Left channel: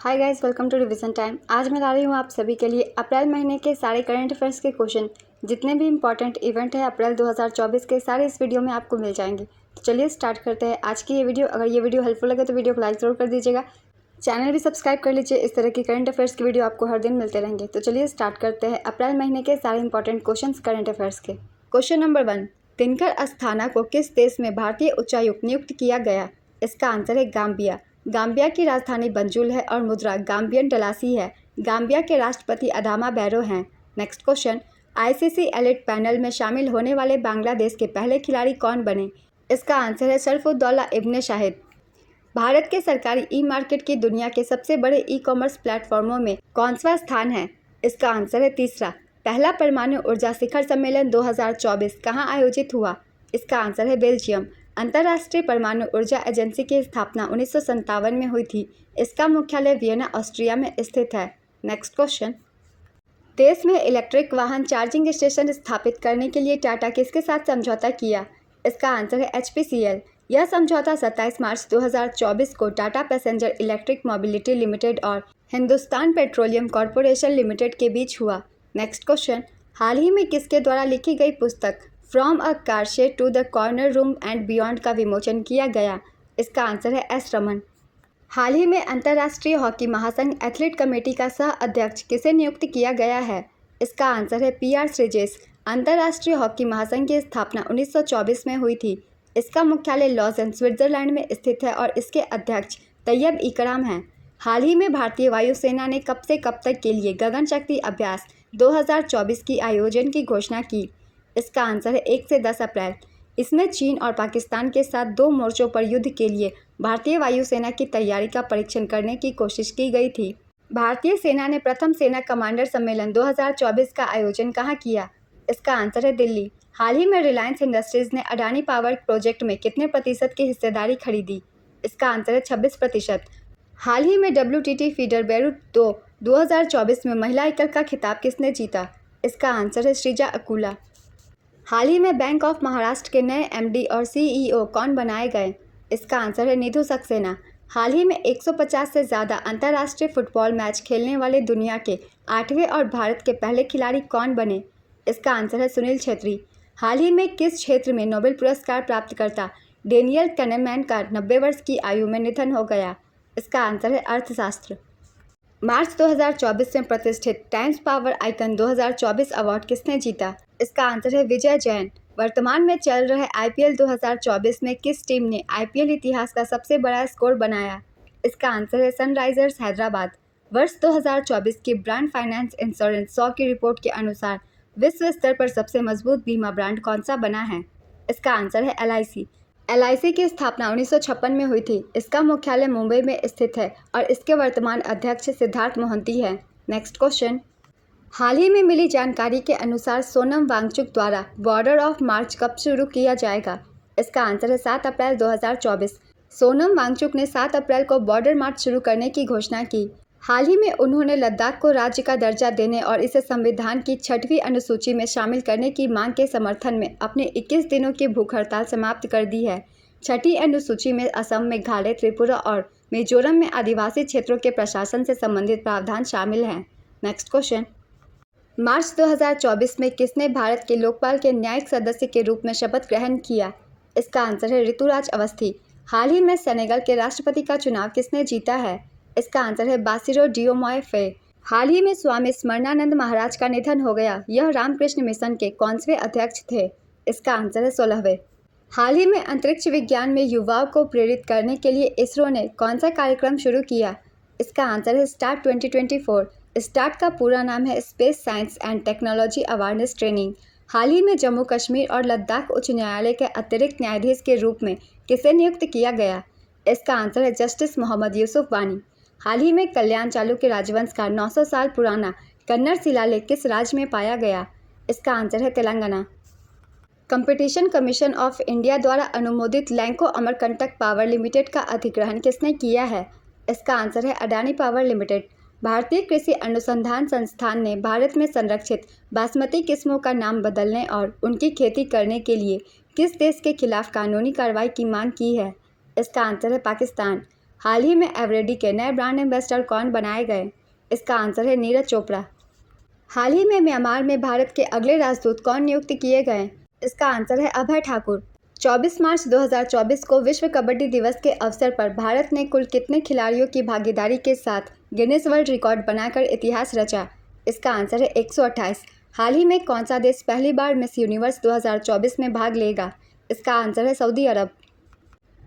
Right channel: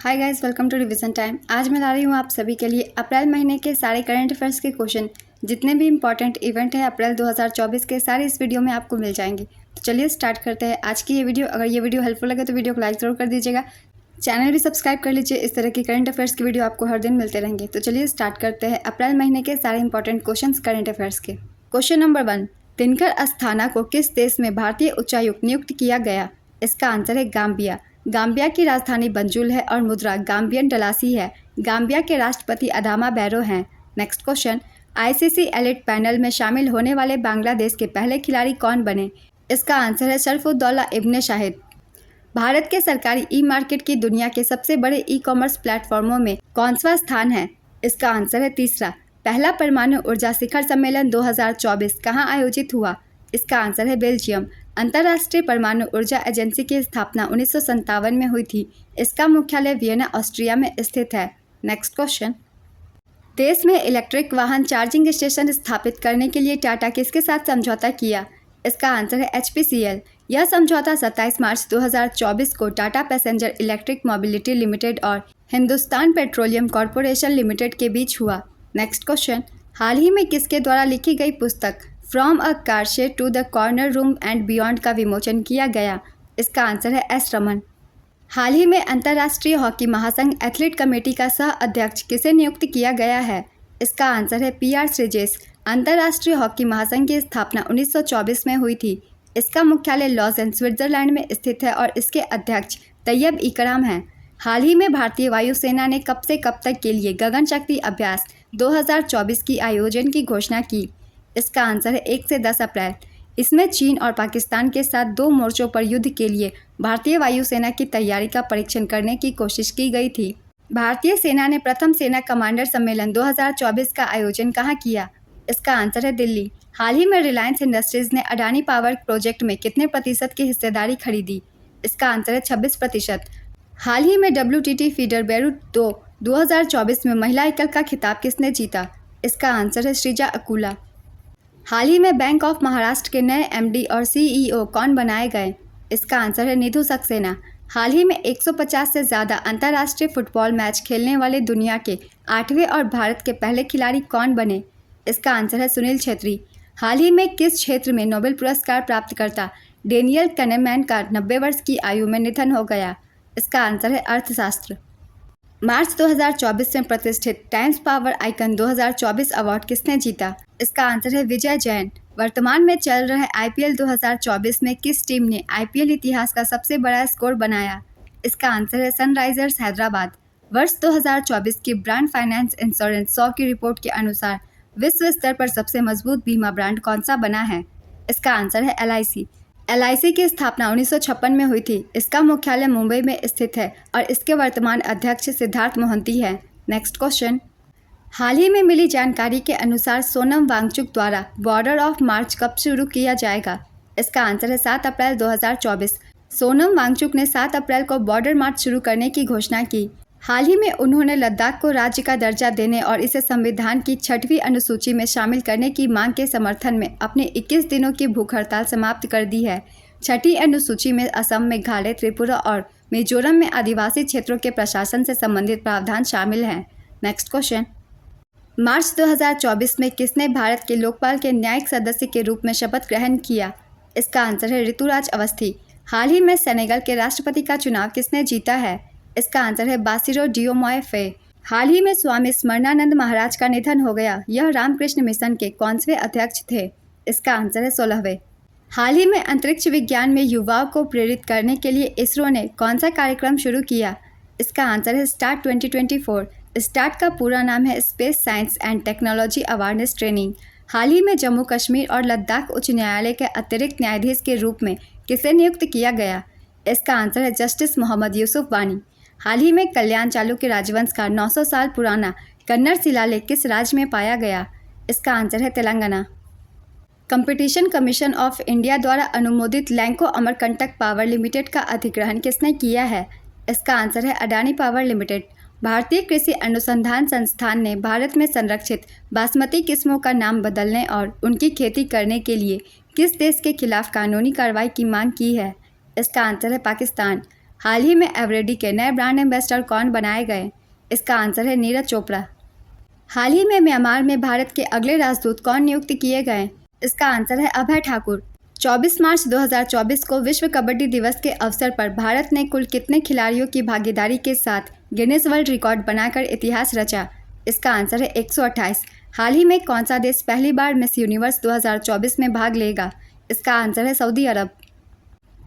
Hi guys, welcome to revision time. आज मैं ला रही हूँ आप सभी के लिए अप्रैल महीने के सारे करंट अफेयर्स के क्वेश्चन। जितने भी इंपॉर्टेंट इवेंट है अप्रैल 2024 के, सारे इस वीडियो में आपको मिल जाएंगे। तो चलिए स्टार्ट करते हैं आज की ये वीडियो। अगर ये वीडियो हेल्पफुल लगे तो वीडियो को लाइक जरूर कर दीजिएगा। चैनल भी सब्सक्राइब कर लीजिए, इस तरह की करंट अफेयर्स की वीडियो आपको हर दिन मिलते रहेंगे। तो चलिए स्टार्ट करते हैं अप्रैल महीने के सारे इंपॉर्टेंट क्वेश्चन करंट अफेयर्स के। क्वेश्चन नंबर 1, दिनकर अस्थाना को किस देश में भारतीय उच्चायुक्त नियुक्त किया गया? इसका आंसर है गाम्बिया। गाम्बिया की राजधानी बंजुल है और मुद्रा गाम्बियन डलासी है। गाम्बिया के राष्ट्रपति अदामा बैरो हैं। Next question, ICC elite panel में शामिल होने वाले बांग्लादेश के पहले खिलाड़ी कौन बने? इसका आंसर है शरफुद्दौला इब्ने शाहिद। भारत के सरकारी ई मार्केट की दुनिया के सबसे बड़े ई कॉमर्स प्लेटफॉर्मों में कौनसा स्थान है? इसका आंसर है तीसरा। पहला परमाणु ऊर्जा शिखर सम्मेलन 2024 कहाँ आयोजित हुआ? इसका आंसर है बेल्जियम। अंतर्राष्ट्रीय परमाणु ऊर्जा एजेंसी की स्थापना 1957 में हुई थी। इसका मुख्यालय वियना, ऑस्ट्रिया में स्थित है। नेक्स्ट क्वेश्चन, देश में इलेक्ट्रिक वाहन चार्जिंग स्टेशन स्थापित करने के लिए टाटा किसके साथ समझौता किया? इसका आंसर है HPCL। यह समझौता 27 मार्च 2024 को Tata passenger electric mobility limited और हिंदुस्तान पेट्रोलियम कॉरपोरेशन लिमिटेड के बीच हुआ। नेक्स्ट क्वेश्चन, हाल ही में किसके द्वारा लिखी गई पुस्तक from a car shed to the corner room and beyond का विमोचन किया गया? इसका आंसर है S रमन। हाल ही में अंतर्राष्ट्रीय हॉकी महासंघ एथलीट कमेटी का सह अध्यक्ष किसे नियुक्त किया गया है? इसका आंसर है PR श्रीजेश। अंतर्राष्ट्रीय हॉकी महासंघ की स्थापना 1924 में हुई थी। इसका मुख्यालय लॉज़ेन, स्विट्जरलैंड में स्थित है और इसके अध्यक्ष तैयब इकराम हैं। हाल ही में भारतीय वायुसेना ने कब से कब तक के लिए गगन शक्ति अभ्यास 2024 की आयोजन की घोषणा की? इसका आंसर है 1 से 10 अप्रैल। इसमें चीन और पाकिस्तान के साथ 2 मोर्चों पर युद्ध के लिए भारतीय वायुसेना की तैयारी का परीक्षण करने की कोशिश की गई थी। भारतीय सेना ने प्रथम सेना कमांडर सम्मेलन 2024 का आयोजन कहाँ किया? इसका आंसर है दिल्ली। हाल ही में रिलायंस इंडस्ट्रीज ने अडानी पावर प्रोजेक्ट में कितने प्रतिशत की हिस्सेदारी खरीदी? इसका आंसर है 26%। हाल ही में WTT फीडर बेरूट 2024 में महिला एकल का खिताब किसने जीता? इसका आंसर है श्रीजा अकुला। हाल ही में बैंक ऑफ महाराष्ट्र के नए MD और CEO कौन बनाए गए? इसका आंसर है निधु सक्सेना। हाल ही में 150 से ज़्यादा अंतर्राष्ट्रीय फुटबॉल मैच खेलने वाले दुनिया के 8वें और भारत के पहले खिलाड़ी कौन बने? इसका आंसर है सुनील छेत्री। हाल ही में किस क्षेत्र में नोबेल पुरस्कार प्राप्तकर्ता डेनियल कनेमैन का 90 वर्ष की आयु में निधन हो गया? इसका आंसर है अर्थशास्त्र। मार्च 2024 में प्रतिष्ठित टाइम्स पावर आइकन 2024 अवार्ड किसने जीता? इसका आंसर है विजय जैन। वर्तमान में चल रहे IPL 2024 में किस टीम ने IPL इतिहास का सबसे बड़ा स्कोर बनाया? इसका आंसर है सनराइजर्स हैदराबाद। वर्ष 2024 की ब्रांड फाइनेंस इंश्योरेंस 100 की रिपोर्ट के अनुसार विश्व स्तर पर सबसे मजबूत बीमा ब्रांड कौन सा बना है? इसका आंसर है LIC। LIC की स्थापना 1956 में हुई थी। इसका मुख्यालय मुंबई में स्थित है और इसके वर्तमान अध्यक्ष सिद्धार्थ मोहंती है। नेक्स्ट क्वेश्चन, हाल ही में मिली जानकारी के अनुसार सोनम वांगचुक द्वारा बॉर्डर ऑफ मार्च कब शुरू किया जाएगा? इसका आंसर है 7 अप्रैल 2024। सोनम वांगचुक ने 7 अप्रैल को बॉर्डर मार्च शुरू करने की घोषणा की। हाल ही में उन्होंने लद्दाख को राज्य का दर्जा देने और इसे संविधान की 6वीं अनुसूची में शामिल करने की मांग के समर्थन में अपने 21 दिनों की भूख हड़ताल समाप्त कर दी है। 6वीं अनुसूची में असम, मेघालय, त्रिपुरा और मिजोरम में आदिवासी क्षेत्रों के प्रशासन से संबंधित प्रावधान शामिल हैं। नेक्स्ट क्वेश्चन, मार्च 2024 में किसने भारत के लोकपाल के न्यायिक सदस्य के रूप में शपथ ग्रहण किया? इसका आंसर है ऋतुराज अवस्थी। हाल ही में सेनेगल के राष्ट्रपति का चुनाव किसने जीता है? इसका आंसर है बासिरो डियोमॉय फे। हाल ही में स्वामी स्मरणानंद महाराज का निधन हो गया। यह रामकृष्ण मिशन के कौनसवें अध्यक्ष थे? इसका आंसर है 16वें। हाल ही में अंतरिक्ष विज्ञान में युवाओं को प्रेरित करने के लिए इसरो ने कौन सा कार्यक्रम शुरू किया? इसका आंसर है स्टार्ट 2024। स्टार्ट का पूरा नाम है space science and technology awareness training. हाल ही में जम्मू कश्मीर और लद्दाख उच्च न्यायालय के अतिरिक्त न्यायाधीश के रूप में किसे नियुक्त किया गया? इसका आंसर है जस्टिस मोहम्मद यूसुफ वानी। हाल ही में कल्याण चालुक्य राजवंश का 900 साल पुराना कन्नड़ शिलालेख किस राज्य में पाया गया? इसका आंसर है Telangana. Competition commission of India द्वारा अनुमोदित लैंको अमरकंटक पावर लिमिटेड का अधिग्रहण किसने किया है? इसका आंसर है अडानी पावर लिमिटेड। भारतीय कृषि अनुसंधान संस्थान ने भारत में संरक्षित बासमती किस्मों का नाम बदलने और उनकी खेती करने के लिए किस देश के खिलाफ कानूनी कार्रवाई की मांग की है? इसका आंसर है पाकिस्तान। हाल ही में एवरेडी के नए ब्रांड एम्बेसडर कौन बनाए गए? इसका आंसर है नीरज चोपड़ा। हाल ही में म्यांमार में भारत के अगले राजदूत कौन नियुक्त किए गए? इसका आंसर है अभय ठाकुर। 24 मार्च 2024 को विश्व कबड्डी दिवस के अवसर पर भारत ने कुल कितने खिलाड़ियों की भागीदारी के साथ गिनीज वर्ल्ड रिकॉर्ड बनाकर इतिहास रचा? इसका आंसर है 128। हाल ही में कौन सा देश पहली बार मिस यूनिवर्स 2024 में भाग लेगा? इसका आंसर है सऊदी अरब।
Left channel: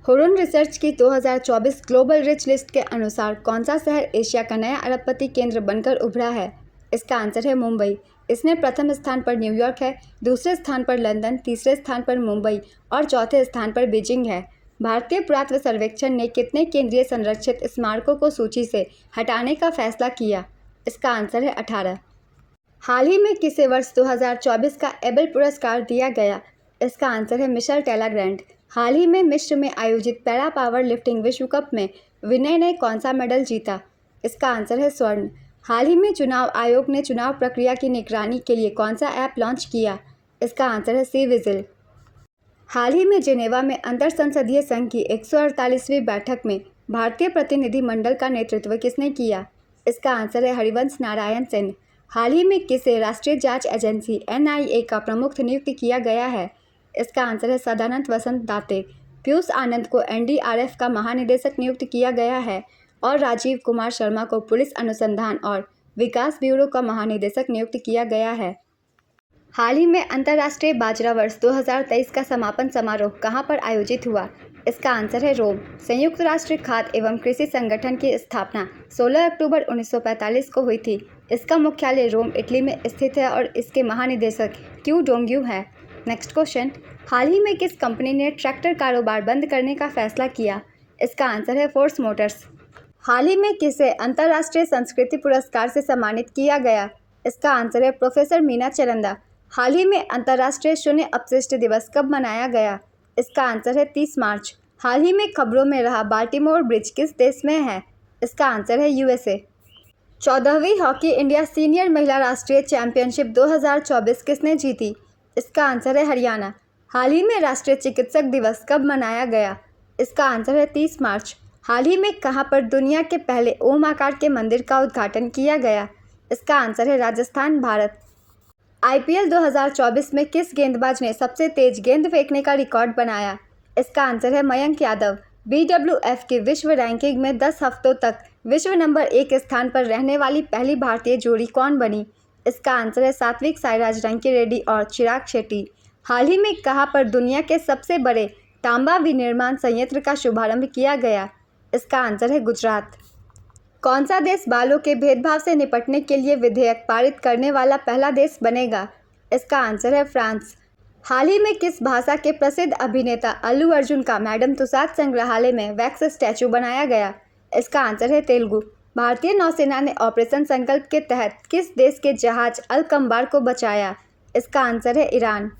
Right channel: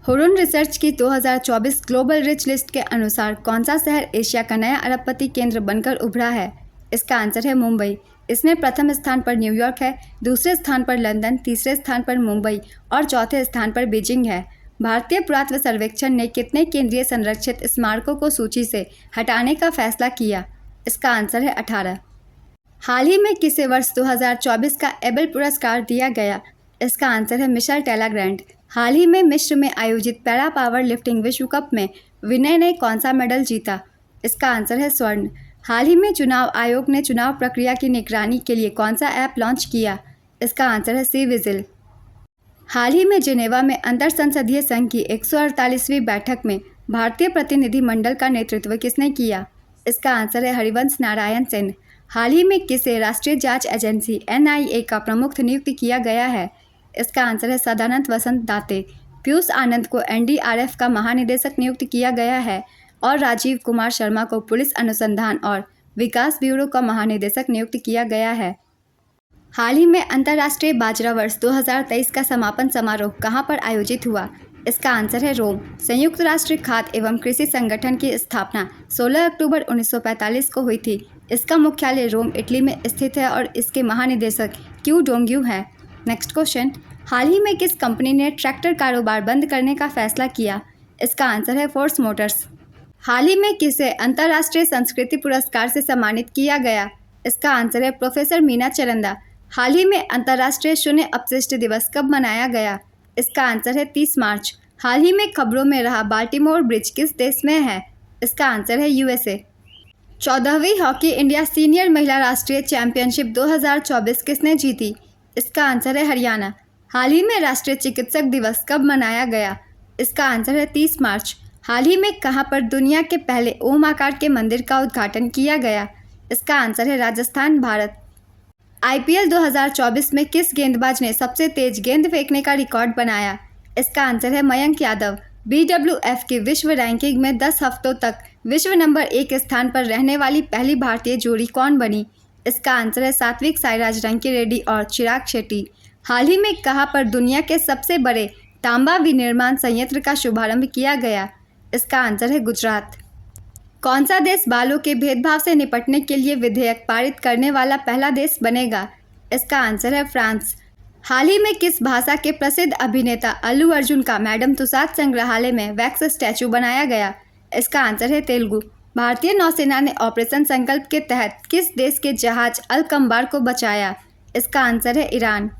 हुरुन रिसर्च की 2024 ग्लोबल रिच लिस्ट के अनुसार कौन सा शहर एशिया का नया अरबपति केंद्र बनकर उभरा है? इसका आंसर है मुंबई। इसमें प्रथम स्थान पर न्यूयॉर्क है, दूसरे स्थान पर लंदन, तीसरे स्थान पर मुंबई और चौथे स्थान पर बीजिंग है। भारतीय पुरातत्व सर्वेक्षण ने कितने केंद्रीय संरक्षित स्मारकों को सूची से हटाने का फैसला किया? इसका आंसर है 18। हाल ही में किसे वर्ष 2024 का एबल पुरस्कार दिया गया? इसका आंसर है मिशेल टेलाग्रैंड। हाल ही में मिस्र में आयोजित पैरा पावर लिफ्टिंग विश्व कप में विनय ने कौन सा मेडल जीता? इसका आंसर है स्वर्ण। हाल ही में चुनाव आयोग ने चुनाव प्रक्रिया की निगरानी के लिए कौन सा ऐप लॉन्च किया? इसका आंसर है सी विजिल। हाल ही में जिनेवा में अंतर संसदीय संघ की 148वीं बैठक में भारतीय प्रतिनिधिमंडल का नेतृत्व किसने किया? इसका आंसर है हरिवंश नारायण सिंह। हाल ही में किसे राष्ट्रीय जांच एजेंसी NIA का प्रमुख नियुक्त किया गया है? इसका आंसर है सदानंद वसंत दाते। पीयूष आनंद को NDRF का महानिदेशक नियुक्त किया गया है और राजीव कुमार शर्मा को पुलिस अनुसंधान और विकास ब्यूरो का महानिदेशक नियुक्त किया गया है। हाल ही में अंतर्राष्ट्रीय बाजरा वर्ष 2023 का समापन समारोह कहां पर आयोजित हुआ? इसका आंसर है रोम। संयुक्त राष्ट्र खाद्य एवं कृषि संगठन की स्थापना 16 अक्टूबर 1945 को हुई थी। इसका मुख्यालय रोम, इटली में स्थित है और इसके महानिदेशक क्यू डोंग्यू है। नेक्स्ट क्वेश्चन, हाल ही में किस कंपनी ने ट्रैक्टर कारोबार बंद करने का फैसला किया? इसका आंसर है फोर्स मोटर्स। हाल ही में किसे अंतर्राष्ट्रीय संस्कृति पुरस्कार से सम्मानित किया गया? इसका आंसर है प्रोफेसर मीना चरंदा। हाल ही में अंतर्राष्ट्रीय शून्य अपशिष्ट दिवस कब मनाया गया? इसका आंसर है 30 मार्च। हाल ही में खबरों में रहा बाल्टीमोर ब्रिज किस देश में है? इसका आंसर है USA। 14वीं हॉकी इंडिया सीनियर महिला राष्ट्रीय चैंपियनशिप 2024 किसने जीती? इसका आंसर है हरियाणा। हाल ही में राष्ट्रीय चिकित्सक दिवस कब मनाया गया? इसका आंसर है 30 मार्च। हाल ही में कहां पर दुनिया के पहले ओम आकार के मंदिर का उद्घाटन किया गया? इसका आंसर है राजस्थान, भारत। IPL 2024 में किस गेंदबाज ने सबसे तेज गेंद फेंकने का रिकॉर्ड बनाया? इसका आंसर है मयंक यादव। BWF की विश्व रैंकिंग में 10 हफ्तों तक विश्व नंबर 1 स्थान पर रहने वाली पहली भारतीय जोड़ी कौन बनी? इसका आंसर है सात्विक साईराज रंकी रेड्डी और चिराग शेट्टी। हाल ही में कहां पर दुनिया के सबसे बड़े तांबा विनिर्माण संयंत्र का शुभारंभ किया गया? इसका आंसर है गुजरात। कौन सा देश बालों के भेदभाव से निपटने के लिए विधेयक पारित करने वाला पहला देश बनेगा? इसका आंसर है फ्रांस। हाल ही में किस भाषा के प्रसिद्ध अभिनेता अल्लू अर्जुन का मैडम तुसाद संग्रहालय में वैक्स स्टैचू बनाया गया? इसका आंसर है तेलुगु। भारतीय नौसेना ने ऑपरेशन संकल्प के तहत किस देश के जहाज अल कंबार को बचाया? इसका आंसर है ईरान।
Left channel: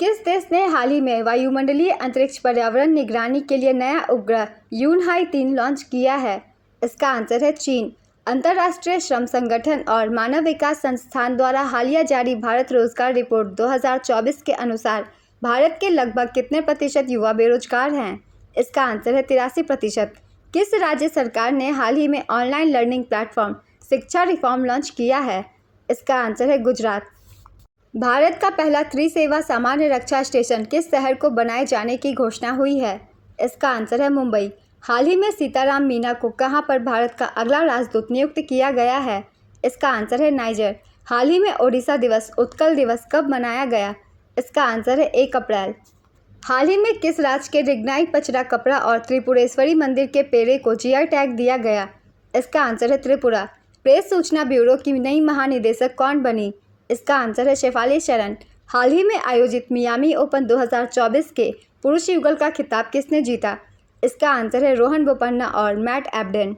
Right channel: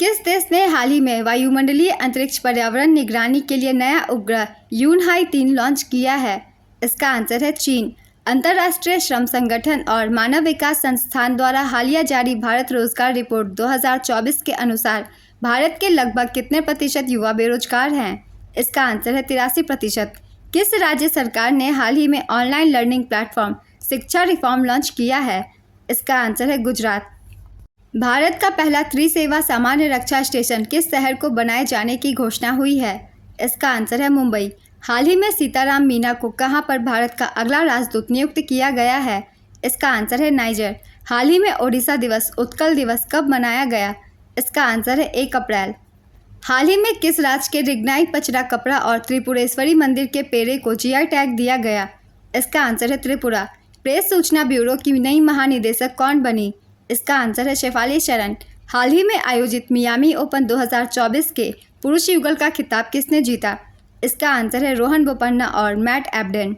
किस देश ने हाल ही में वायुमंडलीय अंतरिक्ष पर्यावरण निगरानी के लिए नया उपग्रह यूनहाई 3 लॉन्च किया है? इसका आंसर है चीन। अंतर्राष्ट्रीय श्रम संगठन और मानव विकास संस्थान द्वारा हालिया जारी भारत रोजगार रिपोर्ट 2024 के अनुसार भारत के लगभग कितने प्रतिशत युवा बेरोजगार हैं? इसका आंसर है 83%। किस राज्य सरकार ने हाल ही में ऑनलाइन लर्निंग प्लेटफॉर्म शिक्षा रिफॉर्म लॉन्च किया है? इसका आंसर है गुजरात। भारत का पहला त्रिसेवा सामान्य रक्षा स्टेशन किस शहर को बनाए जाने की घोषणा हुई है? इसका आंसर है मुंबई। हाल ही में सीताराम मीना को कहां पर भारत का अगला राजदूत नियुक्त किया गया है? इसका आंसर है नाइजर। हाल ही में ओडिशा दिवस, उत्कल दिवस कब मनाया गया? इसका आंसर है 1 अप्रैल। हाल ही में किस राज्य के रिग्नाई पचरा कपड़ा और त्रिपुरेश्वरी मंदिर के पेड़े को GI टैग दिया गया? इसका आंसर है त्रिपुरा। प्रेस सूचना ब्यूरो की नई महानिदेशक कौन बनी? इसका आंसर है शेफाली शरण। हाल ही में आयोजित मियामी ओपन 2024 के पुरुष युगल का खिताब किसने जीता? इसका आंसर है रोहन बोपन्ना और मैट एब्डेन।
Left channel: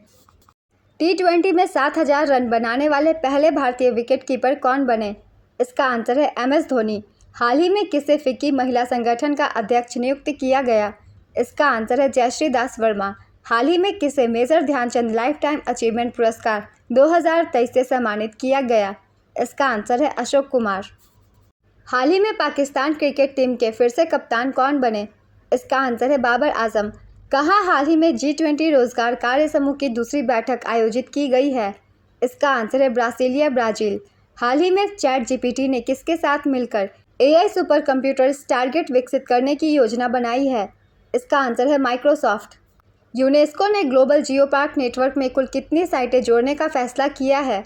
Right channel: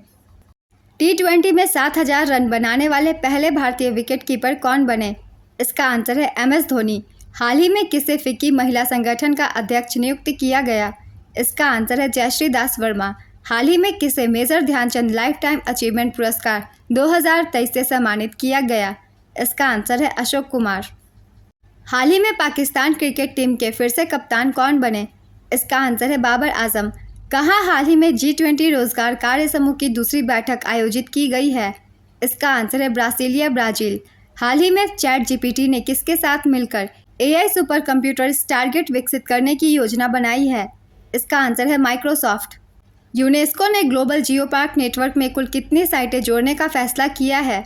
T20 में 7000 रन बनाने वाले पहले भारतीय विकेटकीपर कौन बने? इसका आंसर है MS धोनी। हाल ही में किसे फिक्की महिला संगठन का अध्यक्ष नियुक्त किया गया? इसका आंसर है जयश्री दास वर्मा। हाल ही में किसे major Dhyan Chand lifetime achievement पुरस्कार 2023 से सम्मानित किया गया? इसका आंसर है अशोक कुमार। हाल ही में पाकिस्तान क्रिकेट टीम के फिर से कप्तान कौन बने? इसका आंसर है बाबर आजम। कहाँ हाल ही में G20 रोजगार कार्य समूह की दूसरी बैठक आयोजित की गई है? इसका आंसर है ब्रासीलिया, ब्राजील। हाल ही में ChatGPT ने किसके साथ मिलकर AI सुपर कंप्यूटर टारगेट विकसित करने की योजना बनाई है? इसका आंसर है माइक्रोसॉफ्ट। यूनेस्को ने ग्लोबल जियो पार्क नेटवर्क में कुल कितनी साइटें जोड़ने का फैसला किया है?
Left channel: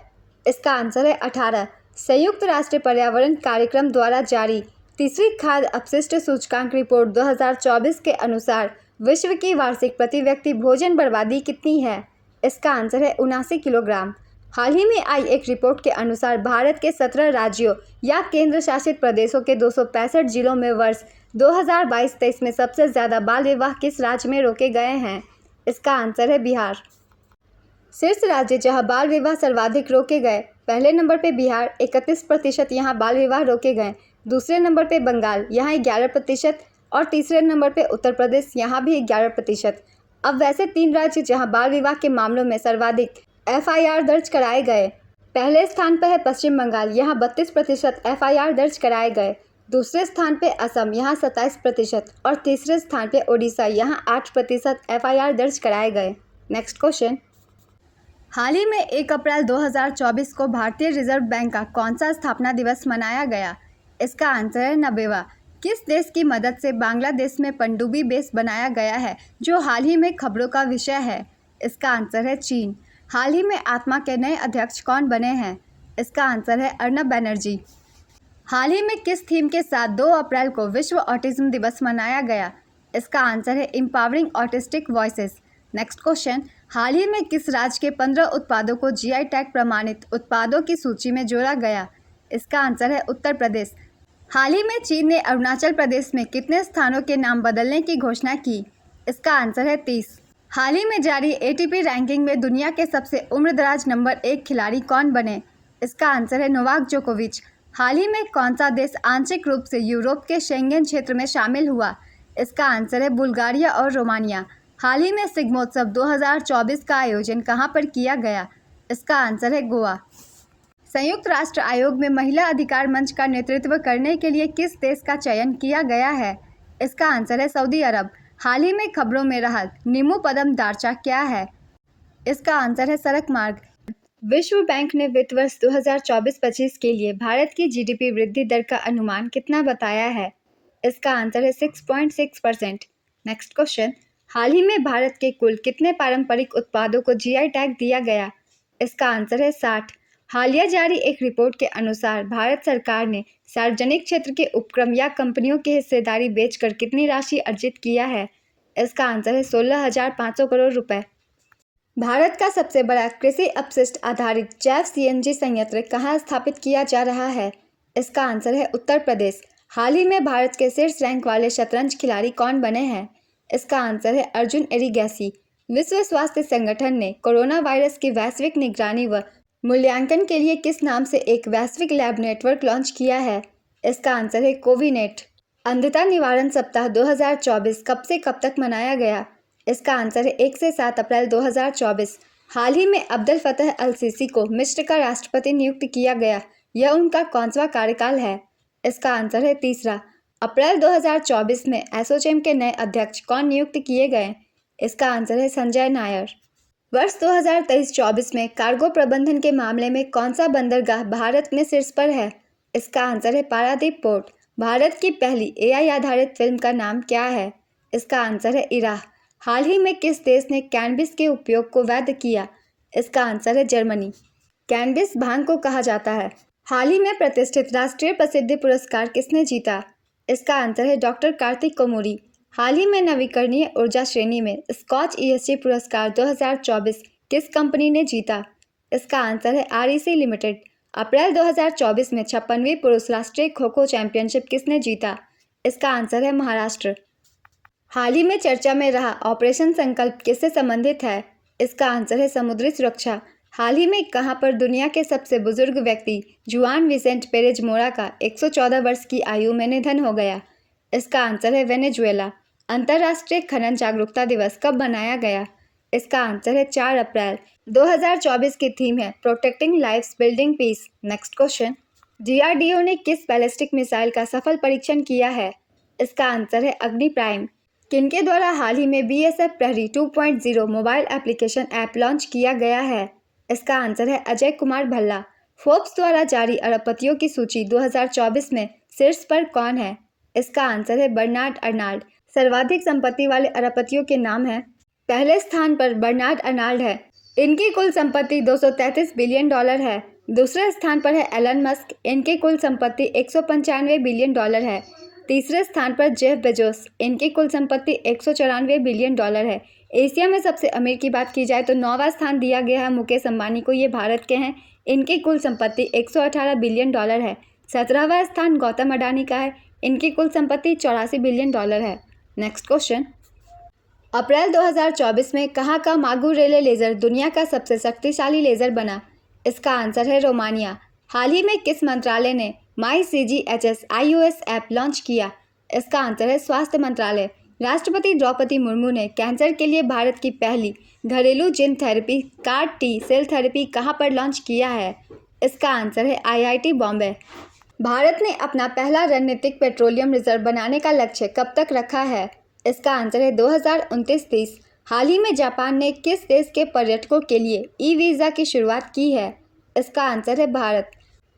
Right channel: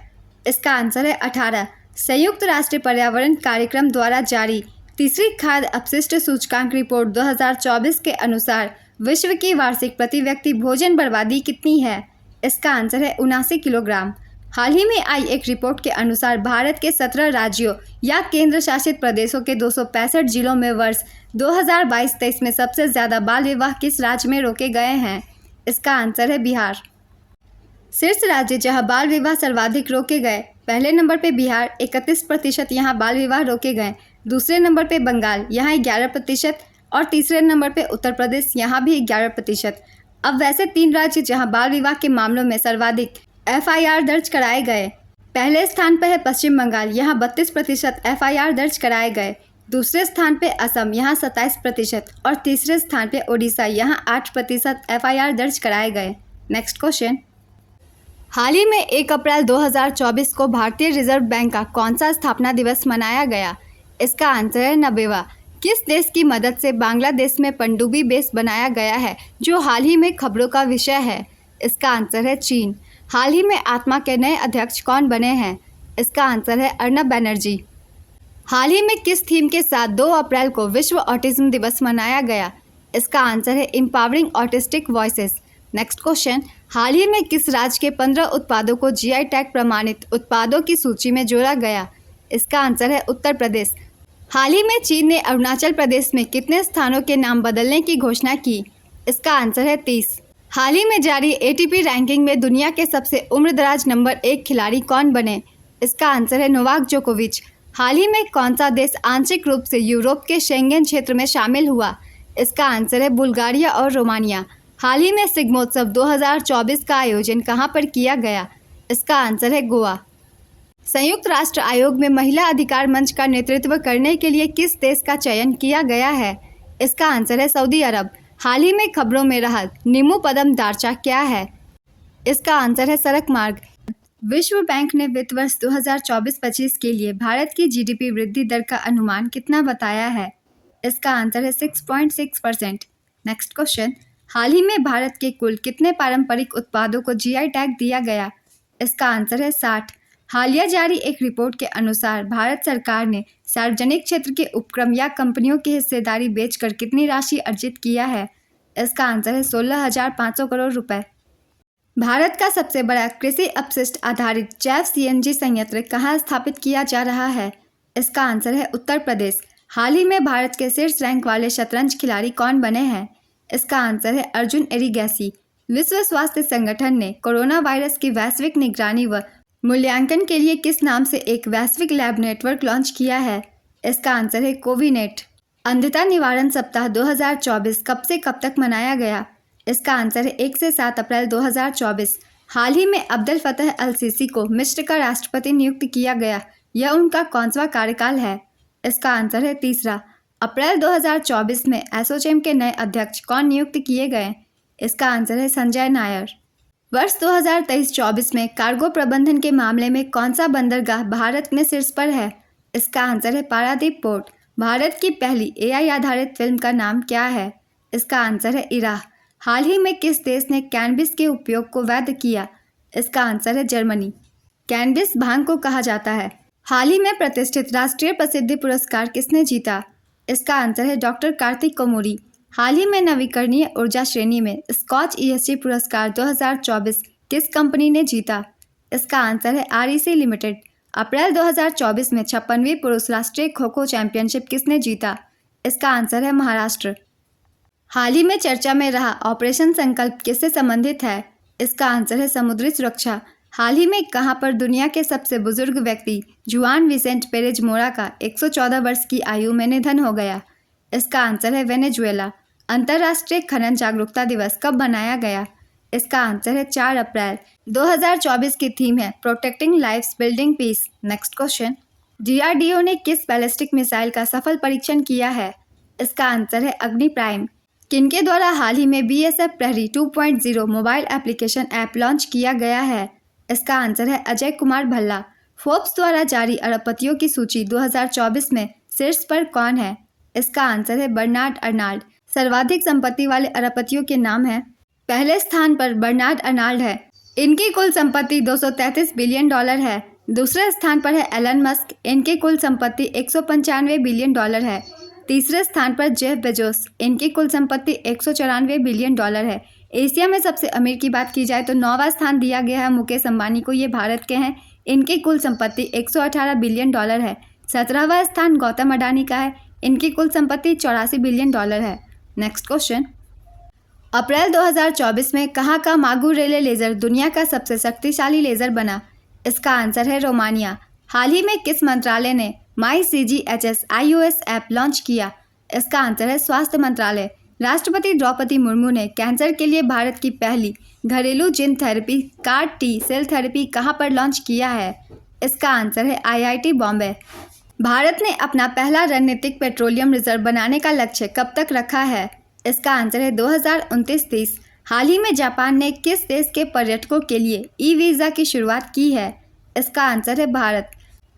इसका आंसर है 18। संयुक्त राष्ट्र पर्यावरण कार्यक्रम द्वारा जारी तीसरी खाद्य अपशिष्ट सूचकांक रिपोर्ट 2024 के अनुसार विश्व की वार्षिक प्रति व्यक्ति भोजन बर्बादी कितनी है? इसका आंसर है 79 किलोग्राम। हाल ही में आई एक रिपोर्ट के अनुसार भारत के 17 राज्यों या केंद्र शासित प्रदेशों के 265 जिलों में वर्ष 2022-23 में सबसे ज़्यादा बाल विवाह किस राज्य में रोके गए हैं? इसका आंसर है बिहार। शीर्ष राज्य जहां बाल विवाह सर्वाधिक रोके गए, पहले नंबर पे बिहार 31% यहाँ बाल विवाह रोके गए, दूसरे नंबर पे बंगाल यहाँ 11% और तीसरे नंबर पे उत्तर प्रदेश यहाँ भी 11%। अब वैसे 3 राज्य जहां बाल विवाह के मामलों में सर्वाधिक FIR दर्ज कराए गए। पहले स्थान पर है पश्चिम बंगाल, यहाँ 32% FIR दर्ज कराए गए, दूसरे स्थान पे असम यहाँ 27% और तीसरे स्थान पे ओडिशा यहाँ 8% FIR दर्ज कराए गए। नेक्स्ट क्वेश्चन, हाल ही में 1 अप्रैल 2024 को भारतीय रिजर्व बैंक का कौन सा स्थापना दिवस मनाया गया? इसका आंसर है 90वां। किस देश की मदद से बांग्लादेश में पनडुब्बी बेस बनाया गया है, जो हाल ही में खबरों का विषय है? इसका आंसर है चीन। हाल ही में आत्मा के नए अध्यक्ष कौन बने हैं? इसका आंसर है अर्नब बनर्जी। हाल ही में किस थीम के साथ 2 अप्रैल को विश्व ऑटिज्म दिवस मनाया गया? इसका आंसर है empowering autistic voices. Next question, हाल ही में किस राज्य के 15 उत्पादों को GI टैग प्रमाणित उत्पादों की सूची में जोड़ा गया? इसका आंसर है उत्तर प्रदेश। हाल ही में चीन ने अरुणाचल प्रदेश में कितने स्थानों के नाम बदलने की घोषणा की? इसका आंसर है 30। हाल ही में जारी ATP रैंकिंग में दुनिया के सबसे उम्रदराज नंबर 1 खिलाड़ी कौन बने? इसका आंसर है नोवाक जोकोविच। हाल ही में कौन सा देश आंशिक रूप से यूरोप के शेंगेन क्षेत्र में शामिल हुआ? इसका आंसर है बुल्गारिया और रोमानिया। हाल ही में शिग्मोत्सव 2024 का आयोजन कहाँ पर किया गया? इसका आंसर है गोवा। संयुक्त राष्ट्र आयोग में महिला अधिकार मंच का नेतृत्व करने के लिए किस देश का चयन किया गया है? इसका आंसर है सऊदी अरब। हाल ही में खबरों में रहा नीमू पदम दार्चा क्या है? इसका आंसर है सड़क मार्ग। विश्व बैंक ने वित्त वर्ष 2024-25 के लिए भारत की GDP वृद्धि दर का अनुमान कितना बताया है? इसका आंसर है 6.6%। नेक्स्ट क्वेश्चन, हाल ही में भारत के कुल कितने पारंपरिक उत्पादों को GI टैग दिया गया? इसका आंसर है 60। हालिया जारी एक रिपोर्ट के अनुसार भारत सरकार ने सार्वजनिक क्षेत्र के उपक्रम या कंपनियों की हिस्सेदारी बेचकर कितनी राशि अर्जित किया है? इसका आंसर है 16,500 करोड़ रुपए। भारत का सबसे बड़ा कृषि अपशिष्ट आधारित जैव CNG संयंत्र कहाँ स्थापित किया जा रहा है? इसका आंसर है उत्तर प्रदेश। हाल ही में भारत के शीर्ष रैंक वाले शतरंज खिलाड़ी कौन बने हैं? इसका आंसर है अर्जुन एरिगैसी। विश्व स्वास्थ्य संगठन ने कोरोना वायरस की वैश्विक निगरानी व मूल्यांकन के लिए किस नाम से एक वैश्विक लैब नेटवर्क लॉन्च किया है? इसका आंसर है कोविनेट। अंधता निवारण सप्ताह 2024 कब से कब तक मनाया गया? इसका आंसर है 1 से 7 अप्रैल 2024। हाल ही में अब्दुल फतह अल सीसी को मिस्र का राष्ट्रपति नियुक्त किया गया, यह उनका कौनसा कार्यकाल है? इसका आंसर है 3 अप्रैल 2024 में एसोचैम के नए अध्यक्ष कौन नियुक्त किए गए? इसका आंसर है संजय नायर। वर्ष 2023-24 में कार्गो प्रबंधन के मामले में कौन सा बंदरगाह भारत में शीर्ष पर है? इसका आंसर है पारादीप पोर्ट। भारत की पहली AI आधारित फिल्म का नाम क्या है? इसका आंसर है इराह। हाल ही में किस देश ने कैनबिस के उपयोग को वैध किया? इसका आंसर है जर्मनी। कैनबिस भांग को कहा जाता है। हाल ही में प्रतिष्ठित राष्ट्रीय प्रसिद्धि पुरस्कार किसने जीता? इसका आंसर है डॉक्टर कार्तिक कोमोरी। हाल ही में नवीकरणीय ऊर्जा श्रेणी में स्कॉच ESG पुरस्कार 2024 किस कंपनी ने जीता? इसका आंसर है REC लिमिटेड। अप्रैल 2024 में 56वीं पुरुष राष्ट्रीय खो खो चैंपियनशिप किसने जीता? इसका आंसर है महाराष्ट्र। हाल ही में चर्चा में रहा ऑपरेशन संकल्प किससे संबंधित है? इसका आंसर है समुद्री सुरक्षा। हाल ही में कहां पर दुनिया के सबसे बुजुर्ग व्यक्ति जुआन विसेंट पेरेज मोरा का 114 वर्ष की आयु में निधन हो गया? इसका आंसर है वेनेजुएला। अंतर्राष्ट्रीय खनन जागरूकता दिवस कब मनाया गया? इसका आंसर है 4 अप्रैल। 2024 की थीम है protecting lives building peace. Next question, DRDO ने किस बैलिस्टिक मिसाइल का सफल परीक्षण किया है? इसका आंसर है अग्नि प्राइम। किनके द्वारा हाल ही में BSF प्रहरी 2.0 मोबाइल एप्लीकेशन ऐप लॉन्च किया गया है? इसका आंसर है अजय कुमार भल्ला। फोर्ब्स द्वारा जारी अरबपतियों की सूची 2024 में शीर्ष पर कौन है? इसका आंसर है बर्नार्ड अर्नाल्ड। सर्वाधिक संपत्ति वाले अरबपतियों के नाम हैं। पहले स्थान पर बर्नार्ड अर्नाल्ड है। इनकी कुल संपत्ति $233 बिलियन है। दूसरे स्थान पर है एलन मस्क। इनकी कुल संपत्ति $195 बिलियन है। तीसरे स्थान पर जेफ बेजोस। इनकी कुल संपत्ति $194 बिलियन है। एशिया में सबसे अमीर की बात की जाए तो 9वां स्थान दिया गया है मुकेश अंबानी को। ये भारत के हैं। इनकी कुल संपत्ति $118 बिलियन है। 17वां स्थान गौतम अडानी का है। इनकी कुल संपत्ति $84 बिलियन है। नेक्स्ट क्वेश्चन, अप्रैल 2024 में कहाँ का मागू रेले लेज़र दुनिया का सबसे शक्तिशाली लेज़र बना? इसका आंसर है रोमानिया। हाल ही में किस मंत्रालय ने MyCGHS iOS ऐप लॉन्च किया? इसका आंसर है स्वास्थ्य मंत्रालय। राष्ट्रपति द्रौपदी मुर्मू ने कैंसर के लिए भारत की पहली घरेलू gene therapy CAR-T cell therapy कहाँ पर लॉन्च किया है? इसका आंसर है IIT बॉम्बे। भारत ने अपना पहला रणनीतिक पेट्रोलियम रिजर्व बनाने का लक्ष्य कब तक रखा है? इसका आंसर है 2029-30। हाल ही में जापान ने किस देश के पर्यटकों के लिए ई-वीज़ा की शुरुआत की है? इसका आंसर है भारत।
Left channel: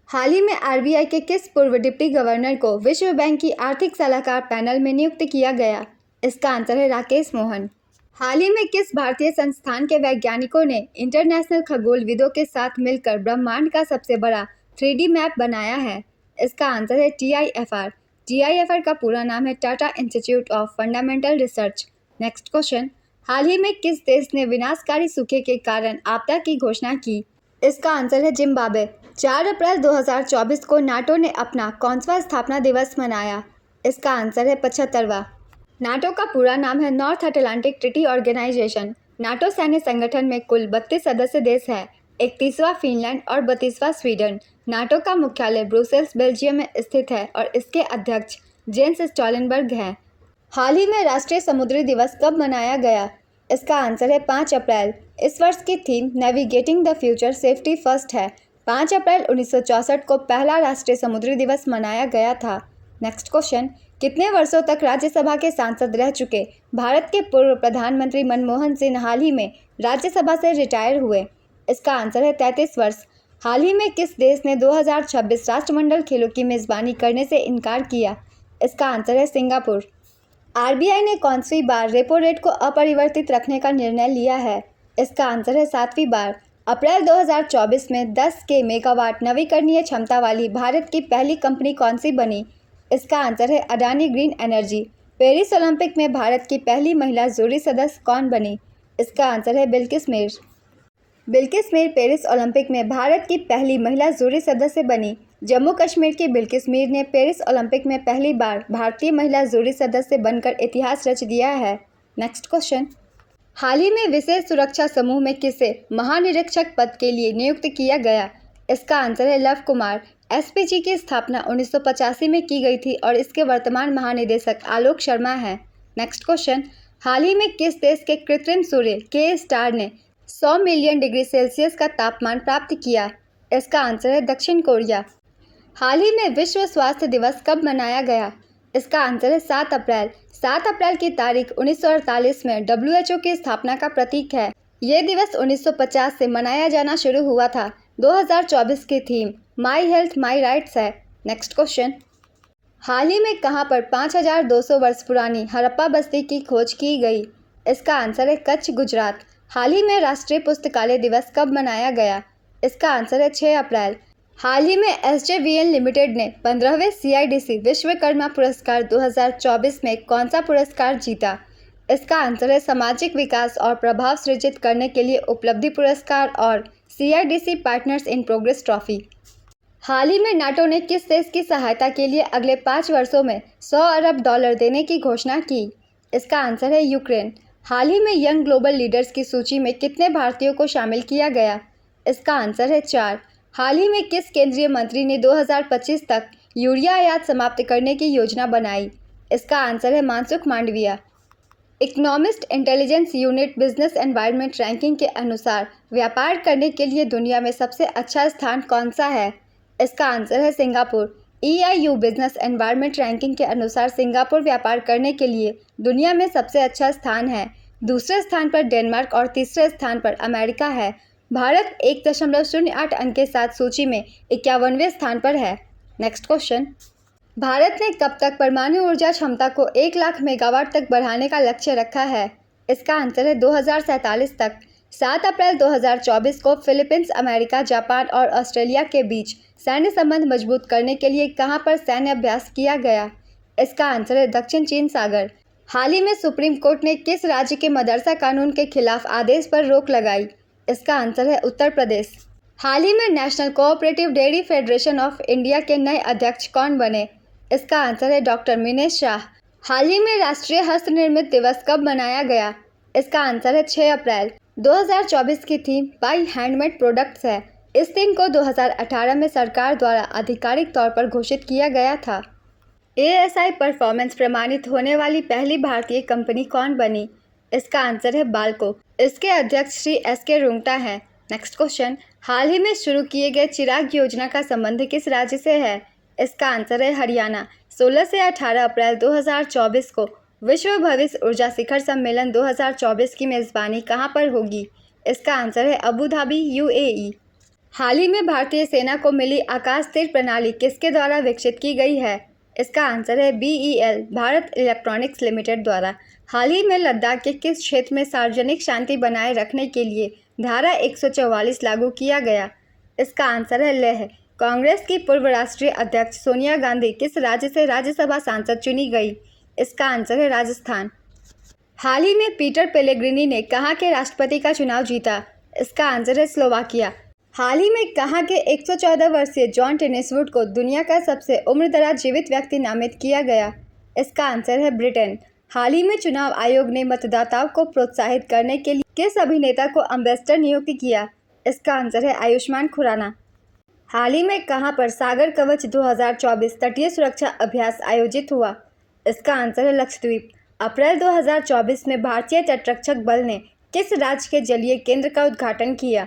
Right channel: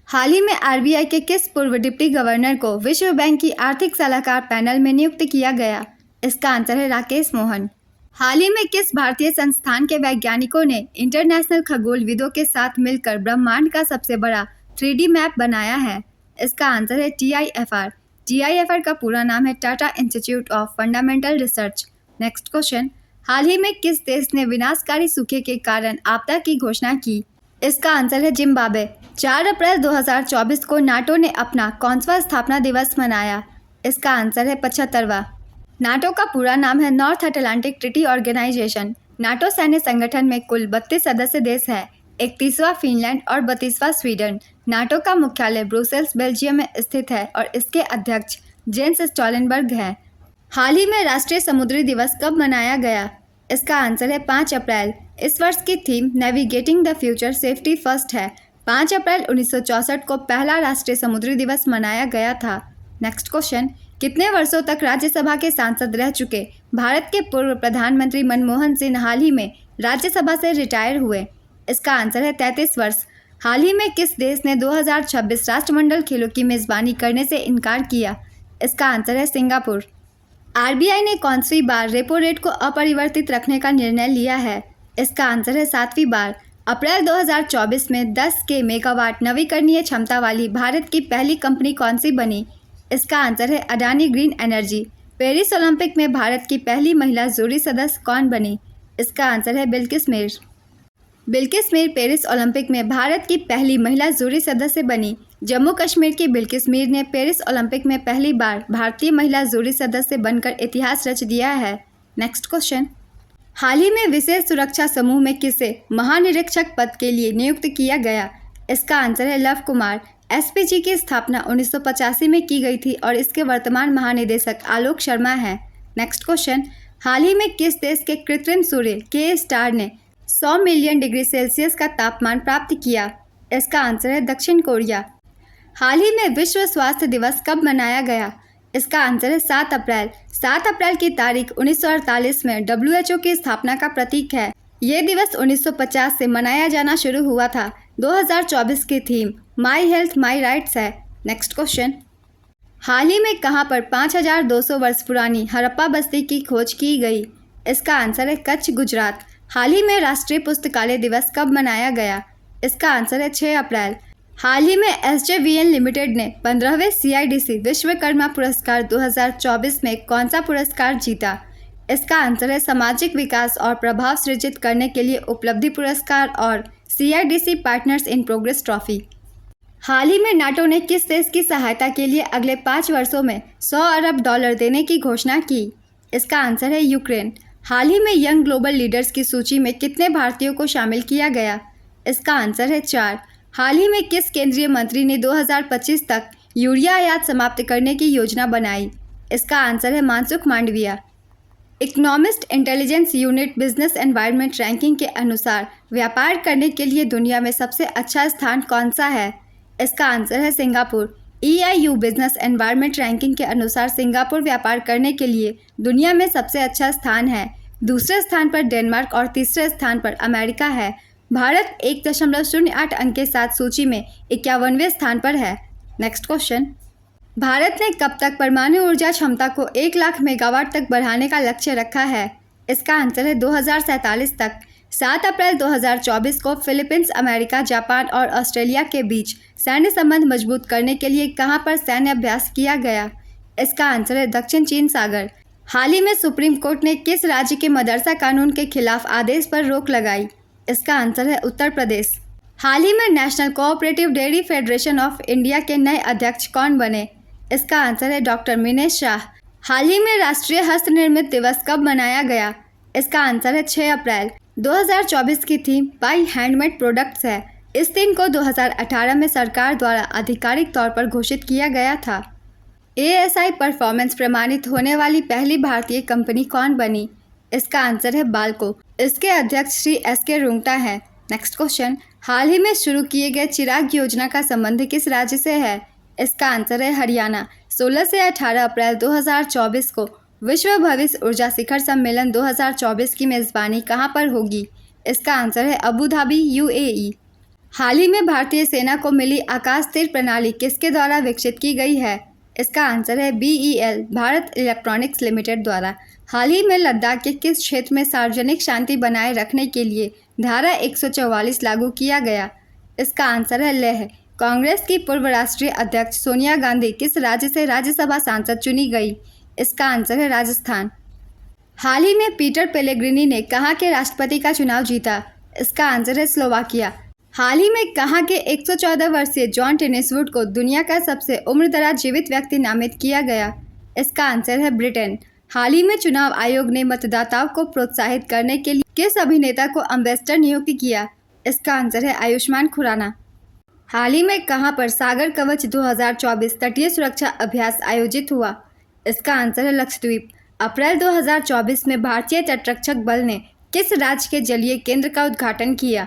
हाल ही में RBI के किस पूर्व डिप्टी गवर्नर को विश्व बैंक की आर्थिक सलाहकार पैनल में नियुक्त किया गया? इसका आंसर है राकेश मोहन। हाल ही में किस भारतीय संस्थान के वैज्ञानिकों ने इंटरनेशनल खगोलविदों के साथ मिलकर ब्रह्मांड का सबसे बड़ा 3D मैप बनाया है? इसका आंसर है TIFR। TIFR का पूरा नाम है Tata institute of fundamental research. Next question, हाल ही में किस देश ने विनाशकारी सूखे के कारण आपदा की घोषणा की? इसका आंसर है जिम्बाब्वे। 4 अप्रैल 2024 को नाटो ने अपना कौनसा स्थापना दिवस मनाया? इसका आंसर है 75वां। नाटो का पूरा नाम है North Atlantic Treaty Organization. NATO सैन्य संगठन में कुल 32 सदस्य देश है। 31वां फिनलैंड और 32वां स्वीडन। नाटो का मुख्यालय ब्रुसेल्स बेल्जियम में स्थित है और इसके अध्यक्ष जेंस स्टोल्टेनबर्ग हैं। हाल ही में राष्ट्रीय समुद्री दिवस कब मनाया गया? इसका आंसर है 5 अप्रैल। इस वर्ष की theme navigating the future safety first है। 5 अप्रैल 1964 को पहला राष्ट्रीय समुद्री दिवस मनाया गया था। नेक्स्ट क्वेश्चन, कितने वर्षों तक राज्यसभा के सांसद रह चुके भारत के पूर्व प्रधानमंत्री मनमोहन सिंह हाल ही में राज्यसभा से रिटायर हुए? इसका आंसर है 33 वर्ष। हाल ही में किस देश ने 2026 राष्ट्रमंडल खेलों की मेज़बानी करने से इनकार किया? इसका आंसर है सिंगापुर। RBI ने कौनसी बार रेपो रेट को अपरिवर्तित रखने का निर्णय लिया है? इसका आंसर है 7वीं बार। अप्रैल 2024 में 10 के मेगावाट नवीकरणीय क्षमता वाली भारत की पहली कंपनी कौन सी बनी? इसका आंसर है Adani green energy. Paris Olympic में भारत की पहली महिला जूरी सदस्य कौन बनी? इसका आंसर है बिल्किस मीर। बिल्किस मीर पेरिस ओलंपिक में भारत की पहली महिला जूरी सदस्य बनी। जम्मू कश्मीर की बिल्किस मीर ने पेरिस ओलंपिक में पहली बार भारतीय महिला जूरी सदस्य बनकर इतिहास रच दिया है। नेक्स्ट क्वेश्चन, हाल ही में विशेष सुरक्षा समूह में किसे महानिरीक्षक पद के लिए नियुक्त किया गया? इसका आंसर है लव कुमार। SPG की स्थापना 1985 में की गई थी और इसके वर्तमान महानिदेशक आलोक शर्मा हैं। नेक्स्ट क्वेश्चन, हाल ही में किस देश के कृत्रिम सूर्य के स्टार ने 100 मिलियन डिग्री सेल्सियस का तापमान प्राप्त किया? इसका आंसर है दक्षिण कोरिया। हाल ही में विश्व स्वास्थ्य दिवस कब मनाया गया? इसका आंसर है 7 अप्रैल। 7 अप्रैल की तारीख 1948 में WHO की स्थापना का प्रतीक है। ये दिवस 1950 से मनाया जाना शुरू हुआ था। 2024 की theme my health my rights है। नेक्स्ट क्वेश्चन, हाल ही में कहाँ पर 5200 वर्ष पुरानी हड़प्पा बस्ती की खोज की गई? इसका आंसर है कच्छ, गुजरात। हाल ही में राष्ट्रीय पुस्तकालय दिवस कब मनाया गया? इसका आंसर है 6 अप्रैल। हाल ही में SJVN लिमिटेड ने 15वें CIDC विश्वकर्मा पुरस्कार 2024 में कौन सा पुरस्कार जीता? इसका आंसर है सामाजिक विकास और प्रभाव सृजित करने के लिए उपलब्धि पुरस्कार और CIDC partners in progress trophy. हाल ही में नाटो ने किस देश की सहायता के लिए अगले 5 वर्षों में $100 अरब देने की घोषणा की? इसका आंसर है यूक्रेन। हाल ही में यंग ग्लोबल लीडर्स की सूची में कितने भारतीयों को शामिल किया गया? इसका आंसर है 4। हाल ही में किस केंद्रीय मंत्री ने 2025 तक यूरिया आयात समाप्त करने की योजना बनाई? इसका आंसर है Mansukh Mandaviya. Economist intelligence unit business environment ranking के अनुसार व्यापार करने के लिए दुनिया में सबसे अच्छा स्थान कौन सा है? इसका आंसर है Singapore. EIU business environment ranking के अनुसार सिंगापुर व्यापार करने के लिए दुनिया में सबसे अच्छा स्थान है। दूसरे स्थान पर डेनमार्क और तीसरे स्थान पर अमेरिका है। भारत 1.08 अंक के साथ सूची में 51वें स्थान पर है। नेक्स्ट क्वेश्चन, भारत ने कब तक परमाणु ऊर्जा क्षमता को 1 लाख मेगावाट तक बढ़ाने का लक्ष्य रखा है? इसका आंसर है 2047 तक। 7 अप्रैल 2024 को फिलीपींस, अमेरिका, जापान और ऑस्ट्रेलिया के बीच सैन्य संबंध मजबूत करने के लिए कहां पर सैन्य अभ्यास किया गया? इसका आंसर है दक्षिण चीन सागर। हाल ही में सुप्रीम कोर्ट ने किस राज्य के मदरसा कानून के खिलाफ आदेश पर रोक लगाई? इसका आंसर है उत्तर प्रदेश। हाल ही में national cooperative dairy federation of India के नए अध्यक्ष कौन बने? इसका आंसर है डॉक्टर मिनेश शाह। हाल ही में राष्ट्रीय हस्त निर्मित दिवस कब मनाया गया? इसका आंसर है 6 अप्रैल। 2024 की थीम बाई हैंडमेड प्रोडक्ट्स है। इस दिन को 2018 में सरकार द्वारा आधिकारिक तौर पर घोषित किया गया था। ASI परफॉर्मेंस प्रमाणित होने वाली पहली भारतीय कंपनी कौन बनी? इसका आंसर है बाल्को। इसके अध्यक्ष श्री SK रुंगटा हैं। नेक्स्ट क्वेश्चन, हाल ही में शुरू किए गए चिराग योजना का संबंध किस राज्य से है? इसका आंसर है हरियाणा। 16 से 18 अप्रैल 2024 को विश्व भविष्य ऊर्जा शिखर सम्मेलन 2024 की मेज़बानी कहां पर होगी? इसका आंसर है अबू धाबी, UAE। हाल ही में भारतीय सेना को मिली आकाश तीर प्रणाली किसके द्वारा विकसित की गई है? इसका आंसर है BEL, भारत इलेक्ट्रॉनिक्स लिमिटेड द्वारा। हाल ही में लद्दाख के किस क्षेत्र में सार्वजनिक शांति बनाए रखने के लिए धारा 144 लागू किया गया? इसका आंसर है लेह। कांग्रेस की पूर्व राष्ट्रीय अध्यक्ष सोनिया गांधी किस राज्य से राज्यसभा सांसद चुनी गई? इसका आंसर है राजस्थान। हाल ही में पीटर पेलेग्रिनी ने कहाँ के राष्ट्रपति का चुनाव जीता? इसका आंसर है स्लोवाकिया। हाल ही में कहाँ के 114 वर्षीय जॉन टेनिसवुड को दुनिया का सबसे उम्रदराज जीवित व्यक्ति नामित किया गया? इसका आंसर है ब्रिटेन। हाल ही में चुनाव आयोग ने मतदाताओं को प्रोत्साहित करने के लिए किस अभिनेता को एम्बेसडर नियुक्त किया? इसका आंसर है आयुष्मान खुराना। हाल ही में कहां पर सागर कवच 2024 तटीय सुरक्षा अभ्यास आयोजित हुआ? इसका आंसर है लक्षद्वीप। अप्रैल 2024 में भारतीय तटरक्षक बल ने किस राज्य के जलीय केंद्र का उद्घाटन किया?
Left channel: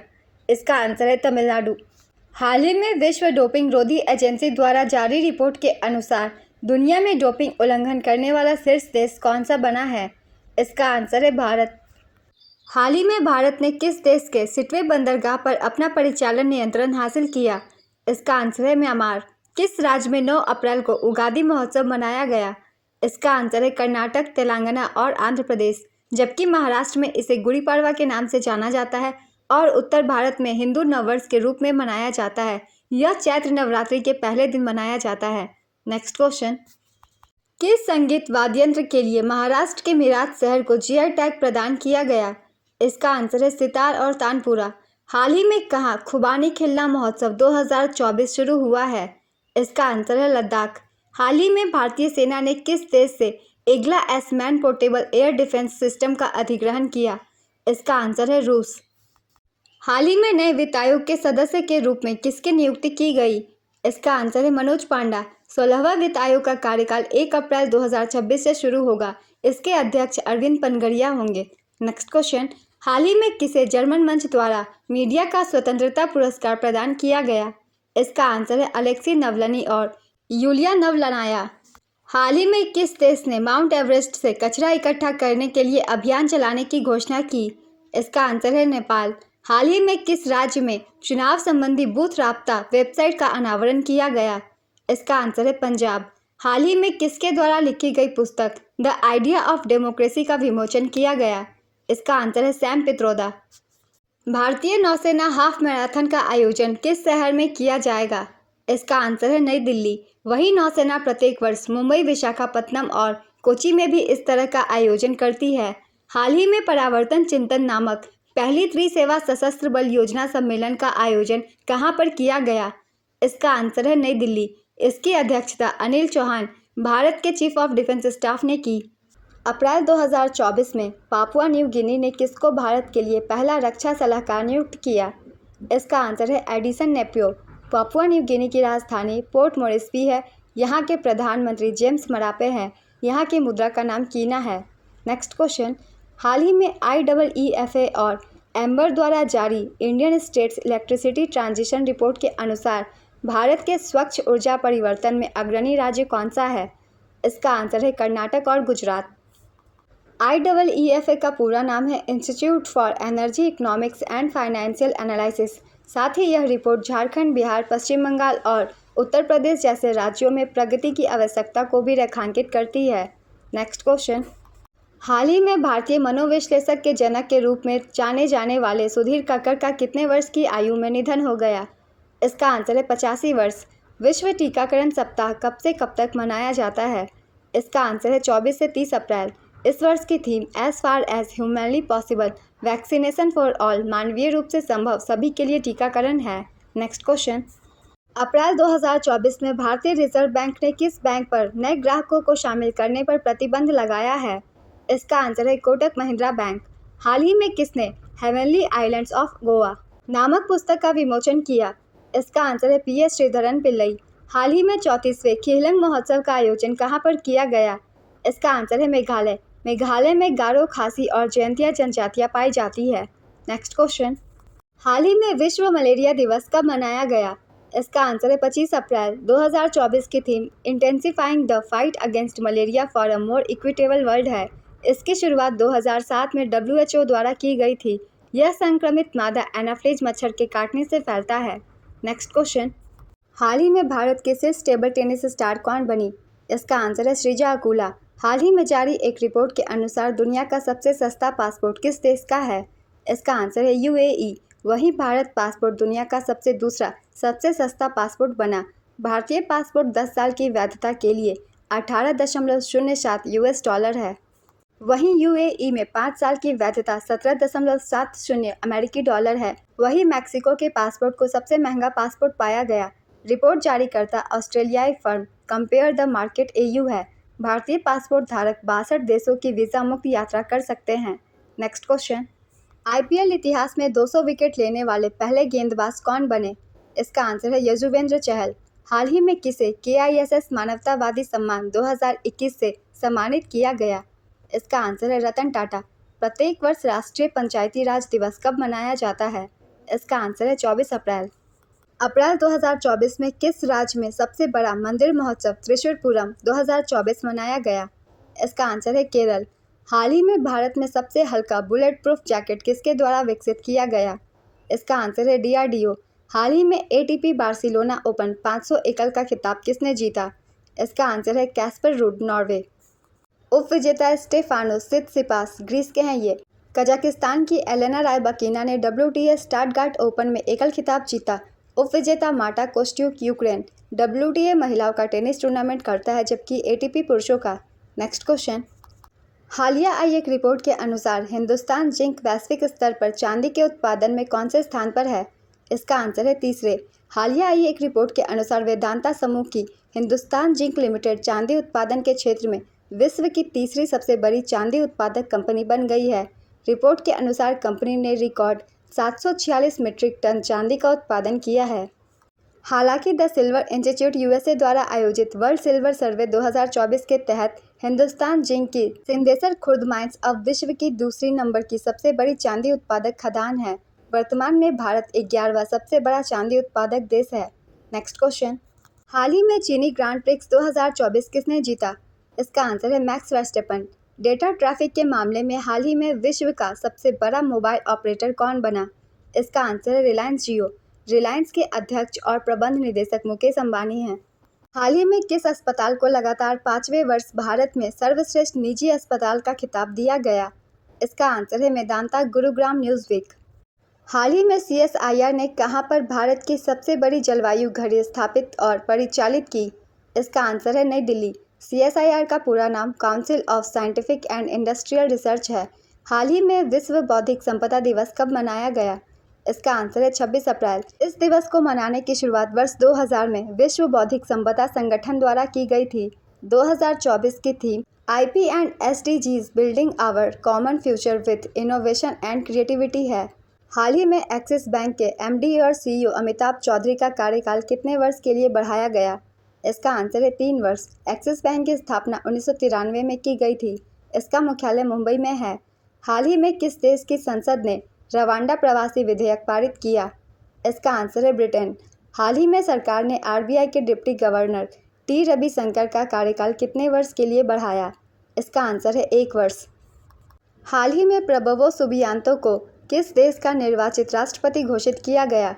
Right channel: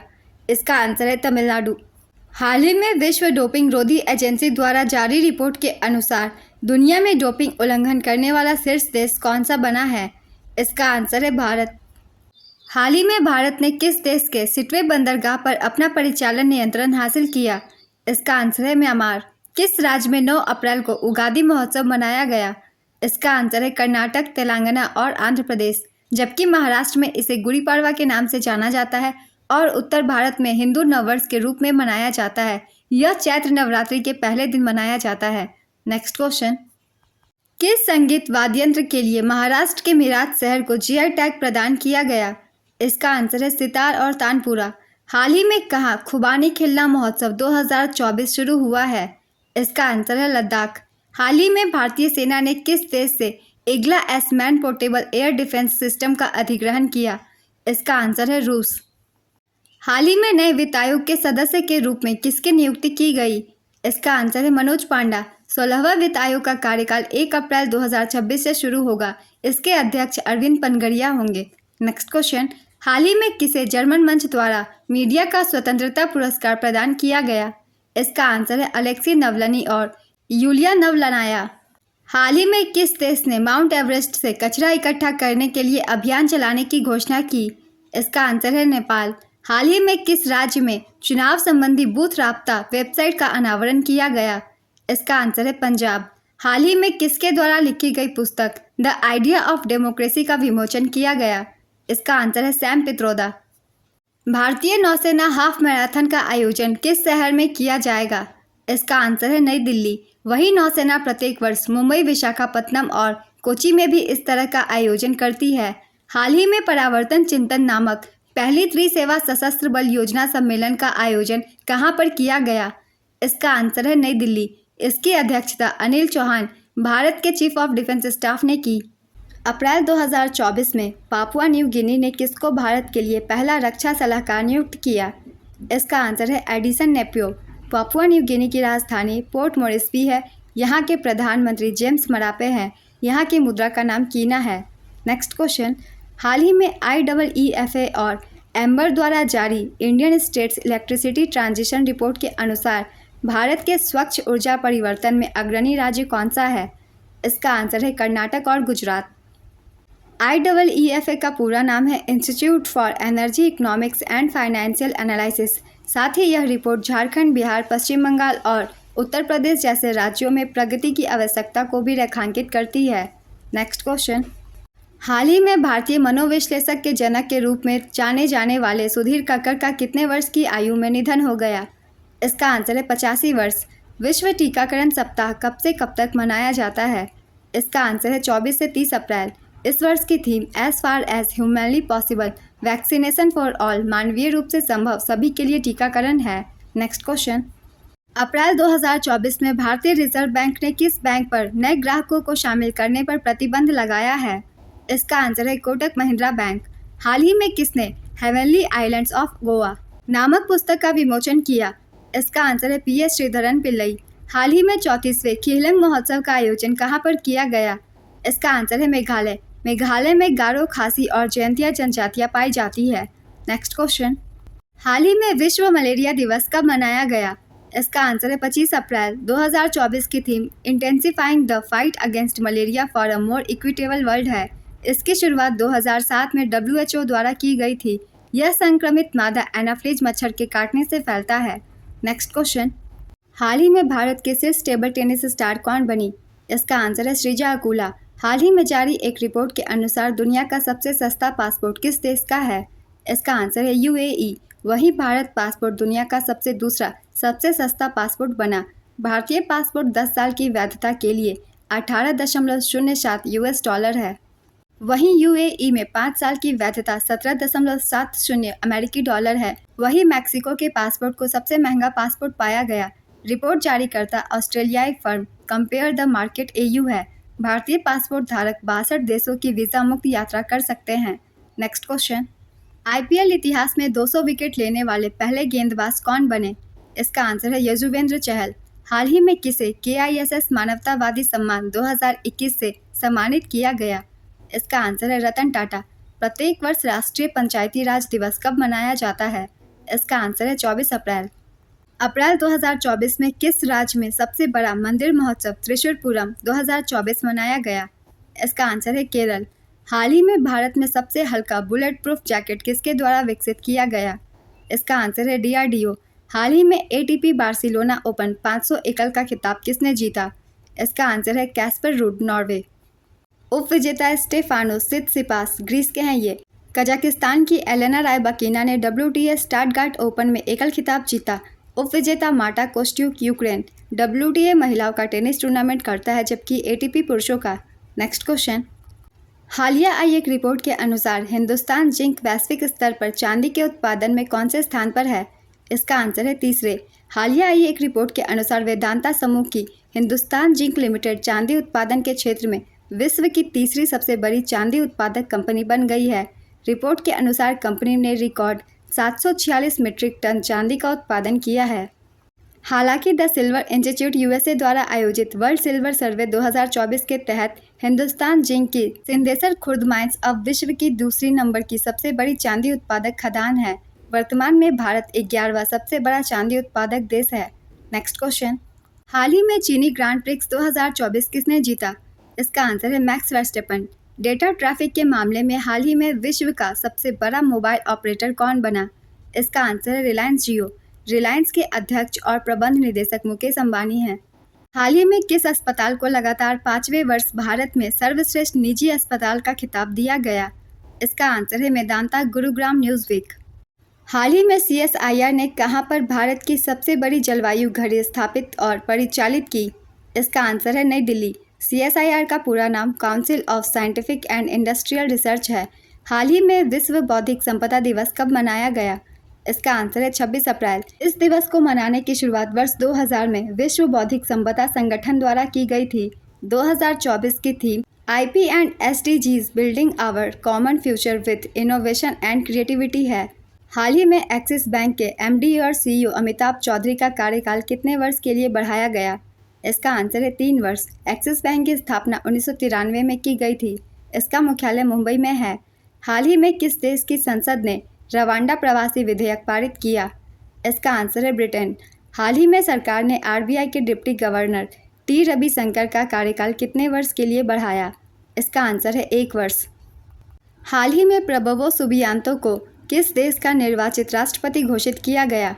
इसका आंसर है तमिलनाडु। हाल ही में विश्व डोपिंग रोधी एजेंसी द्वारा जारी रिपोर्ट के अनुसार दुनिया में डोपिंग उल्लंघन करने वाला शीर्ष देश कौन सा बना है? इसका आंसर है भारत। हाल ही में भारत ने किस देश के सिटवे बंदरगाह पर अपना परिचालन नियंत्रण हासिल किया? इसका आंसर है म्यांमार। किस राज्य में 9 अप्रैल को उगादी महोत्सव मनाया गया? इसका आंसर है कर्नाटक, तेलंगाना और आंध्र प्रदेश, जबकि महाराष्ट्र में इसे गुड़ी पड़वा के नाम से जाना जाता है और उत्तर भारत में हिंदू नववर्ष के रूप में मनाया जाता है। यह चैत्र नवरात्रि के पहले दिन मनाया जाता है। नेक्स्ट क्वेश्चन, किस संगीत वाद्ययंत्र के लिए महाराष्ट्र के मीराट शहर को GI टैग प्रदान किया गया? इसका आंसर है सितार और तानपुरा। हाल ही में कहाँ खुबानी खिलना महोत्सव 2024 शुरू हुआ है? इसका आंसर है लद्दाख। हाल ही में भारतीय सेना ने किस देश से Igla S man portable air defence system का अधिग्रहण किया? इसका आंसर है रूस। हाल ही में नए वित्त आयोग के सदस्य के रूप में किसकी नियुक्ति की गई? इसका आंसर है मनोज पांडा। 16वां वित्त आयोग का कार्यकाल 1 अप्रैल 2026 से शुरू होगा। इसके अध्यक्ष अरविंद पनगड़िया होंगे। नेक्स्ट क्वेश्चन, हाल ही में किसे जर्मन मंच द्वारा मीडिया का स्वतंत्रता पुरस्कार प्रदान किया गया? इसका आंसर है अलेक्सी नवलनी और यूलिया नवलनाया। हाल ही में किस देश ने माउंट एवरेस्ट से कचरा इकट्ठा करने के लिए अभियान चलाने की घोषणा की? इसका आंसर है नेपाल। हाल ही में किस राज्य में चुनाव संबंधी बूथ राब्ता वेबसाइट का अनावरण किया गया? इसका आंसर है पंजाब। हाल ही में किसके द्वारा लिखी गई पुस्तक द आइडिया ऑफ डेमोक्रेसी का विमोचन किया गया? इसका आंसर है सैम पित्रोदा। भारतीय नौसेना हाफ मैराथन का आयोजन किस शहर में किया जाएगा? इसका आंसर है नई दिल्ली। वही नौसेना प्रत्येक वर्ष मुंबई, विशाखापत्तनम और कोची में भी इस तरह का आयोजन करती है। हाल ही में परावर्तन चिंतन नामक पहली त्रिसेवा सशस्त्र बल योजना सम्मेलन का आयोजन कहां पर किया गया? इसका आंसर है नई दिल्ली। इसकी अध्यक्षता अनिल चौहान, भारत के चीफ ऑफ डिफेंस स्टाफ ने की। अप्रैल 2024 में पापुआ न्यू गिनी ने किसको भारत के लिए पहला रक्षा सलाहकार नियुक्त किया? इसका आंसर है एडिसन नेपियो। पापुआ न्यू गिनी की राजधानी पोर्ट मोरेस्बी है। यहाँ के प्रधानमंत्री जेम्स मरापे हैं। यहाँ की मुद्रा का नाम कीना है। नेक्स्ट क्वेश्चन, हाल ही में IEEFA और एम्बर द्वारा जारी Indian states electricity transition report के अनुसार भारत के स्वच्छ ऊर्जा परिवर्तन में अग्रणी राज्य कौन सा है? इसका आंसर है कर्नाटक और गुजरात। IEEFA का पूरा नाम है institute for energy economics and financial analysis. साथ ही यह रिपोर्ट झारखंड, बिहार, पश्चिम बंगाल और उत्तर प्रदेश जैसे राज्यों में प्रगति की आवश्यकता को भी रेखांकित करती है। Next question. हाल ही में भारतीय मनोविश्लेषक के जनक के रूप में जाने जाने वाले सुधीर कक्कड़ का कितने वर्ष की आयु में निधन हो गया? इसका आंसर है 85 वर्ष। विश्व टीकाकरण सप्ताह कब से कब तक मनाया जाता है? इसका आंसर है 24 से 30 अप्रैल। इस वर्ष की theme as far as humanly possible, vaccination for all, मानवीय रूप से संभव सभी के लिए टीकाकरण है। Next question. अप्रैल 2024 में भारतीय रिजर्व बैंक ने किस बैंक पर नए ग्राहकों को शामिल करने पर प्रतिबंध लगाया है? इसका आंसर है कोटक महिंद्रा बैंक। हाल ही में किसने हेवनली आइलैंड्स ऑफ गोवा नामक पुस्तक का विमोचन किया? इसका आंसर है PS श्रीधरन पिल्लई। हाल ही में 34वें खिलम महोत्सव का आयोजन कहां पर किया गया? इसका आंसर है मेघालय। मेघालय में गारो, खासी और जयंतिया जनजातियां पाई जाती है। Next question. हाल ही में विश्व मलेरिया दिवस कब मनाया गया? इसका आंसर है 25 अप्रैल। 2024 की theme intensifying the fight against malaria for a more equitable world है। इसकी शुरुआत 2007 में WHO द्वारा की गई थी। यह संक्रमित मादा एनाफ्लीज मच्छर के काटने से फैलता है। Next question. हाल ही में भारत की शीर्ष टेबल टेनिस स्टार कौन बनी? इसका आंसर है श्रीजा अकुला। हाल ही में जारी एक रिपोर्ट के अनुसार दुनिया का सबसे सस्ता पासपोर्ट किस देश का है? इसका आंसर है UAE। वहीं भारत पासपोर्ट दुनिया का दूसरा सबसे सस्ता पासपोर्ट बना। भारतीय पासपोर्ट 10 साल की वैधता के लिए 18.07 US डॉलर है। वहीं UAE में 5 साल की वैधता 17.70 अमेरिकी डॉलर है। वहीं मैक्सिको के पासपोर्ट को सबसे महंगा पासपोर्ट पाया गया। रिपोर्ट जारीकर्ता ऑस्ट्रेलियाई firm compare the market AU है। भारतीय पासपोर्ट धारक 62 देशों की वीज़ा मुक्त यात्रा कर सकते हैं। Next question. IPL इतिहास में 200 विकेट लेने वाले पहले गेंदबाज कौन बने? इसका आंसर है यजुवेंद्र चहल। हाल ही में किसे KISS मानवतावादी सम्मान 2021 से सम्मानित किया गया? इसका आंसर है रतन टाटा। प्रत्येक वर्ष राष्ट्रीय पंचायती राज दिवस कब मनाया जाता है? इसका आंसर है 24 अप्रैल। अप्रैल 2024 में किस राज्य में सबसे बड़ा मंदिर महोत्सव त्रिशूरपुरम 2024 मनाया गया? इसका आंसर है केरल। हाल ही में भारत में सबसे हल्का बुलेट प्रूफ जैकेट किसके द्वारा विकसित किया गया? इसका आंसर है DRDO। हाल ही में ATP बार्सिलोना ओपन 500 एकल का खिताब किसने जीता? इसका आंसर है कैस्पर रूड, नॉर्वे। उप विजेता स्टेफानोस सित्सिपास ग्रीस के हैं ये। कजाकिस्तान की एलेना रायबाकिना ने WTA स्टटगार्ट ओपन में एकल खिताब जीता। उप विजेता मार्टा कोस्ट्यूक यूक्रेन WTA महिलाओं का टेनिस टूर्नामेंट करता है, जबकि ATP पुरुषों का। Next question. हालिया आई एक रिपोर्ट के अनुसार हिंदुस्तान जिंक वैश्विक स्तर पर चांदी के उत्पादन में कौन से स्थान पर है? इसका आंसर है तीसरे। हालिया आई एक रिपोर्ट के अनुसार वेदांता समूह की हिंदुस्तान जिंक लिमिटेड चांदी उत्पादन के क्षेत्र में विश्व की तीसरी सबसे बड़ी चांदी उत्पादक कंपनी बन गई है। रिपोर्ट के अनुसार कंपनी ने रिकॉर्ड 746 मीट्रिक टन चांदी का उत्पादन किया है। हालांकि द सिल्वर इंस्टीट्यूट USA द्वारा आयोजित वर्ल्ड सिल्वर सर्वे 2024 के तहत हिंदुस्तान जिंक की सिंदेसर खुर्द माइंस अब विश्व की दूसरी नंबर की सबसे बड़ी चांदी उत्पादक खदान है। वर्तमान में भारत 11वां सबसे बड़ा चांदी उत्पादक देश है। Next question. हाल ही में चीनी ग्रांड प्रिक्स 2024 किसने जीता? इसका आंसर है मैक्स वर्स्टेपन। डेटा ट्रैफिक के मामले में हाल ही में विश्व का सबसे बड़ा मोबाइल ऑपरेटर कौन बना? इसका आंसर है रिलायंस जियो। रिलायंस के अध्यक्ष और प्रबंध निदेशक मुकेश अंबानी हैं। हाल ही में किस अस्पताल को लगातार 5वें वर्ष भारत में सर्वश्रेष्ठ निजी अस्पताल का खिताब दिया गया? इसका आंसर है मेदांता गुरुग्राम न्यूज़वीक। हाल ही में CSIR ने कहां पर भारत की सबसे बड़ी जलवायु घड़ी स्थापित और परिचालित की? इसका आंसर है नई दिल्ली। CSIR का पूरा नाम council of scientific and industrial research है। हाल ही में विश्व बौद्धिक संपदा दिवस कब मनाया गया? इसका आंसर है 26 अप्रैल। इस दिवस को मनाने की शुरुआत वर्ष 2000 में विश्व बौद्धिक संपदा संगठन द्वारा की गई थी। 2024 की theme IP and SDGs building our common future with innovation and creativity है। हाल ही में एक्सिस बैंक के MD और CEO अमिताभ चौधरी का कार्यकाल कितने वर्ष के लिए बढ़ाया गया? इसका आंसर है 3 वर्ष। एक्सिस बैंक की स्थापना 1993 में की गई थी। इसका मुख्यालय मुंबई में है। हाल ही में किस देश की संसद ने रवांडा प्रवासी विधेयक पारित किया? इसका आंसर है ब्रिटेन। हाल ही में सरकार ने आरबीआई के डिप्टी गवर्नर टी रविशंकर का कार्यकाल कितने वर्ष के लिए बढ़ाया? इसका आंसर है 1 वर्ष। हाल ही में प्रबोवो सुबियांतो को किस देश का निर्वाचित राष्ट्रपति घोषित किया गया?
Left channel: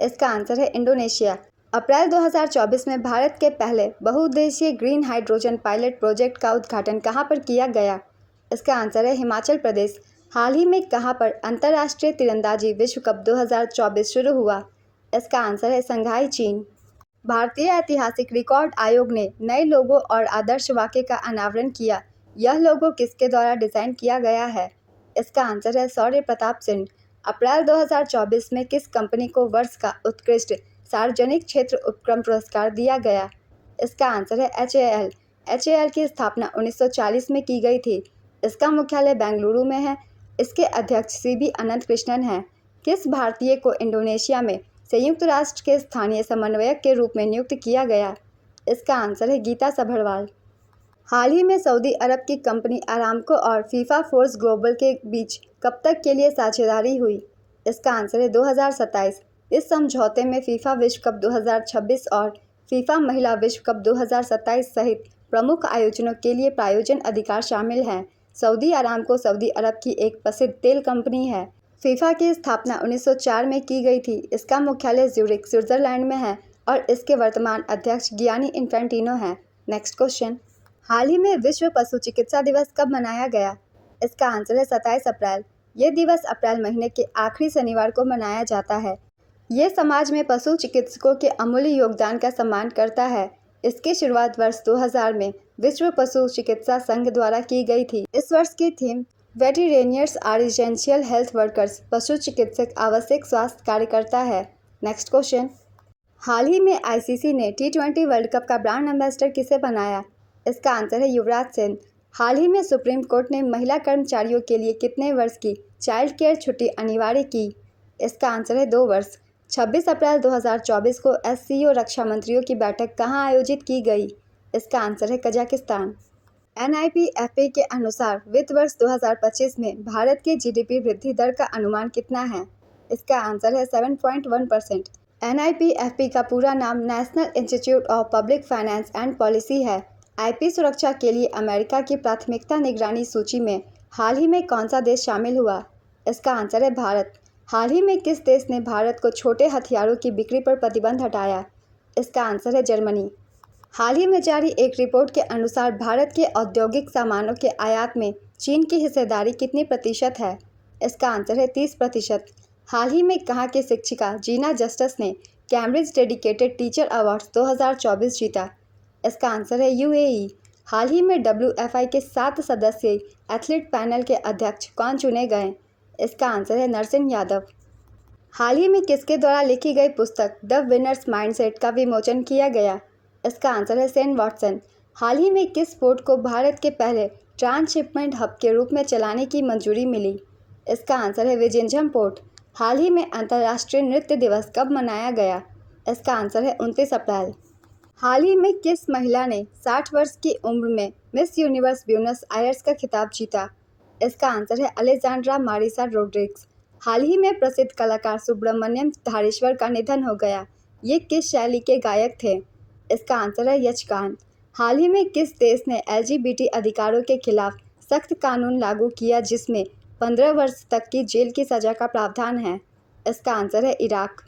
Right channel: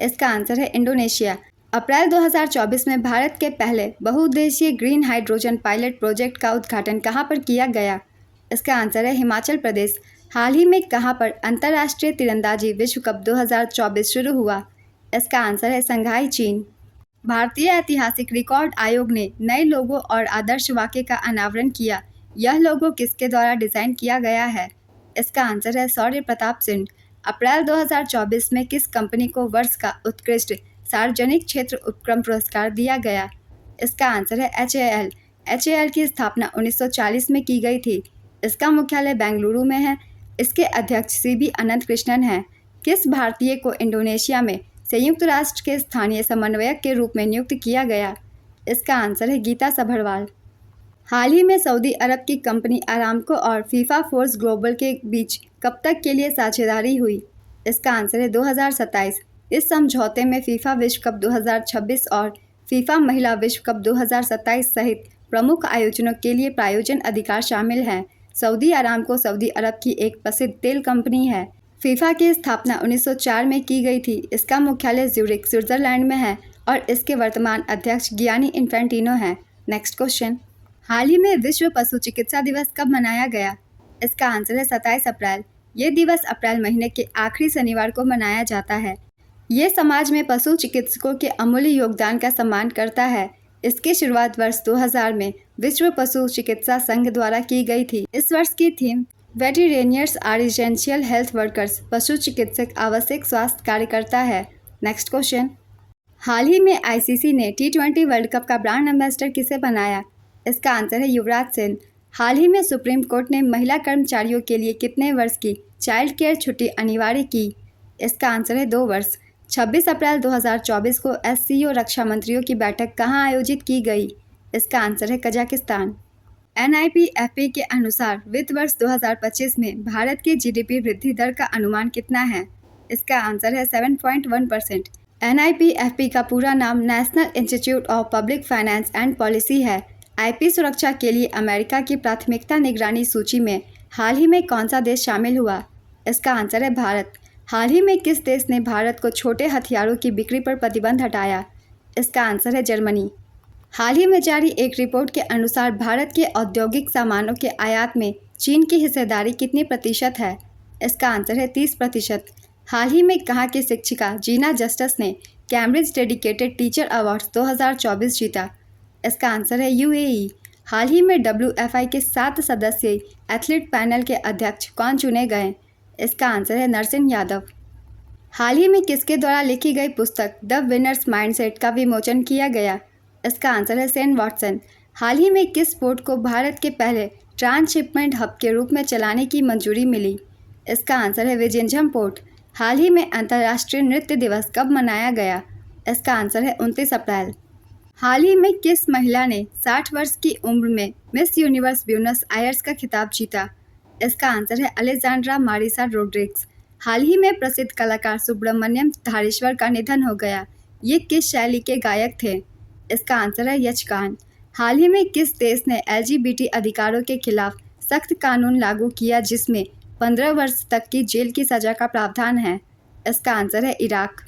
इसका आंसर है इंडोनेशिया। अप्रैल 2024 में भारत के पहले बहुउद्देशीय ग्रीन हाइड्रोजन पायलट प्रोजेक्ट का उद्घाटन कहां पर किया गया? इसका आंसर है हिमाचल प्रदेश। हाल ही में कहां पर अंतर्राष्ट्रीय तीरंदाजी विश्व कप 2024 शुरू हुआ? इसका आंसर है संघाई, चीन। भारतीय ऐतिहासिक रिकॉर्ड आयोग ने नए लोगो और आदर्श वाक्य का अनावरण किया। यह लोगो किसके द्वारा डिजाइन किया गया है? इसका आंसर है शौर्य प्रताप सिंह। अप्रैल 2024 में किस कंपनी को वर्ष का उत्कृष्ट सार्वजनिक क्षेत्र उपक्रम पुरस्कार दिया गया? इसका आंसर है HAL। HAL की स्थापना 1940 में की गई थी। इसका मुख्यालय बेंगलुरु में है। इसके अध्यक्ष CB अनंत कृष्णन हैं। किस भारतीय को इंडोनेशिया में संयुक्त राष्ट्र के स्थानीय समन्वयक के रूप में नियुक्त किया गया? इसका आंसर है गीता सभरवाल। हाल ही में सऊदी अरब की कंपनी अरामको और फीफा फोर्स ग्लोबल के बीच कब तक के लिए साझेदारी हुई? इसका आंसर है 2027। इस समझौते में फीफा विश्व कप 2026 और फीफा महिला विश्व कप 2027 सहित प्रमुख आयोजनों के लिए प्रायोजन अधिकार शामिल हैं। सऊदी अरामको सऊदी अरब की एक प्रसिद्ध तेल कंपनी है। फीफा की स्थापना 1904 में की गई थी। इसका मुख्यालय ज्यूरिख, स्विट्जरलैंड में है और इसके वर्तमान अध्यक्ष गियानी इन्फेंटिनो हैं। नेक्स्ट क्वेश्चन, हाल ही में विश्व पशु चिकित्सा दिवस कब मनाया गया? इसका आंसर है 27 अप्रैल। ये दिवस अप्रैल महीने के आखिरी शनिवार को मनाया जाता है। ये समाज में पशु चिकित्सकों के अमूल्य योगदान का सम्मान करता है। इसकी शुरुआत वर्ष 2000 में विश्व पशु चिकित्सा संघ द्वारा की गई थी। इस वर्ष की theme veterinarians are essential health workers, पशु चिकित्सक आवश्यक स्वास्थ्य कार्यकर्ता है। नेक्स्ट क्वेश्चन, हाल ही में ICC ने T20 वर्ल्ड कप का ब्रांड एम्बेसडर किसे बनाया? इसका आंसर है युवराज सिंह। हाल ही में सुप्रीम कोर्ट ने महिला कर्मचारियों के लिए कितने वर्ष की चाइल्ड केयर छुट्टी अनिवार्य की? इसका आंसर है 2 वर्ष। 26 अप्रैल 2024 को SCO रक्षा मंत्रियों की बैठक कहां आयोजित की गई? इसका आंसर है कजाकिस्तान। NIPFP के अनुसार वित्त वर्ष 2025 में भारत के GDP वृद्धि दर का अनुमान कितना है? इसका आंसर है 7.1%। NIPFP का पूरा नाम national institute of public finance and policy है। IP सुरक्षा के लिए अमेरिका की प्राथमिकता निगरानी सूची में हाल ही में कौन सा देश शामिल हुआ? इसका आंसर है भारत। हाल ही में किस देश ने भारत को छोटे हथियारों की बिक्री पर प्रतिबंध हटाया? इसका आंसर है जर्मनी। हाल ही में जारी एक रिपोर्ट के अनुसार भारत के औद्योगिक सामानों के आयात में चीन की हिस्सेदारी कितनी प्रतिशत है? इसका आंसर है 30%। हाल ही में कहाँ की शिक्षिका जीना जस्टिस ने कैम्ब्रिज डेडिकेटेड टीचर अवार्ड्स 2024 जीता? इसका आंसर है UAE। हाल ही में WFI के 7 सदस्यीय एथलीट पैनल के अध्यक्ष कौन चुने गए? इसका आंसर है नरसिंह यादव। हाल ही में किसके द्वारा लिखी गई पुस्तक द विनर्स माइंडसेट का विमोचन किया गया? इसका आंसर है सेन वॉटसन। हाल ही में किस पोर्ट को भारत के पहले ट्रांसशिपमेंट हब के रूप में चलाने की मंजूरी मिली? इसका आंसर है विजिंझम पोर्ट। हाल ही में अंतर्राष्ट्रीय नृत्य दिवस कब मनाया गया? इसका आंसर है 29 अप्रैल। हाल ही में किस महिला ने 60 वर्ष की उम्र में मिस यूनिवर्स ब्यूनस आयर्स का खिताब जीता? इसका आंसर है अलेक्जेंड्रा मारिसा रोड्रिग्स। हाल ही में प्रसिद्ध कलाकार सुब्रमण्यम धारेश्वर का निधन हो गया। ये किस शैली के गायक थे? इसका आंसर है यक्षगान। हाल ही में किस देश ने LGBT अधिकारों के खिलाफ सख्त कानून लागू किया जिसमें 15 वर्ष तक की जेल की सजा का प्रावधान है? इसका आंसर है इराक।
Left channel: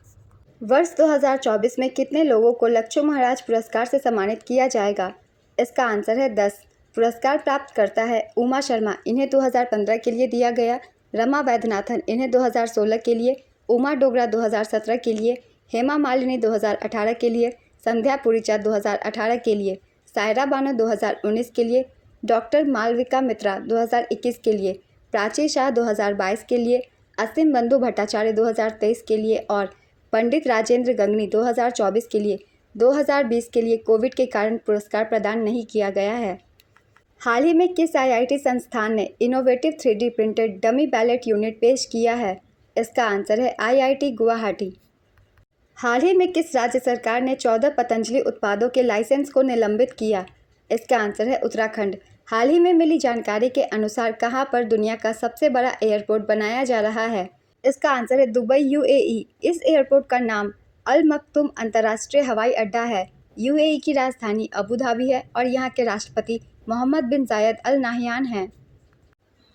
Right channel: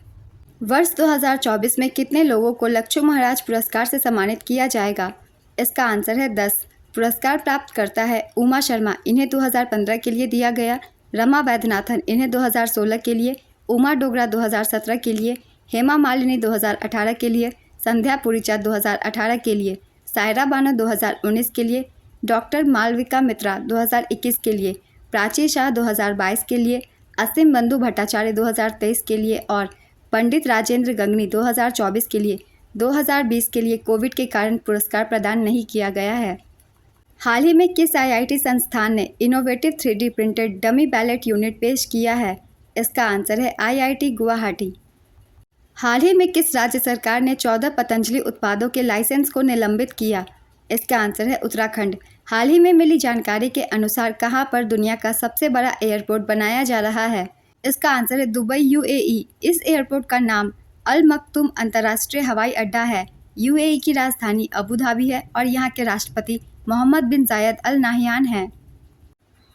वर्ष 2024 में कितने लोगों को लक्ष्मण महाराज पुरस्कार से सम्मानित किया जाएगा? इसका आंसर है 10। पुरस्कार प्राप्त करता है उमा शर्मा, इन्हें 2015 के लिए दिया गया। रमा वैद्यनाथन, इन्हें 2016 के लिए। उमा डोगरा 2017 के लिए। हेमा मालिनी 2018 के लिए। संध्या पुरीचा 2018 के लिए। सायरा बानो 2019 के लिए। डॉक्टर मालविका मित्रा 2021 के लिए। प्राची शाह 2022 के लिए। असीम बंधु भट्टाचार्य 2023 के लिए और पंडित राजेंद्र गंगनी 2024 के लिए। 2020 के लिए कोविड के कारण पुरस्कार प्रदान नहीं किया गया है। हाल ही में किस IIT संस्थान ने innovative 3D printed dummy ballot unit पेश किया है? इसका आंसर है IIT गुवाहाटी। हाल ही में किस राज्य सरकार ने 14 पतंजलि उत्पादों के लाइसेंस को निलंबित किया? इसका आंसर है उत्तराखंड। हाल ही में मिली जानकारी के अनुसार कहां पर दुनिया का सबसे बड़ा एयरपोर्ट बनाया जा रहा है? इसका आंसर है दुबई, UAE। इस एयरपोर्ट का नाम अल मक्तूम अंतर्राष्ट्रीय हवाई अड्डा है। यूएई की राजधानी अबू धाबी है और यहाँ के राष्ट्रपति मोहम्मद बिन जायद अल नाहियान हैं।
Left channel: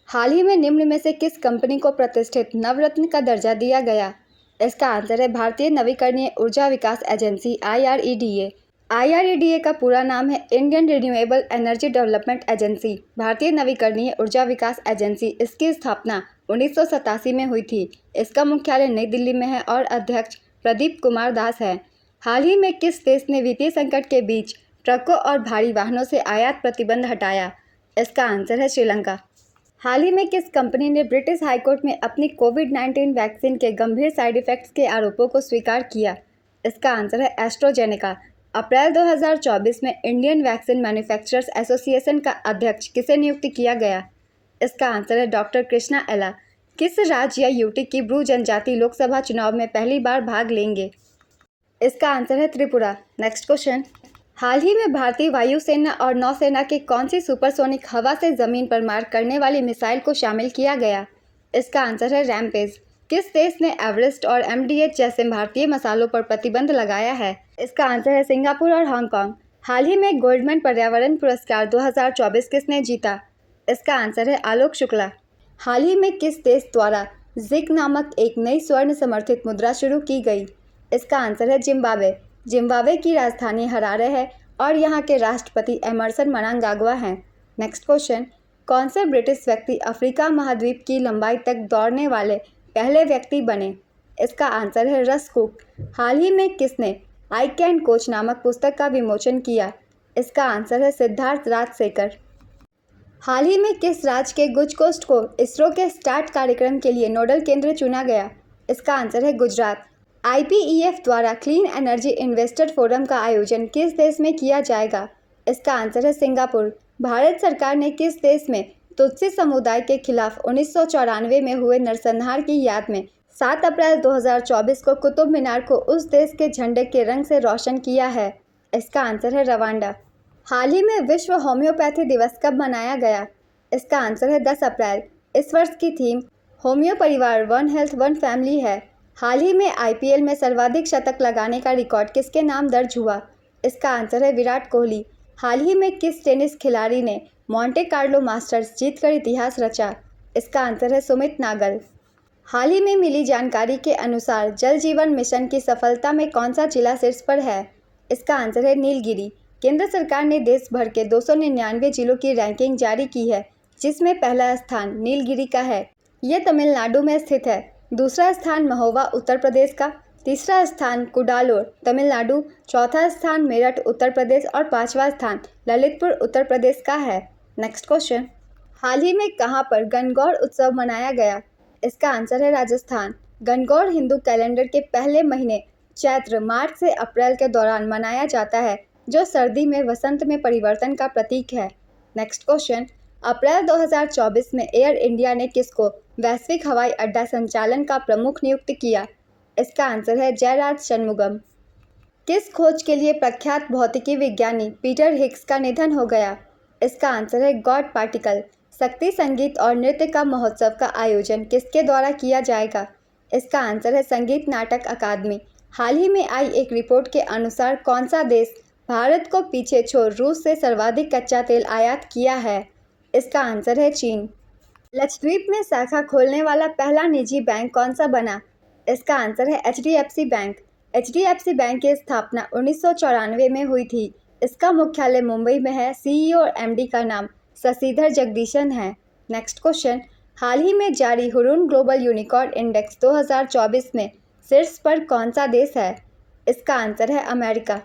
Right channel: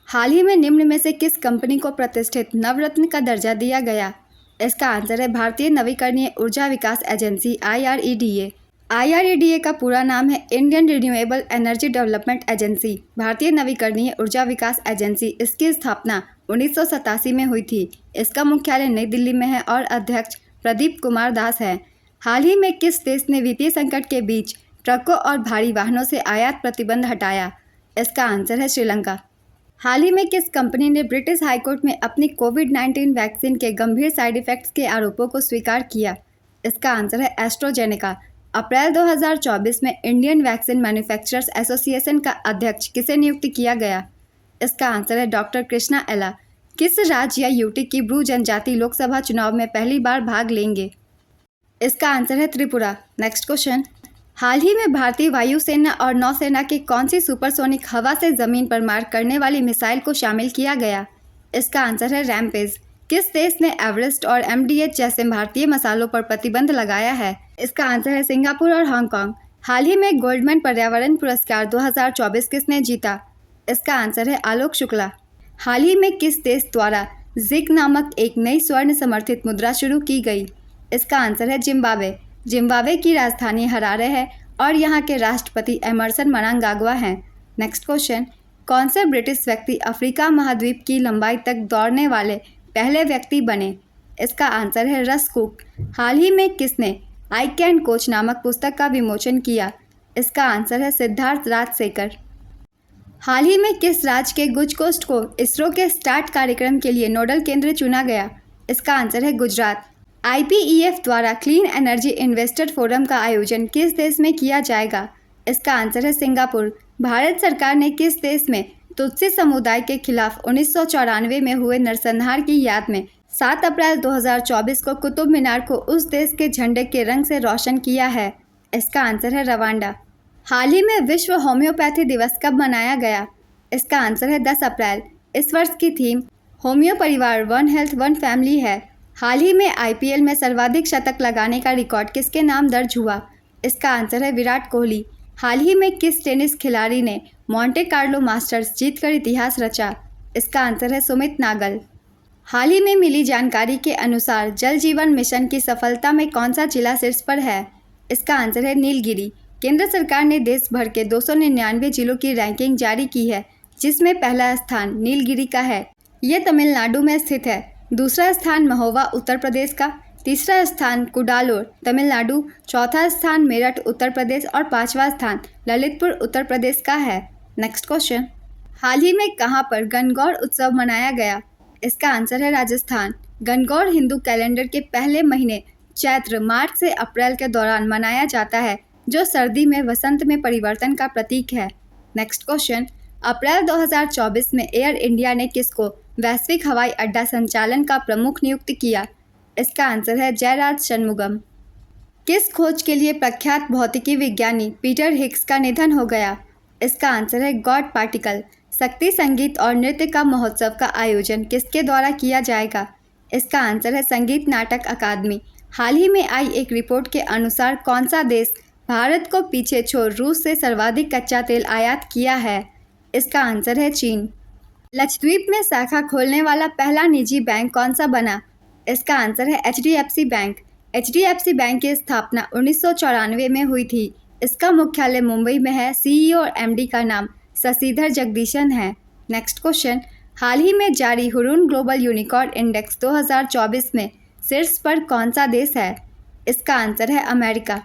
हाल ही में निम्न में से किस कंपनी को प्रतिष्ठित नवरत्न का दर्जा दिया गया? इसका आंसर है भारतीय नवीकरणीय ऊर्जा विकास एजेंसी IREDA। IREDA का पूरा नाम है Indian renewable energy development agency, भारतीय नवीकरणीय ऊर्जा विकास एजेंसी। इसकी स्थापना 1987 में हुई थी। इसका मुख्यालय नई दिल्ली में है और अध्यक्ष प्रदीप कुमार दास है। हाल ही में किस देश ने वित्तीय संकट के बीच ट्रकों और भारी वाहनों से आयात प्रतिबंध हटाया? इसका आंसर है श्रीलंका। हाल ही में किस कंपनी ने ब्रिटिश हाईकोर्ट में अपनी कोविड-19 वैक्सीन के गंभीर साइड इफेक्ट्स के आरोपों को स्वीकार किया? इसका आंसर है एस्ट्राजेनेका। अप्रैल 2024 में इंडियन वैक्सीन मैन्युफैक्चरर्स एसोसिएशन का अध्यक्ष किसे नियुक्त किया गया? इसका आंसर है डॉक्टर कृष्णा एला। किस राज्य या यूटी की ब्रू जनजाति लोकसभा चुनाव में पहली बार भाग लेंगे? इसका आंसर है त्रिपुरा। नेक्स्ट क्वेश्चन, हाल ही में भारतीय वायुसेना और नौसेना के कौन सी सुपरसोनिक हवा से ज़मीन पर मार करने वाली मिसाइल को शामिल किया गया? इसका आंसर है रैमपेज। किस देश ने एवरेस्ट और MDH जैसे भारतीय मसालों पर प्रतिबंध लगाया है? इसका आंसर है सिंगापुर और हांगकांग। हाल ही में गोल्डमैन पर्यावरण पुरस्कार 2024 किसने जीता? इसका आंसर है आलोक शुक्ला। हाल ही में किस देश द्वारा जिग नामक एक नई स्वर्ण समर्थित मुद्रा शुरू की गई? इसका आंसर है जिम्बाब्वे। जिम्बाब्वे की राजधानी हरारे है और यहाँ के राष्ट्रपति एमरसन मनांगाग्वा हैं। नेक्स्ट क्वेश्चन, कौन से ब्रिटिश व्यक्ति अफ्रीका महाद्वीप की लंबाई तक दौड़ने वाले पहले व्यक्ति बने? इसका आंसर है रस कुक। हाल ही में किसने आई कैन कोच नामक पुस्तक का विमोचन किया? इसका आंसर है सिद्धार्थ राजशेखर। हाल ही में किस राज्य के गुज कोस्ट को इसरो के स्टार्ट कार्यक्रम के लिए नोडल केंद्र चुना गया? इसका आंसर है गुजरात। IPEF द्वारा क्लीन एनर्जी इन्वेस्टर फोरम का आयोजन किस देश में किया जाएगा? इसका आंसर है सिंगापुर। भारत सरकार ने किस देश में तुत्सी समुदाय के खिलाफ 1994 में हुए नरसंहार की याद में 7 अप्रैल 2024 को कुतुब मीनार को उस देश के झंडे के रंग से रोशन किया है? इसका आंसर है रवांडा। हाल ही में विश्व होम्योपैथी दिवस कब मनाया गया? इसका आंसर है 10 अप्रैल। इस वर्ष की थीम होम्यो परिवार वन हेल्थ वन फैमिली है। हाल ही में IPL में सर्वाधिक शतक लगाने का रिकॉर्ड किसके नाम दर्ज हुआ? इसका आंसर है विराट कोहली। हाल ही में किस टेनिस खिलाड़ी ने मोंटे कार्लो मास्टर्स जीतकर इतिहास रचा? इसका आंसर है सुमित नागल। हाल ही में मिली जानकारी के अनुसार जल जीवन मिशन की सफलता में कौन सा जिला शीर्ष पर है? इसका आंसर है नीलगिरी। केंद्र सरकार ने देश भर के 299 जिलों की रैंकिंग जारी की है, जिसमें पहला स्थान नीलगिरी का है। ये तमिलनाडु में स्थित है। दूसरा स्थान महोबा उत्तर प्रदेश का, तीसरा स्थान कुडालोर तमिलनाडु, चौथा स्थान मेरठ उत्तर प्रदेश और पांचवा स्थान ललितपुर उत्तर प्रदेश का है। नेक्स्ट क्वेश्चन, हाल ही में कहां पर गणगौर उत्सव मनाया गया? इसका आंसर है राजस्थान। गणगौर हिंदू कैलेंडर के पहले महीने चैत्र मार्च से अप्रैल के दौरान मनाया जाता है, जो सर्दी में वसंत में परिवर्तन का प्रतीक है। नेक्स्ट क्वेश्चन, अप्रैल 2024 में एयर इंडिया ने किसको वैश्विक हवाई अड्डा संचालन का प्रमुख नियुक्त किया? इसका आंसर है जयराज शनमुगम। किस खोज के लिए प्रख्यात भौतिकी विज्ञानी पीटर हिग्स का निधन हो गया? इसका आंसर है गॉड पार्टिकल। शक्ति संगीत और नृत्य का महोत्सव का आयोजन किसके द्वारा किया जाएगा? इसका आंसर है संगीत नाटक अकादमी। हाल ही में आई एक रिपोर्ट के अनुसार कौन सा देश भारत को पीछे छोड़ रूस से सर्वाधिक कच्चा तेल आयात किया है? इसका आंसर है चीन। लक्षद्वीप में शाखा खोलने वाला पहला निजी बैंक कौन सा बना? इसका आंसर है HDFC बैंक। HDFC बैंक की स्थापना 1994 में हुई थी। इसका मुख्यालय मुंबई में है। CEO और MD का नाम शशिधर जगदीशन है। नेक्स्ट क्वेश्चन, हाल ही में जारी हुरून ग्लोबल यूनिकॉर्न इंडेक्स 2024 में शीर्ष पर कौन सा देश है? इसका आंसर है अमेरिका।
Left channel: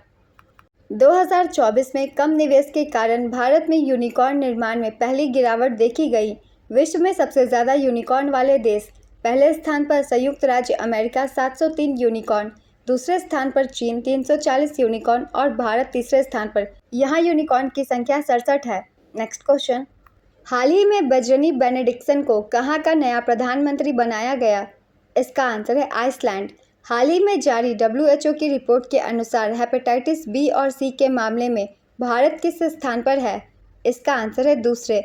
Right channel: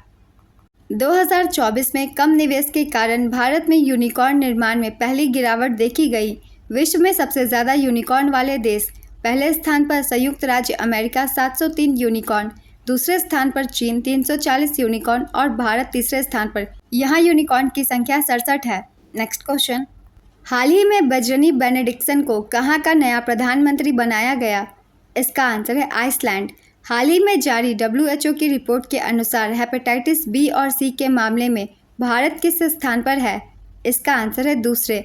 2024 में कम निवेश के कारण भारत में यूनिकॉर्न निर्माण में पहली गिरावट देखी गई। विश्व में सबसे ज़्यादा यूनिकॉर्न वाले देश, पहले स्थान पर संयुक्त राज्य अमेरिका 703 यूनिकॉर्न, दूसरे स्थान पर चीन 340 यूनिकॉर्न और भारत तीसरे स्थान पर। यहाँ यूनिकॉर्न की संख्या 67 है। नेक्स्ट क्वेश्चन, हाल ही में बजरनी बेनेडिक्सन को कहाँ का नया प्रधानमंत्री बनाया गया? इसका आंसर है आइसलैंड। हाल ही में जारी WHO की रिपोर्ट के अनुसार हेपेटाइटिस B और C के मामले में भारत किस स्थान पर है? इसका आंसर है दूसरे।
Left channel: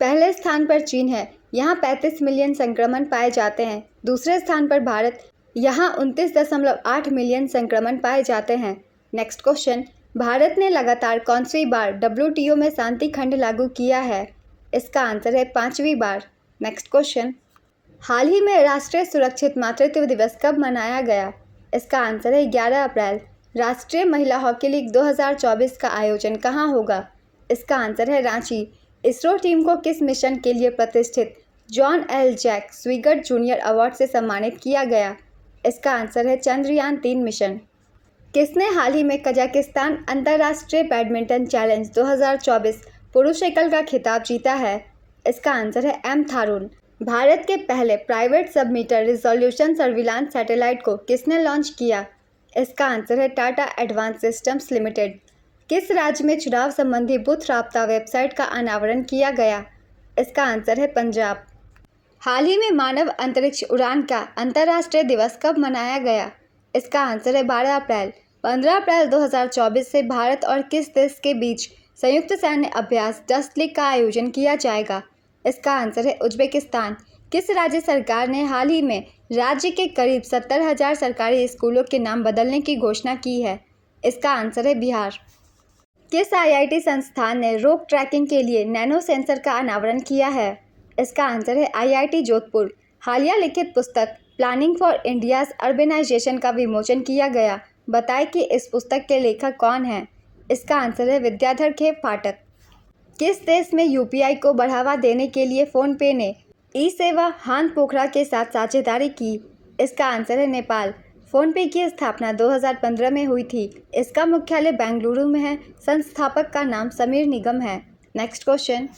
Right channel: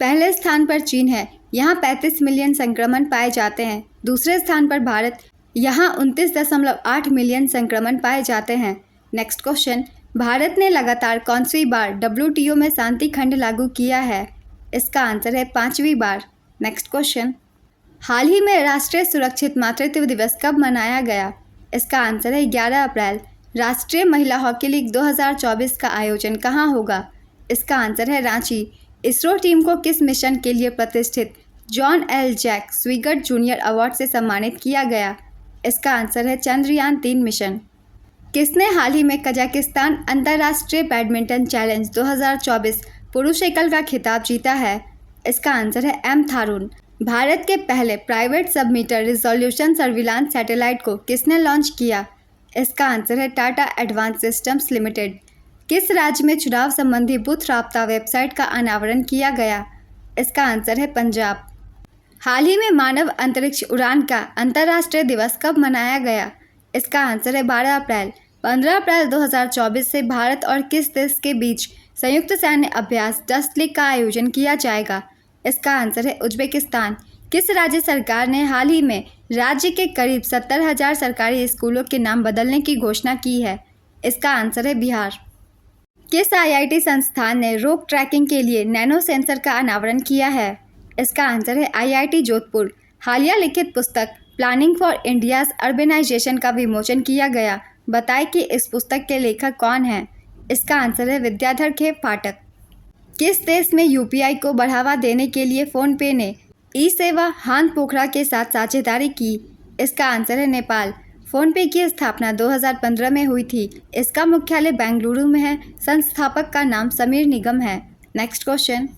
पहले स्थान पर चीन है, यहाँ 35 मिलियन संक्रमण पाए जाते हैं। दूसरे स्थान पर भारत यहाँ 29.8 मिलियन संक्रमण पाए जाते हैं। नेक्स्ट क्वेश्चन, भारत ने लगातार कौनसी बार WTO में शांति खंड लागू किया है? इसका आंसर है 5वीं बार। नेक्स्ट क्वेश्चन, हाल ही में राष्ट्रीय सुरक्षित मातृत्व दिवस कब मनाया गया? इसका आंसर है 11 अप्रैल। राष्ट्रीय महिला हॉकी लीग 2024 का आयोजन कहाँ होगा? इसका आंसर है रांची। इसरो टीम को किस मिशन के लिए प्रतिष्ठित John L Jack Swigert Junior award से सम्मानित किया गया? इसका आंसर है चंद्रयान 3 मिशन। किसने हाल ही में कजाकिस्तान अंतर्राष्ट्रीय बैडमिंटन चैलेंज 2024 पुरुष एकल का खिताब जीता है? इसका आंसर है एम थारून। भारत के पहले प्राइवेट सब-मीटर रिजोल्यूशन सर्विलांस सैटेलाइट को किसने लॉन्च किया? इसका आंसर है टाटा एडवांस सिस्टम्स लिमिटेड। किस राज्य में चुनाव संबंधी बूथ राब्ता वेबसाइट का अनावरण किया गया? इसका आंसर है पंजाब। हाल ही में मानव अंतरिक्ष उड़ान का अंतर्राष्ट्रीय दिवस कब मनाया गया? इसका आंसर है 12 अप्रैल। 15 अप्रैल 2024 से भारत और किस देश के बीच संयुक्त सैन्य अभ्यास डस्ट लीग का आयोजन किया जाएगा? इसका आंसर है उज्बेकिस्तान। किस राज्य सरकार ने हाल ही में राज्य के करीब 70,000 सरकारी स्कूलों के नाम बदलने की घोषणा की है? इसका आंसर है बिहार। किस IIT संस्थान ने रोग ट्रैकिंग के लिए नैनो सेंसर का अनावरण किया है? इसका आंसर है IIT जोधपुर। हालिया लिखित पुस्तक प्लानिंग फॉर इंडियाज अर्बेनाइजेशन का विमोचन किया गया। बताएं कि इस पुस्तक के लेखक कौन हैं? इसका आंसर है विद्याधर खेप पाठक। किस देश में UPI को बढ़ावा देने के लिए फ़ोनपे ने ई-सेवा हान पोखरा के साथ साझेदारी की? इसका आंसर है नेपाल। फ़ोनपे की स्थापना 2015 में हुई थी। इसका मुख्यालय बेंगलुरु में है। संस्थापक का नाम समीर निगम है। नेक्स्ट क्वेश्चन,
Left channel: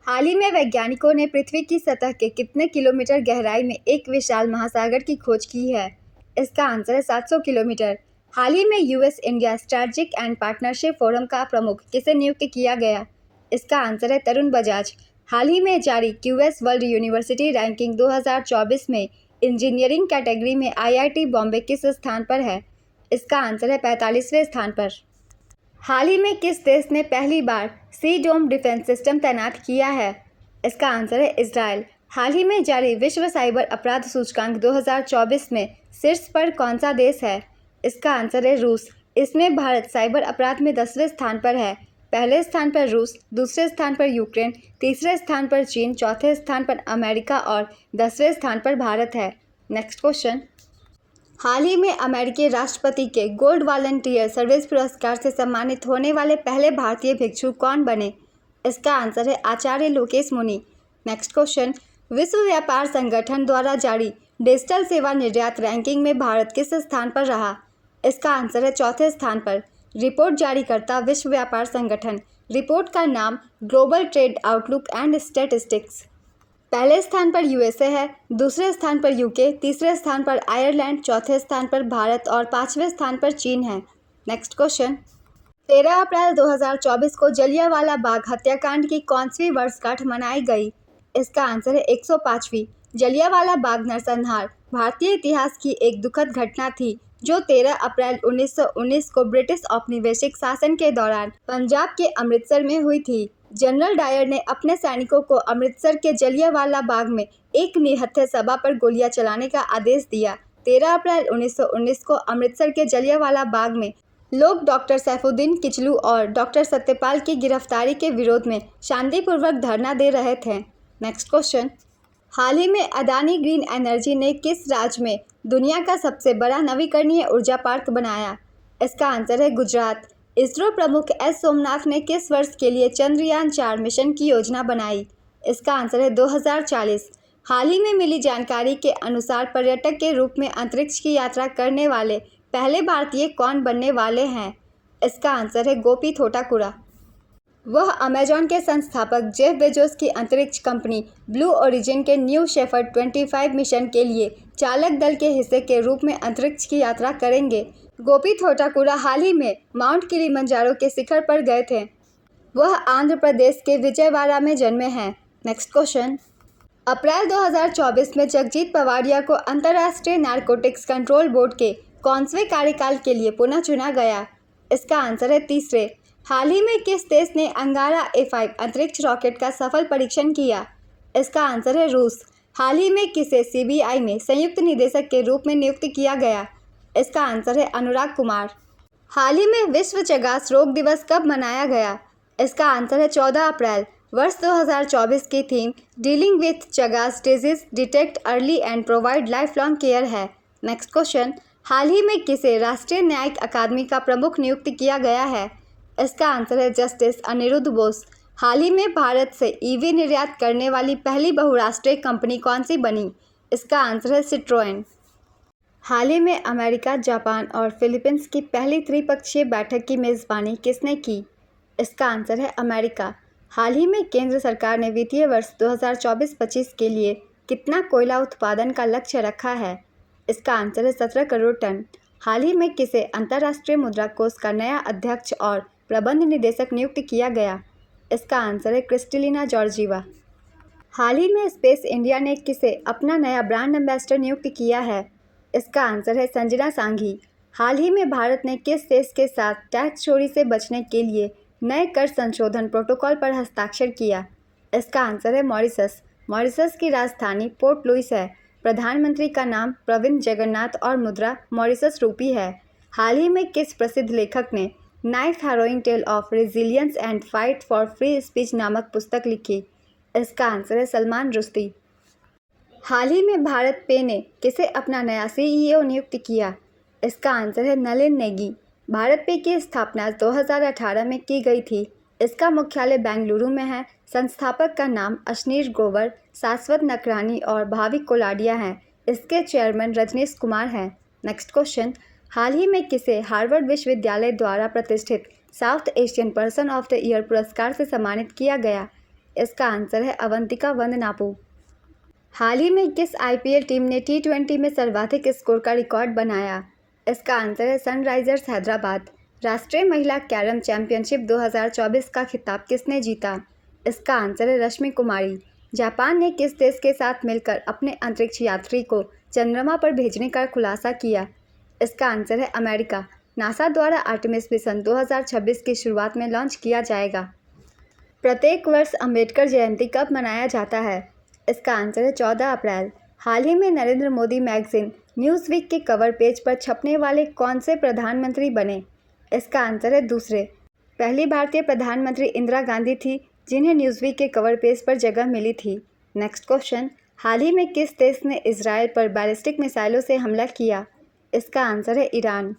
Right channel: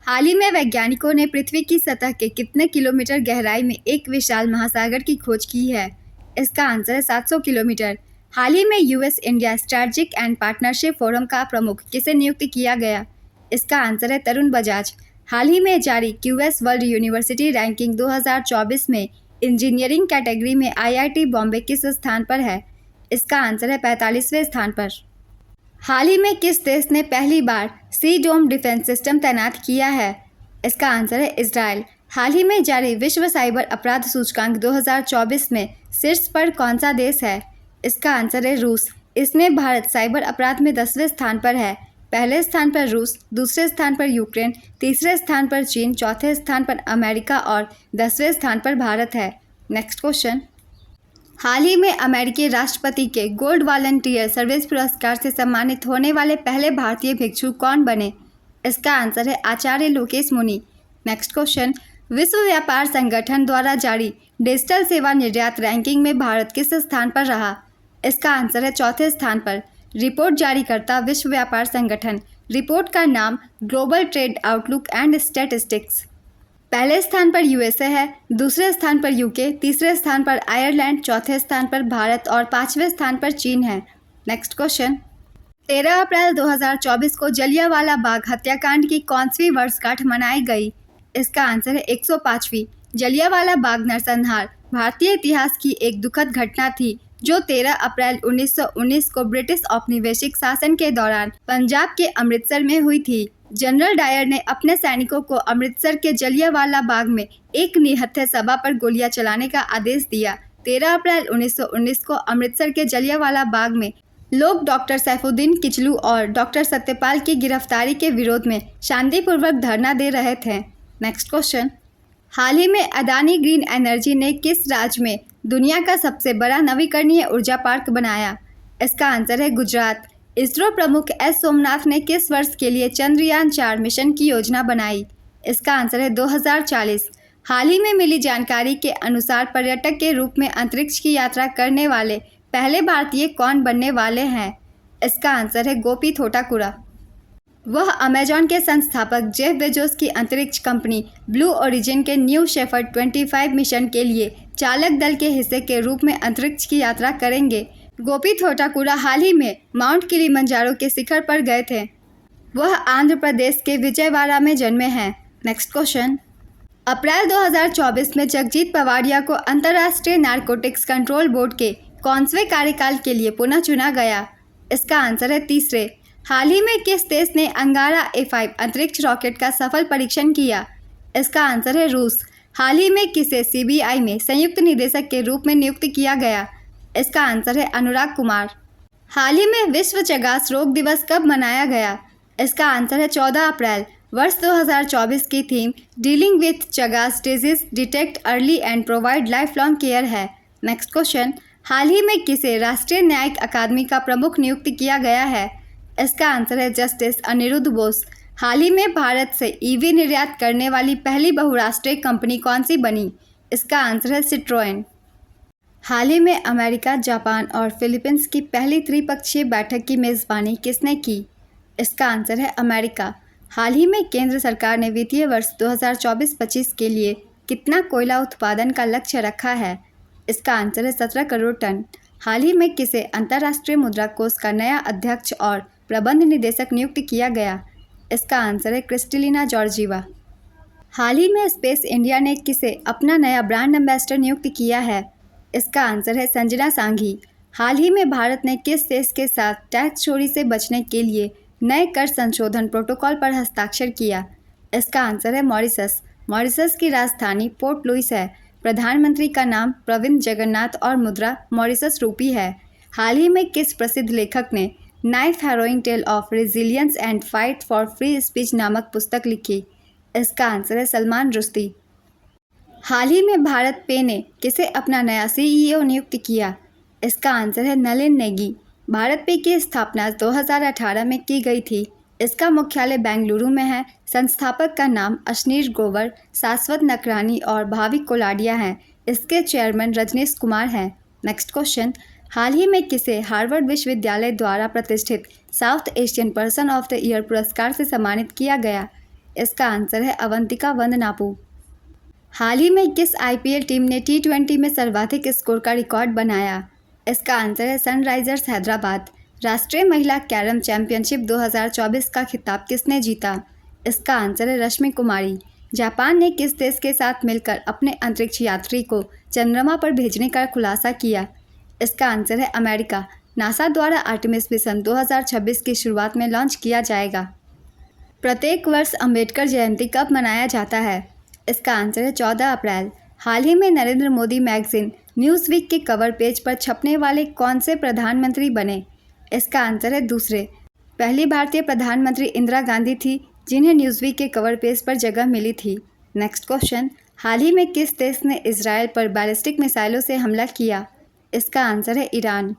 हाल ही में वैज्ञानिकों ने पृथ्वी की सतह के कितने किलोमीटर गहराई में एक विशाल महासागर की खोज की है? इसका आंसर है 700 किलोमीटर। हाल ही में US India strategic and partnership forum का प्रमुख किसे नियुक्त किया गया? इसका आंसर है तरुण बजाज। हाल ही में जारी QS वर्ल्ड यूनिवर्सिटी रैंकिंग 2024 में इंजीनियरिंग कैटेगरी में IIT बॉम्बे किस स्थान पर है? इसका आंसर है 45वें स्थान पर। हाल ही में किस देश ने पहली बार सी डोम डिफेंस सिस्टम तैनात किया है? इसका आंसर है इजराइल। हाल ही में जारी विश्व साइबर अपराध सूचकांक 2024 में शीर्ष पर कौन सा देश है? इसका आंसर है रूस। इसमें भारत साइबर अपराध में 10वें स्थान पर है। पहले स्थान पर रूस, दूसरे स्थान पर यूक्रेन, तीसरे स्थान पर चीन, चौथे स्थान पर अमेरिका और 10वें स्थान पर भारत है। नेक्स्ट क्वेश्चन, हाल ही में अमेरिकी राष्ट्रपति के गोल्ड वॉलंटियर सर्विस पुरस्कार से सम्मानित होने वाले पहले भारतीय भिक्षु कौन बने? इसका आंसर है आचार्य लोकेश मुनि। नेक्स्ट क्वेश्चन, विश्व व्यापार संगठन द्वारा जारी डिजिटल सेवा निर्यात रैंकिंग में भारत किस स्थान पर रहा? इसका आंसर है चौथे स्थान पर। रिपोर्ट जारी करता विश्व व्यापार संगठन। रिपोर्ट का नाम global trade outlook and statistics. पहले स्थान पर USA है, दूसरे स्थान पर UK, तीसरे स्थान पर आयरलैंड, चौथे स्थान पर भारत और 5वें स्थान पर चीन है। नेक्स्ट क्वेश्चन, 13 अप्रैल 2024 को जलियांवाला बाग हत्याकांड की कौनसी वर्षगांठ मनाई गई? इसका आंसर है 105वीं। जलियांवाला बाग नरसंहार भारतीय इतिहास की एक दुखद घटना थी जो 13 अप्रैल 1919 को ब्रिटिश औपनिवेशिक शासन के दौरान पंजाब के अमृतसर में हुई थी। जनरल डायर ने अपने सैनिकों को अमृतसर के जलियांवाला बाग में एक निहत्थे सभा पर गोलियां चलाने का आदेश दिया। 13 अप्रैल 1919 को अमृतसर के जलियांवाला बाग में लोग डॉक्टर सैफुद्दीन किचलू और डॉक्टर सत्यपाल की गिरफ्तारी के विरोध में शांतिपूर्वक धरना दे रहे थे। नेक्स्ट क्वेश्चन, हाल ही में अदानी ग्रीन एनर्जी ने किस राज्य में दुनिया का सबसे बड़ा नवीकरणीय ऊर्जा पार्क बनाया? इसका आंसर है गुजरात। इसरो प्रमुख S सोमनाथ ने किस वर्ष के लिए चंद्रयान 4 मिशन की योजना बनाई? इसका आंसर है 2040। हाल ही में मिली जानकारी के अनुसार पर्यटक के रूप में अंतरिक्ष की यात्रा करने वाले पहले भारतीय कौन बनने वाले हैं? इसका आंसर है गोपी थोटाकुरा। वह अमेजॉन के संस्थापक जेफ बेजोस की अंतरिक्ष कंपनी ब्लू ओरिजिन के न्यू शेफर्ड 25 मिशन के लिए चालक दल के हिस्से के रूप में अंतरिक्ष की यात्रा करेंगे। गोपी थोटाकुरा हाल ही में माउंट किलिमंजारो के शिखर पर गए थे। वह आंध्र प्रदेश के विजयवाड़ा में जन्मे हैं। नेक्स्ट क्वेश्चन, अप्रैल 2024 में जगजीत पवाडिया को अंतर्राष्ट्रीय नारकोटिक्स कंट्रोल बोर्ड के कौनसवें कार्यकाल के लिए पुनः चुना गया? इसका आंसर है तीसरे। हाल ही में किस देश ने अंगारा A5 अंतरिक्ष रॉकेट का सफल परीक्षण किया? इसका आंसर है रूस। हाल ही में किसे सीबीआई में संयुक्त निदेशक के रूप में नियुक्त किया गया? इसका आंसर है अनुराग कुमार। हाल ही में विश्व चगास रोग दिवस कब मनाया गया? इसका आंसर है 14 अप्रैल। वर्ष 2024 की theme dealing with Chagas disease, detect early and provide life long care है। नेक्स्ट क्वेश्चन, हाल ही में किसे राष्ट्रीय न्यायिक अकादमी का प्रमुख नियुक्त किया गया है? इसका आंसर है जस्टिस अनिरुद्ध बोस। हाल ही में भारत से ईवी निर्यात करने वाली पहली बहुराष्ट्रीय कंपनी कौन सी बनी? इसका आंसर है सिट्रोएन। हाल ही में अमेरिका, जापान और फिलीपींस की पहली त्रिपक्षीय बैठक की मेज़बानी किसने की? इसका आंसर है अमेरिका। हाल ही में केंद्र सरकार ने वित्तीय वर्ष 2024-25 के लिए कितना कोयला उत्पादन का लक्ष्य रखा है? इसका आंसर है 17 करोड़ टन। हाल ही में किसे अंतर्राष्ट्रीय मुद्रा कोष का नया अध्यक्ष और प्रबंध निदेशक नियुक्त किया गया? इसका आंसर है क्रिस्टलिना जॉर्जीवा। हाल ही में स्पेस इंडिया ने किसे अपना नया ब्रांड एम्बेसडर नियुक्त किया है? इसका आंसर है संजना सांघी। हाल ही में भारत ने किस देश के साथ टैक्स चोरी से बचने के लिए नए कर संशोधन प्रोटोकॉल पर हस्ताक्षर किया? इसका आंसर है मॉरिशस। मॉरिशस की राजधानी पोर्ट लुइस है। प्रधानमंत्री का नाम प्रविंद जगन्नाथ और मुद्रा मॉरिशस रूपी है। हाल ही में किस प्रसिद्ध लेखक ने knife harrowing tale of resilience and fight for free speech नामक पुस्तक लिखी? इसका आंसर है सलमान रुश्दी। हाल ही में भारत पे ने किसे अपना नया सीईओ नियुक्त किया? इसका आंसर है नलिन नेगी। भारत पे की स्थापना 2018 में की गई थी। इसका मुख्यालय बेंगलुरु में है। संस्थापक का नाम अशनीर ग्रोवर, शाश्वत नकरानी और भाविक कोलाडिया हैं। इसके चेयरमैन रजनीश कुमार हैं। नेक्स्ट क्वेश्चन, हाल ही में किसे हार्वर्ड विश्वविद्यालय द्वारा प्रतिष्ठित south Asian person of the year पुरस्कार से सम्मानित किया गया? इसका आंसर है अवंतिका वंदनापू। हाल ही में किस आईपीएल टीम ने T20 में सर्वाधिक स्कोर का रिकॉर्ड बनाया? इसका आंसर है सनराइजर्स हैदराबाद। राष्ट्रीय महिला कैरम चैंपियनशिप 2024 का खिताब किसने जीता? इसका आंसर है रश्मि कुमारी। जापान ने किस देश के साथ मिलकर अपने अंतरिक्ष यात्री को चंद्रमा पर भेजने का खुलासा किया? इसका आंसर है अमेरिका। नासा द्वारा आर्टेमिस मिशन 2026 की शुरुआत में लॉन्च किया जाएगा। प्रत्येक वर्ष अंबेडकर जयंती कब मनाया जाता है? इसका आंसर है 14 अप्रैल। हाल ही में नरेंद्र मोदी मैगजीन न्यूज़वीक के कवर पेज पर छपने वाले कौन से प्रधानमंत्री बने? इसका आंसर है दूसरे। पहली भारतीय प्रधानमंत्री इंदिरा गांधी थी जिन्हें न्यूज़वीक के कवर पेज पर जगह मिली थी। नेक्स्ट क्वेश्चन, हाल ही में किस देश ने इजराइल पर बैलिस्टिक मिसाइलों से हमला किया? इसका आंसर है ईरान।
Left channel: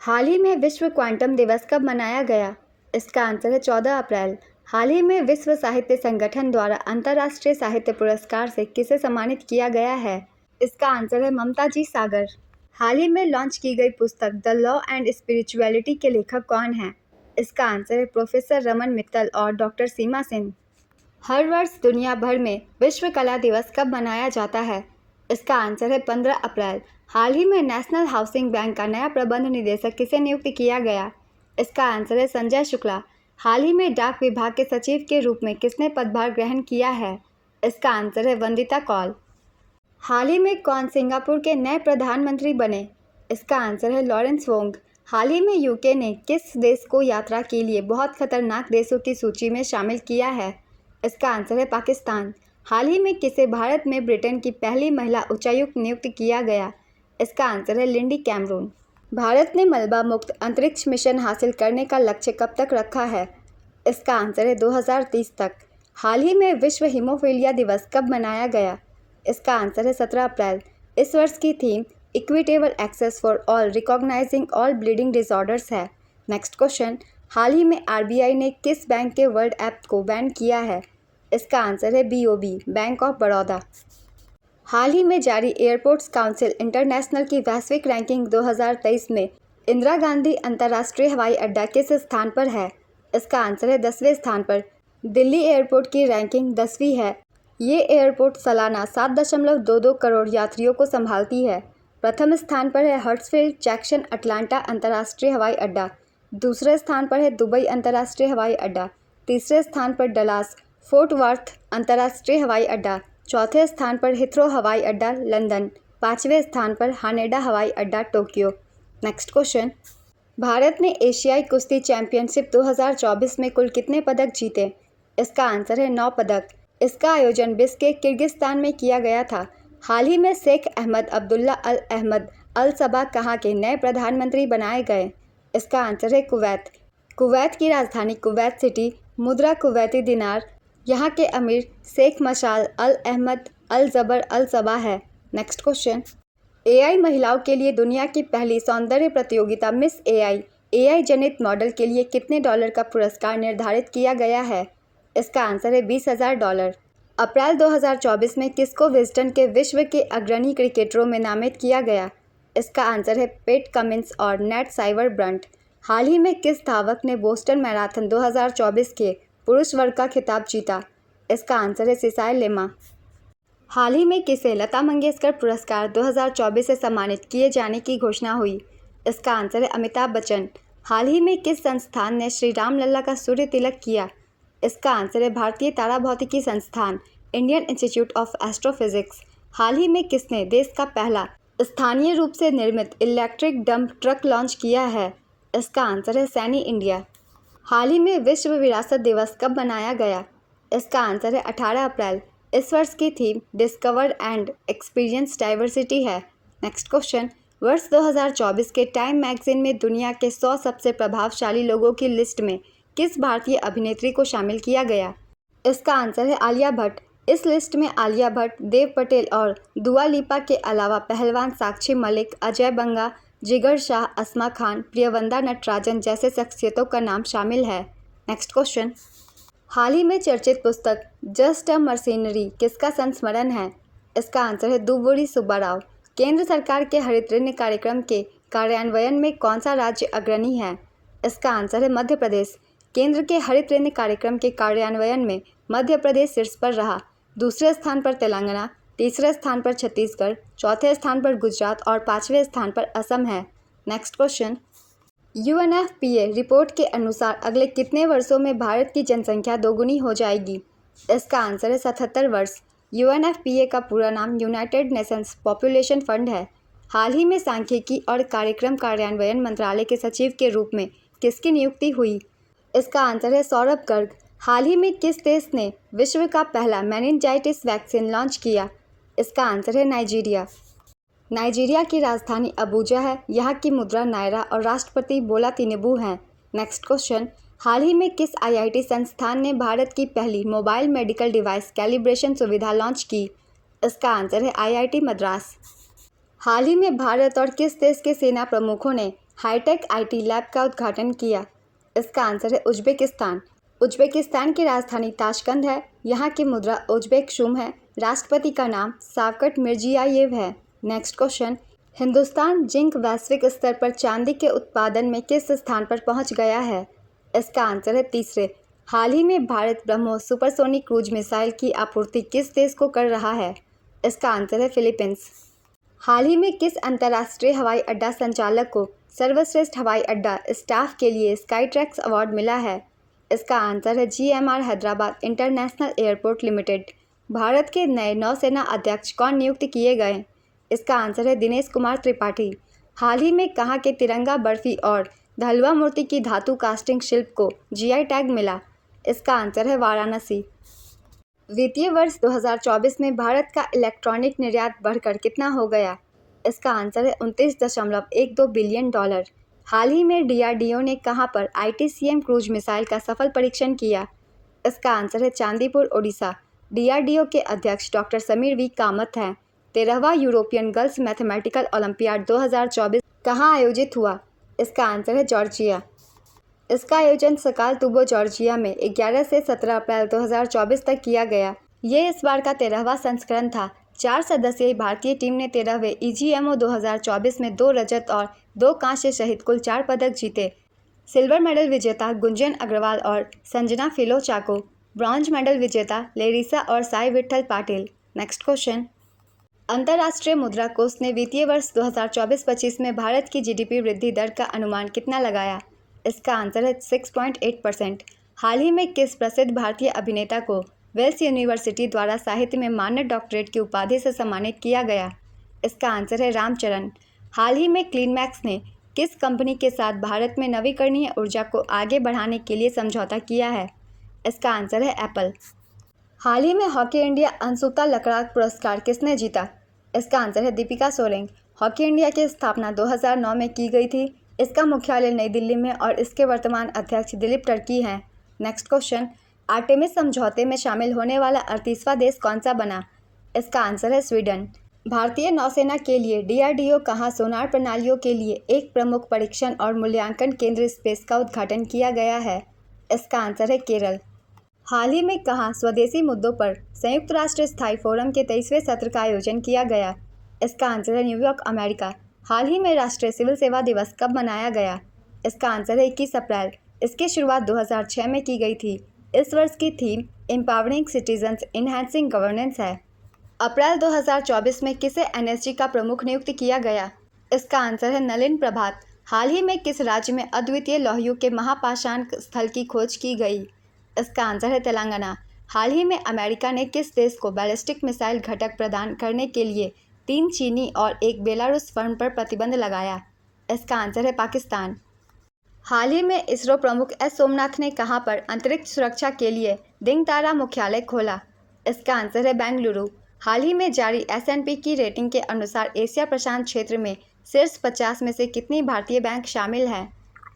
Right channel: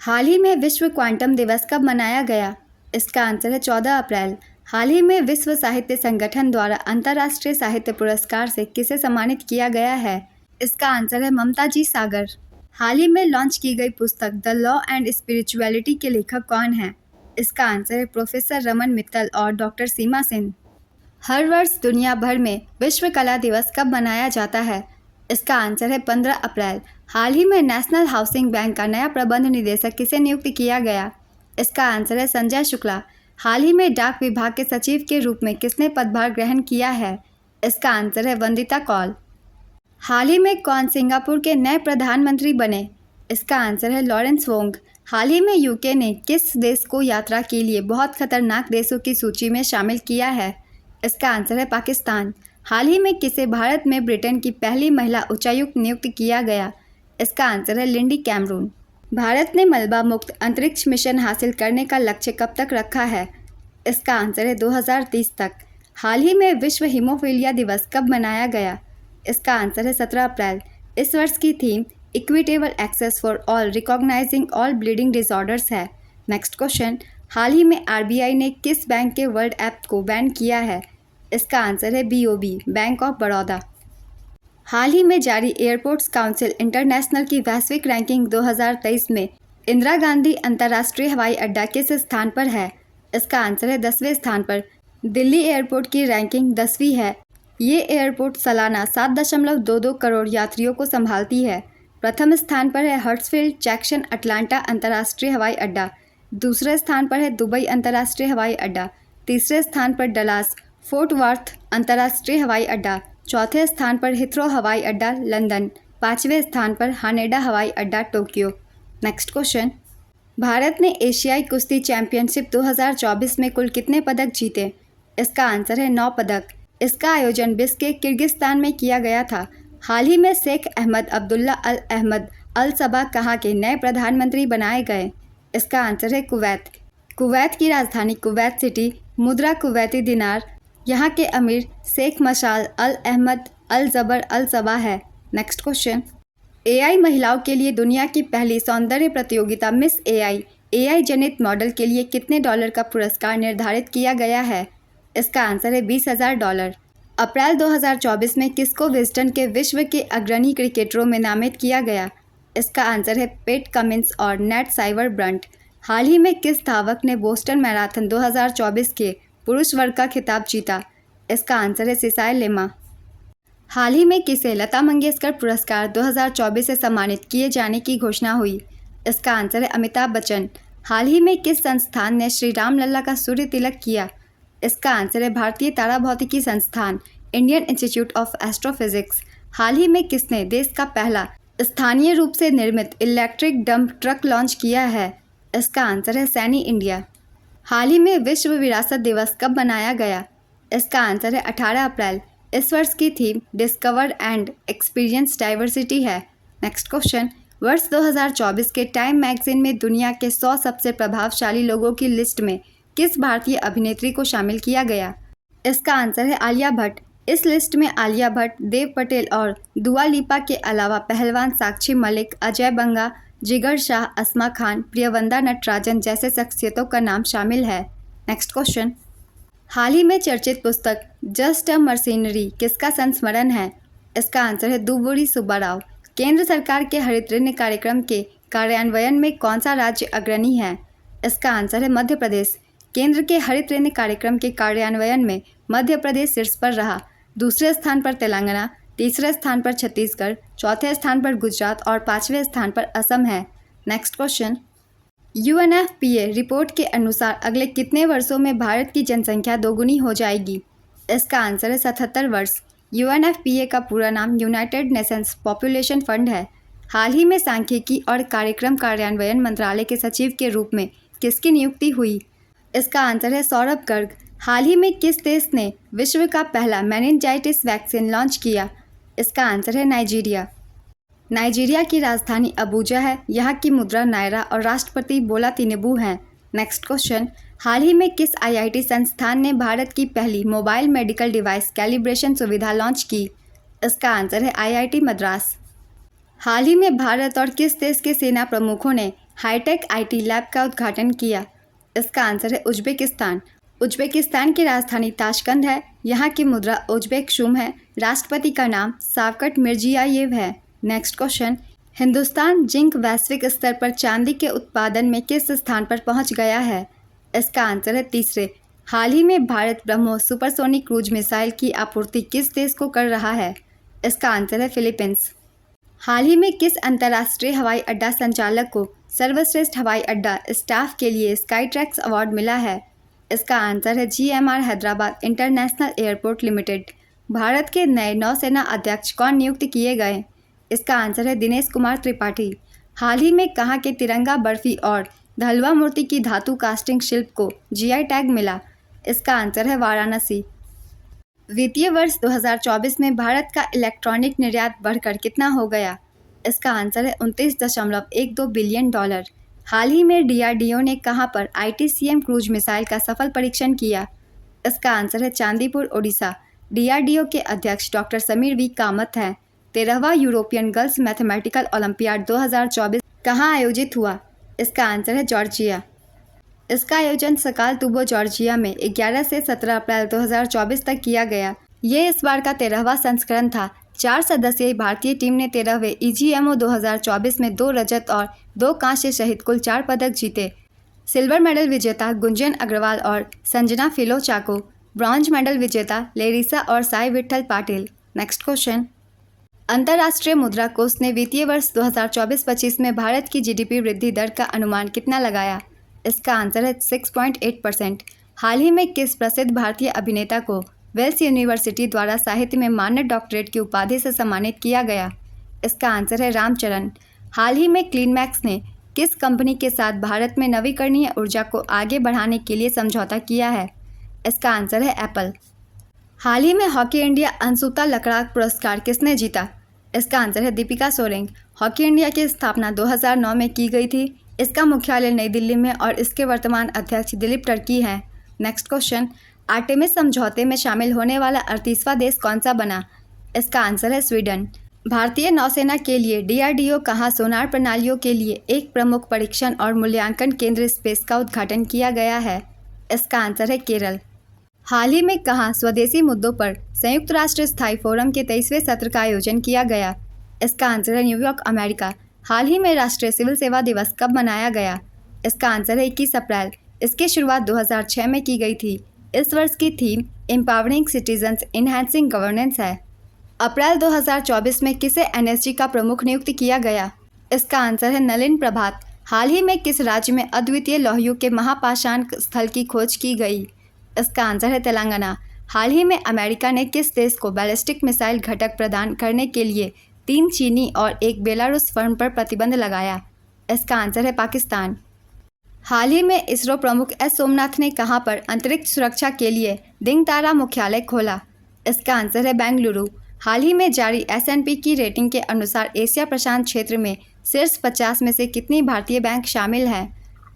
हाल ही में विश्व क्वांटम दिवस कब मनाया गया? इसका आंसर है 14 अप्रैल। हाल ही में विश्व साहित्य संगठन द्वारा अंतर्राष्ट्रीय साहित्य पुरस्कार से किसे सम्मानित किया गया है? इसका आंसर है ममता जी सागर। हाल ही में लॉन्च की गई पुस्तक द लॉ एंड स्पिरिचुअलिटी के लेखक कौन हैं? इसका आंसर है प्रोफेसर रमन मित्तल और डॉक्टर सीमा सेन। हर वर्ष दुनिया भर में विश्व कला दिवस कब मनाया जाता है? इसका आंसर है 15 अप्रैल। हाल ही में नेशनल हाउसिंग बैंक का नया प्रबंध निदेशक किसे नियुक्त किया गया? इसका आंसर है संजय शुक्ला। हाल ही में डाक विभाग के सचिव के रूप में किसने पदभार ग्रहण किया है? इसका आंसर है वंदिता कौल। हाल ही में कौन सिंगापुर के नए प्रधानमंत्री बने? इसका आंसर है लॉरेंस वोंग। हाल ही में यूके ने किस देश को यात्रा के लिए बहुत खतरनाक देशों की सूची में शामिल किया है? इसका आंसर है पाकिस्तान। हाल ही में किसे भारत में ब्रिटेन की पहली महिला उच्चायुक्त नियुक्त किया गया? इसका आंसर है लिंडी कैमरून। भारत ने मलबा मुक्त अंतरिक्ष मिशन हासिल करने का लक्ष्य कब तक रखा है? इसका आंसर है 2030 तक। हाल ही में विश्व हीमोफीलिया दिवस कब मनाया गया? इसका आंसर है 17 अप्रैल। इस वर्ष की theme equitable access for all recognising all bleeding disorders है। नेक्स्ट क्वेश्चन, हाल ही में आरबीआई ने किस बैंक के वर्ल्ड ऐप को बैन किया है? इसका आंसर है बीओबी, बैंक ऑफ बड़ौदा। हाल ही में जारी एयरपोर्ट्स काउंसिल इंटरनेशनल की वैश्विक रैंकिंग 2023 में इंदिरा गांधी अंतर्राष्ट्रीय हवाई अड्डा किस स्थान पर है? इसका आंसर है 10वें स्थान पर। दिल्ली एयरपोर्ट की रैंकिंग 10वीं है। ये एयरपोर्ट सालाना 7.22 करोड़ यात्रियों को संभालती है। प्रथम स्थान पर है हर्ट्सफील्ड जैक्सन अटलांटा अंतर्राष्ट्रीय हवाई अड्डा। दूसरे स्थान पर है दुबई अंतर्राष्ट्रीय हवाई अड्डा। तीसरे स्थान पर डलास फोर्ट वर्थ अंतर्राष्ट्रीय हवाई अड्डा। चौथे स्थान पर हिथ्रो हवाई अड्डा लंदन। पाँचवें स्थान पर हानेडा हवाई अड्डा टोक्यो। नेक्स्ट क्वेश्चन, भारत ने एशियाई कुश्ती चैंपियनशिप 2024 में कुल कितने पदक जीते? इसका आंसर है 9 पदक। इसका आयोजन बिश्केक किर्गिस्तान में किया गया था। हाल ही में शेख अहमद अब्दुल्ला अल अहमद अल सबा कहाँ के नए प्रधानमंत्री बनाए गए? इसका आंसर है कुवैत। कुवैत की राजधानी कुवैत सिटी, मुद्रा कुवैती दिनार। यहाँ के अमीर शेख मशाल अल अहमद अल जबर अल सबा है। नेक्स्ट क्वेश्चन, एआई महिलाओं के लिए दुनिया की पहली सौंदर्य प्रतियोगिता मिस एआई जनित मॉडल के लिए कितने डॉलर का पुरस्कार निर्धारित किया गया है? इसका आंसर है $20,000। अप्रैल 2024 में किसको विजडन के विश्व के अग्रणी क्रिकेटरों में नामित किया गया? इसका आंसर है पेट कमिंस और नेट साइवर ब्रंट। हाल ही में किस धावक ने बोस्टन मैराथन 2024 के पुरुष वर्ग का खिताब जीता? इसका आंसर है सिसाई लेमा। हाल ही में किसे लता मंगेशकर पुरस्कार 2024 से सम्मानित किए जाने की घोषणा हुई? इसका आंसर है अमिताभ बच्चन। हाल ही में किस संस्थान ने श्री राम लल्ला का सूर्य तिलक किया? इसका आंसर है भारतीय तारा भौतिकी संस्थान, इंडियन इंस्टीट्यूट ऑफ एस्ट्रोफिजिक्स। हाल ही में किसने देश का पहला स्थानीय रूप से निर्मित इलेक्ट्रिक डंप ट्रक लॉन्च किया है? इसका आंसर है सैनी इंडिया। हाल ही में विश्व विरासत दिवस कब मनाया गया? इसका आंसर है 18 अप्रैल। इस वर्ष की theme discover and experience diversity है। नेक्स्ट क्वेश्चन, वर्ष 2024 के टाइम मैगजीन में दुनिया के 100 सबसे प्रभावशाली लोगों की लिस्ट में किस भारतीय अभिनेत्री को शामिल किया गया? इसका आंसर है आलिया भट्ट। इस लिस्ट में आलिया भट्ट, देव पटेल और दुआ लिपा के अलावा पहलवान साक्षी मलिक, अजय बंगा, जिगर शाह, अस्मा खान, प्रियवंदा नटराजन जैसे शख्सियतों का नाम शामिल है। नेक्स्ट क्वेश्चन, हाल ही में चर्चित पुस्तक जस्ट अ मर्सिनरी किसका संस्मरण है? इसका आंसर है दुव्वूरी सुब्बाराव। केंद्र सरकार के हरित ऋण कार्यक्रम के कार्यान्वयन में कौन सा राज्य अग्रणी है? इसका आंसर है मध्य प्रदेश। केंद्र के हरित ऋण कार्यक्रम के कार्यान्वयन में मध्य प्रदेश शीर्ष पर रहा। दूसरे स्थान पर तेलंगाना, तीसरे स्थान पर छत्तीसगढ़, चौथे स्थान पर गुजरात और पाँचवें स्थान पर असम है। नेक्स्ट क्वेश्चन, UNFPA रिपोर्ट के अनुसार अगले कितने वर्षों में भारत की जनसंख्या दोगुनी हो जाएगी? इसका आंसर है 77 वर्ष। UNFPA का पूरा नाम यूनाइटेड नेशंस पॉपुलेशन फंड है। हाल ही में सांख्यिकी और कार्यक्रम कार्यान्वयन मंत्रालय के सचिव के रूप में किसकी नियुक्ति हुई? इसका आंसर है सौरभ गर्ग। हाल ही में किस देश ने विश्व का पहला मेनिनजाइटिस वैक्सीन लॉन्च किया? इसका आंसर है नाइजीरिया। नाइजीरिया की राजधानी अबूजा है। यहाँ की मुद्रा नायरा और राष्ट्रपति बोला तिनुबू हैं। नेक्स्ट क्वेश्चन, हाल ही में किस IIT संस्थान ने भारत की पहली मोबाइल मेडिकल डिवाइस कैलिब्रेशन सुविधा लॉन्च की? इसका आंसर है IIT मद्रास। हाल ही में भारत और किस देश के सेना प्रमुखों ने हाईटेक IT लैब का उद्घाटन किया? इसका आंसर है उज्बेकिस्तान। उज्बेकिस्तान की राजधानी ताशकंद है। यहाँ की मुद्रा उज्बेक शूम है। राष्ट्रपति का नाम शावकत मिर्जियायेव है। नेक्स्ट क्वेश्चन, हिंदुस्तान जिंक वैश्विक स्तर पर चांदी के उत्पादन में किस स्थान पर पहुंच गया है? इसका आंसर है तीसरे। हाल ही में Bharat BrahMos supersonic cruise missile की आपूर्ति किस देश को कर रहा है? इसका आंसर है फिलीपींस। हाल ही में किस अंतर्राष्ट्रीय हवाई अड्डा संचालक को सर्वश्रेष्ठ हवाई अड्डा स्टाफ के लिए स्काईट्रैक्स अवार्ड मिला है? इसका आंसर है GMR Hyderabad international airport limited. Bharat के नए नौसेना अध्यक्ष कौन नियुक्त किए गए? इसका आंसर है दिनेश कुमार त्रिपाठी। हाल ही में कहाँ के तिरंगा बर्फी और धलवा मूर्ति की धातु कास्टिंग शिल्प को GI टैग मिला? इसका आंसर है वाराणसी। वित्तीय वर्ष 2024 में भारत का इलेक्ट्रॉनिक निर्यात बढ़कर कितना हो गया? इसका आंसर है $29.12 बिलियन। हाल ही में DRDO ने कहाँ पर ITCM क्रूज मिसाइल का सफल परीक्षण किया? इसका आंसर है चांदीपुर, ओडिशा। DRDO के अध्यक्ष डॉक्टर समीर V कामत हैं। 13वां यूरोपियन गर्ल्स मैथमेटिकल ओलंपियाड 2024 कहाँ आयोजित हुआ? इसका आंसर है जॉर्जिया। इसका आयोजन सकालतुबो जॉर्जिया में 11 से 17 अप्रैल 2024 तक किया गया। ये इस बार का 13वां संस्करण था। 4 सदस्यीय भारतीय टीम ने 13वें EGMO 2024 में 2 रजत और 2 कांस्य सहित कुल 4 पदक जीते। सिल्वर मेडल विजेता गुंजन अग्रवाल और संजना फिलोचाको, ब्रॉन्ज मेडल विजेता लेरिसा और साई विट्ठल पाटिल। नेक्स्ट क्वेश्चन, अंतर्राष्ट्रीय मुद्रा कोष ने वित्तीय वर्ष 2024-25 में भारत की GDP वृद्धि दर का अनुमान कितना लगाया? इसका आंसर है 6.8%। हाल ही में किस प्रसिद्ध भारतीय अभिनेता को वेल्स यूनिवर्सिटी द्वारा साहित्य में मानद डॉक्टरेट की उपाधि से सम्मानित किया गया? इसका आंसर है रामचरण। हाल ही में क्लीनमैक्स ने किस कंपनी के साथ भारत में नवीकरणीय ऊर्जा को आगे बढ़ाने के लिए समझौता किया है? इसका आंसर है एप्पल। हाल ही में हॉकी इंडिया अंशुता लकड़ाक पुरस्कार किसने जीता? इसका आंसर है दीपिका सोरेंग। हॉकी इंडिया की स्थापना 2009 में की गई थी। इसका मुख्यालय नई दिल्ली में और इसके वर्तमान अध्यक्ष दिलीप टर्की हैं। नेक्स्ट क्वेश्चन, आर्टेमिस समझौते में शामिल होने वाला 38वां देश कौन सा बना? इसका आंसर है स्वीडन। भारतीय नौसेना के लिए DRDO कहाँ सोनार प्रणालियों के लिए एक प्रमुख परीक्षण और मूल्यांकन केंद्र स्पेस का उद्घाटन किया गया है? इसका आंसर है केरल। हाल ही में कहाँ स्वदेशी मुद्दों पर संयुक्त राष्ट्र स्थायी फोरम के 23वें सत्र का आयोजन किया गया? इसका आंसर है न्यूयॉर्क, अमेरिका। हाल ही में राष्ट्रीय सिविल सेवा दिवस कब मनाया गया? इसका आंसर है 21 अप्रैल। इसकी शुरुआत 2006 में की गई थी। इस वर्ष की theme empowering citizens enhancing governance है। अप्रैल 2024 में किसे NSG का प्रमुख नियुक्त किया गया? इसका आंसर है नलिन प्रभात। हाल ही में किस राज्य में अद्वितीय लौह के महापाषाण स्थल की खोज की गई? इसका आंसर है तेलंगाना। हाल ही में अमेरिका ने किस देश को बैलिस्टिक मिसाइल घटक प्रदान करने के लिए 3 चीनी और 1 बेलारूस फर्म पर प्रतिबंध लगाया? इसका आंसर है पाकिस्तान। हाल ही में इसरो प्रमुख S सोमनाथ ने कहां पर अंतरिक्ष सुरक्षा के लिए दिंगतारा मुख्यालय खोला? इसका आंसर है बेंगलुरु। हाल ही में जारी S&P की रेटिंग के अनुसार एशिया प्रशांत क्षेत्र में शीर्ष 50 में से कितनी भारतीय बैंक शामिल हैं?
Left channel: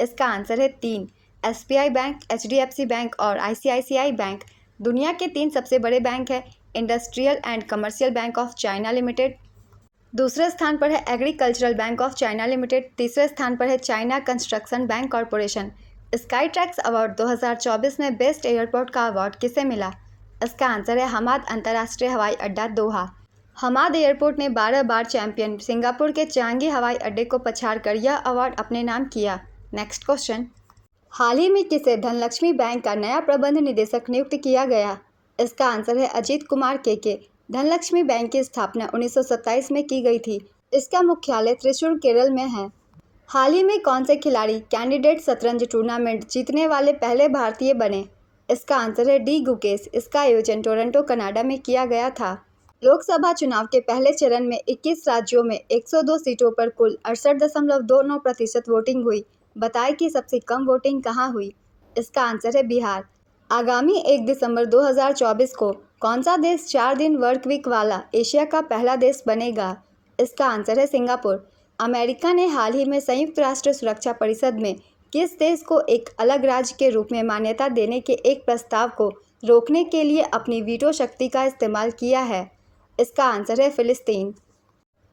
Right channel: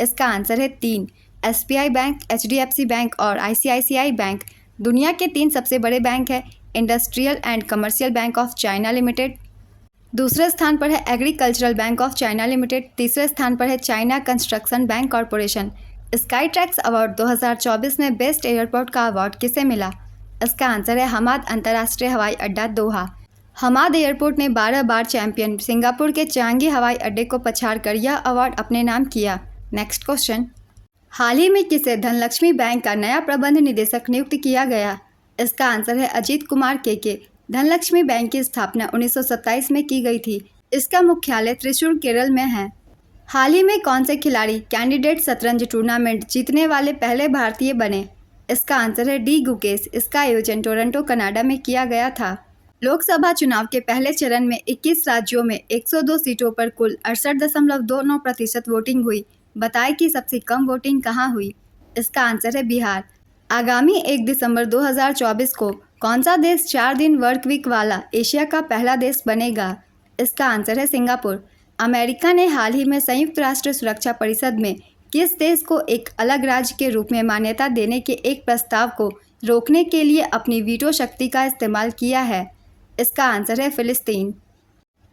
इसका आंसर है 3। SBI बैंक, HDFC बैंक और ICICI बैंक दुनिया के 3 सबसे बड़े बैंक हैं। Industrial and commercial bank of China limited दूसरे स्थान पर है, agricultural bank of China limited तीसरे स्थान पर है, China construction bank corporation. Sky tracks award 2024 में बेस्ट एयरपोर्ट का अवार्ड किसे मिला? इसका आंसर है हमाद अंतर्राष्ट्रीय हवाई अड्डा, दोहा। हमाद एयरपोर्ट ने 12 बार चैंपियन सिंगापुर के चांगी हवाई अड्डे को पछाड़कर यह अवार्ड अपने नाम किया। नेक्स्ट क्वेश्चन, हाल ही में किसे धनलक्ष्मी बैंक का नया प्रबंध निदेशक नियुक्त किया गया? इसका आंसर है अजीत कुमार के। धनलक्ष्मी बैंक की स्थापना 1927 में की गई थी। इसका मुख्यालय त्रिशूर, केरल में है। हाल ही में कौन से खिलाड़ी कैंडिडेट शतरंज टूर्नामेंट जीतने वाले पहले भारतीय बने? इसका आंसर है डी गुकेश। इसका आयोजन टोरंटो, कनाडा में किया गया था। लोकसभा चुनाव के पहले चरण में 21 राज्यों में 102 सीटों पर कुल 68.29% वोटिंग हुई। बताएं कि सबसे कम वोटिंग कहां हुई? इसका आंसर है बिहार। आगामी 1 दिसंबर 2024 को कौन सा देश 4 दिन वर्क वीक वाला एशिया का पहला देश बनेगा? इसका आंसर है सिंगापुर। अमेरिका ने हाल ही में संयुक्त राष्ट्र सुरक्षा परिषद में किस देश को एक अलग राज्य के रूप में मान्यता देने के एक प्रस्ताव को रोकने के लिए अपनी वीटो शक्ति का इस्तेमाल किया है? इसका आंसर है फिलिस्तीन।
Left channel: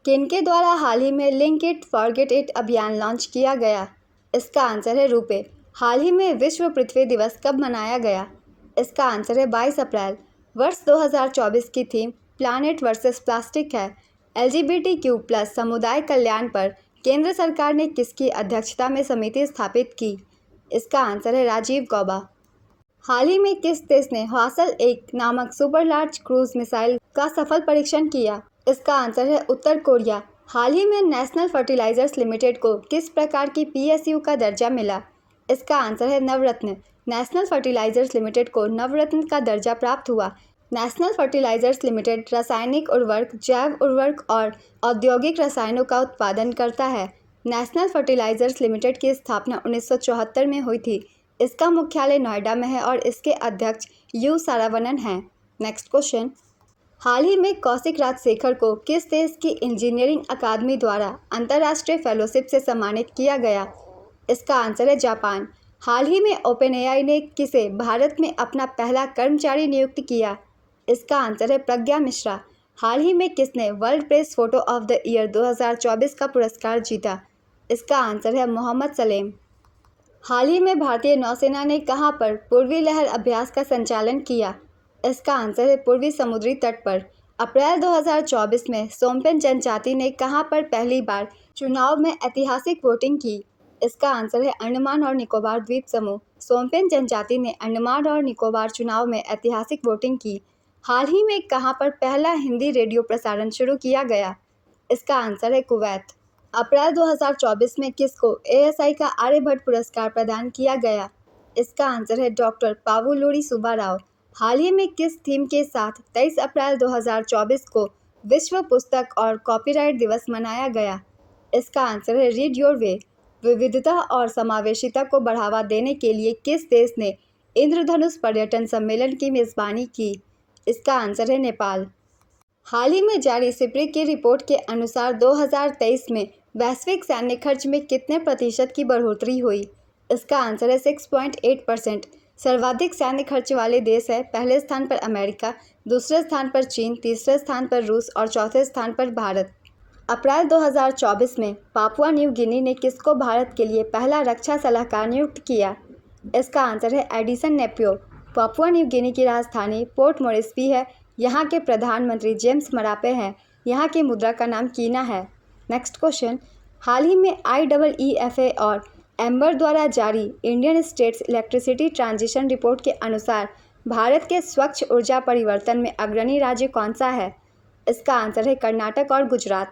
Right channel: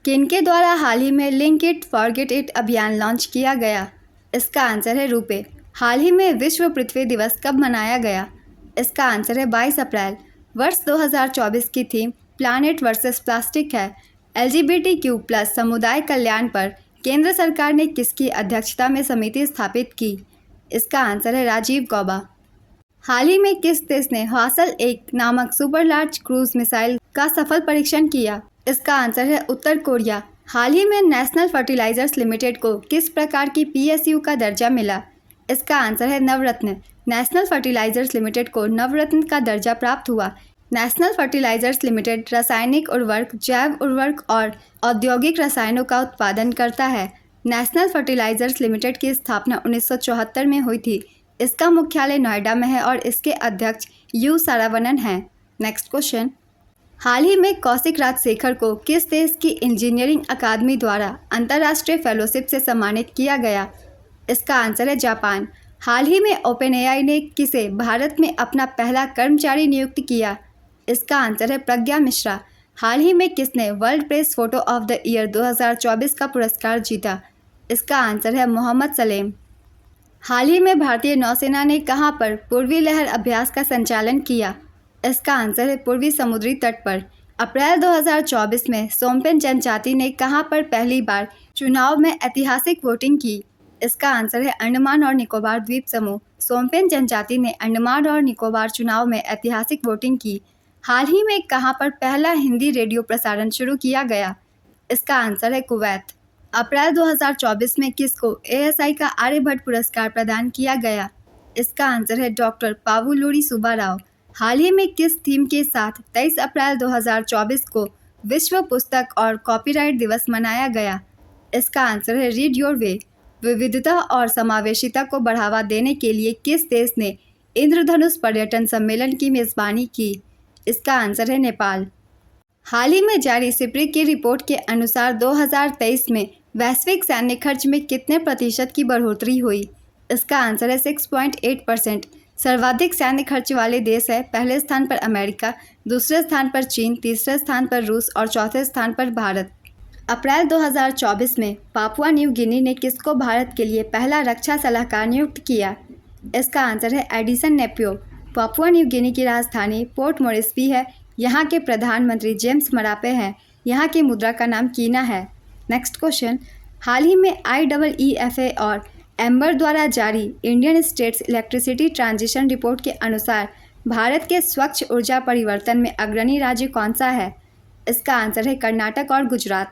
किनके द्वारा हाल ही में लिंक इट फॉरगेट इट अभियान लॉन्च किया गया? इसका आंसर है रूपे। हाल ही में विश्व पृथ्वी दिवस कब मनाया गया? इसका आंसर है 22 अप्रैल। वर्ष 2024 की थीम प्लैनेट वर्सेस प्लास्टिक है। LGBTQ+ समुदाय कल्याण पर केंद्र सरकार ने किसकी अध्यक्षता में समिति स्थापित की? इसका आंसर है राजीव गौबा। हाल ही में किस देश ने ह्वासल 1 नामक सुपर लार्ज क्रूज मिसाइल का सफल परीक्षण किया? इसका आंसर है उत्तर कोरिया। हाल ही में नेशनल फर्टिलाइजर्स लिमिटेड को किस प्रकार की PSU का दर्जा मिला? इसका आंसर है नवरत्न। नेशनल फर्टिलाइजर्स लिमिटेड को नवरत्न का दर्जा प्राप्त हुआ। नेशनल फर्टिलाइजर्स लिमिटेड रासायनिक उर्वरक, जैव उर्वरक और औद्योगिक रसायनों का उत्पादन करता है। नेशनल फर्टिलाइजर्स लिमिटेड की स्थापना 1974 में हुई थी। इसका मुख्यालय नोएडा में है और इसके अध्यक्ष U सारावनन हैं। नेक्स्ट क्वेश्चन, हाल ही में कौशिक राजशेखर को किस देश की इंजीनियरिंग अकादमी द्वारा अंतर्राष्ट्रीय फेलोशिप से सम्मानित किया गया? इसका आंसर है जापान। हाल ही में OpenAI ने किसे भारत में अपना पहला कर्मचारी नियुक्त किया? इसका आंसर है प्रज्ञा मिश्रा। हाल ही में किसने world press photo of the year 2024 का पुरस्कार जीता? इसका आंसर है मोहम्मद सलेम। हाल ही में भारतीय नौसेना ने कहां पर पूर्वी लहर अभ्यास का संचालन किया? इसका आंसर है पूर्वी समुद्री तट पर। अप्रैल 2024 में सोमपेन जनजाति ने कहां पर पहली बार चुनाव में ऐतिहासिक वोटिंग की? इसका आंसर है अंडमान और निकोबार द्वीप समूह। सोमपेन जनजाति ने अंडमान और निकोबार चुनाव में ऐतिहासिक वोटिंग की। हाल ही में कहां पर पहला हिंदी रेडियो प्रसारण शुरू किया गया? इसका आंसर है कुवैत। अप्रैल 2024 में किसको ASI का आर्यभट्ट पुरस्कार प्रदान किया गया? इसका आंसर है डॉक्टर पावुलूरी सुब्बाराव। हाल ही में किस थीम के साथ 23 अप्रैल 2024 को विश्व पुस्तक और कॉपीराइट दिवस मनाया गया? इसका आंसर है रीड योर वे। विविधता और समावेशिता को बढ़ावा देने के लिए किस देश ने इंद्रधनुष पर्यटन सम्मेलन की मेज़बानी की? इसका आंसर है नेपाल। हाल ही में जारी सिप्री की रिपोर्ट के अनुसार 2023 में वैश्विक सैन्य खर्च में कितने प्रतिशत की बढ़ोतरी हुई? इसका आंसर है 6.8%। सर्वाधिक सैन्य खर्च वाले देश है, पहले स्थान पर अमेरिका, दूसरे स्थान पर चीन, तीसरे स्थान पर रूस और चौथे स्थान पर भारत। अप्रैल 2024 में पापुआ न्यू गिनी ने किसको भारत के लिए पहला रक्षा सलाहकार नियुक्त किया? इसका आंसर है एडिसन नेपियो। पापुआ न्यू गिनी की राजधानी पोर्ट मोरेस्बी है। यहाँ के प्रधानमंत्री जेम्स मरापे हैं। यहाँ की मुद्रा का नाम कीना है। नेक्स्ट क्वेश्चन, हाल ही में IEEFA और एम्बर द्वारा जारी Indian states electricity transition report के अनुसार भारत के स्वच्छ ऊर्जा परिवर्तन में अग्रणी राज्य कौन सा है? इसका आंसर है कर्नाटक और गुजरात।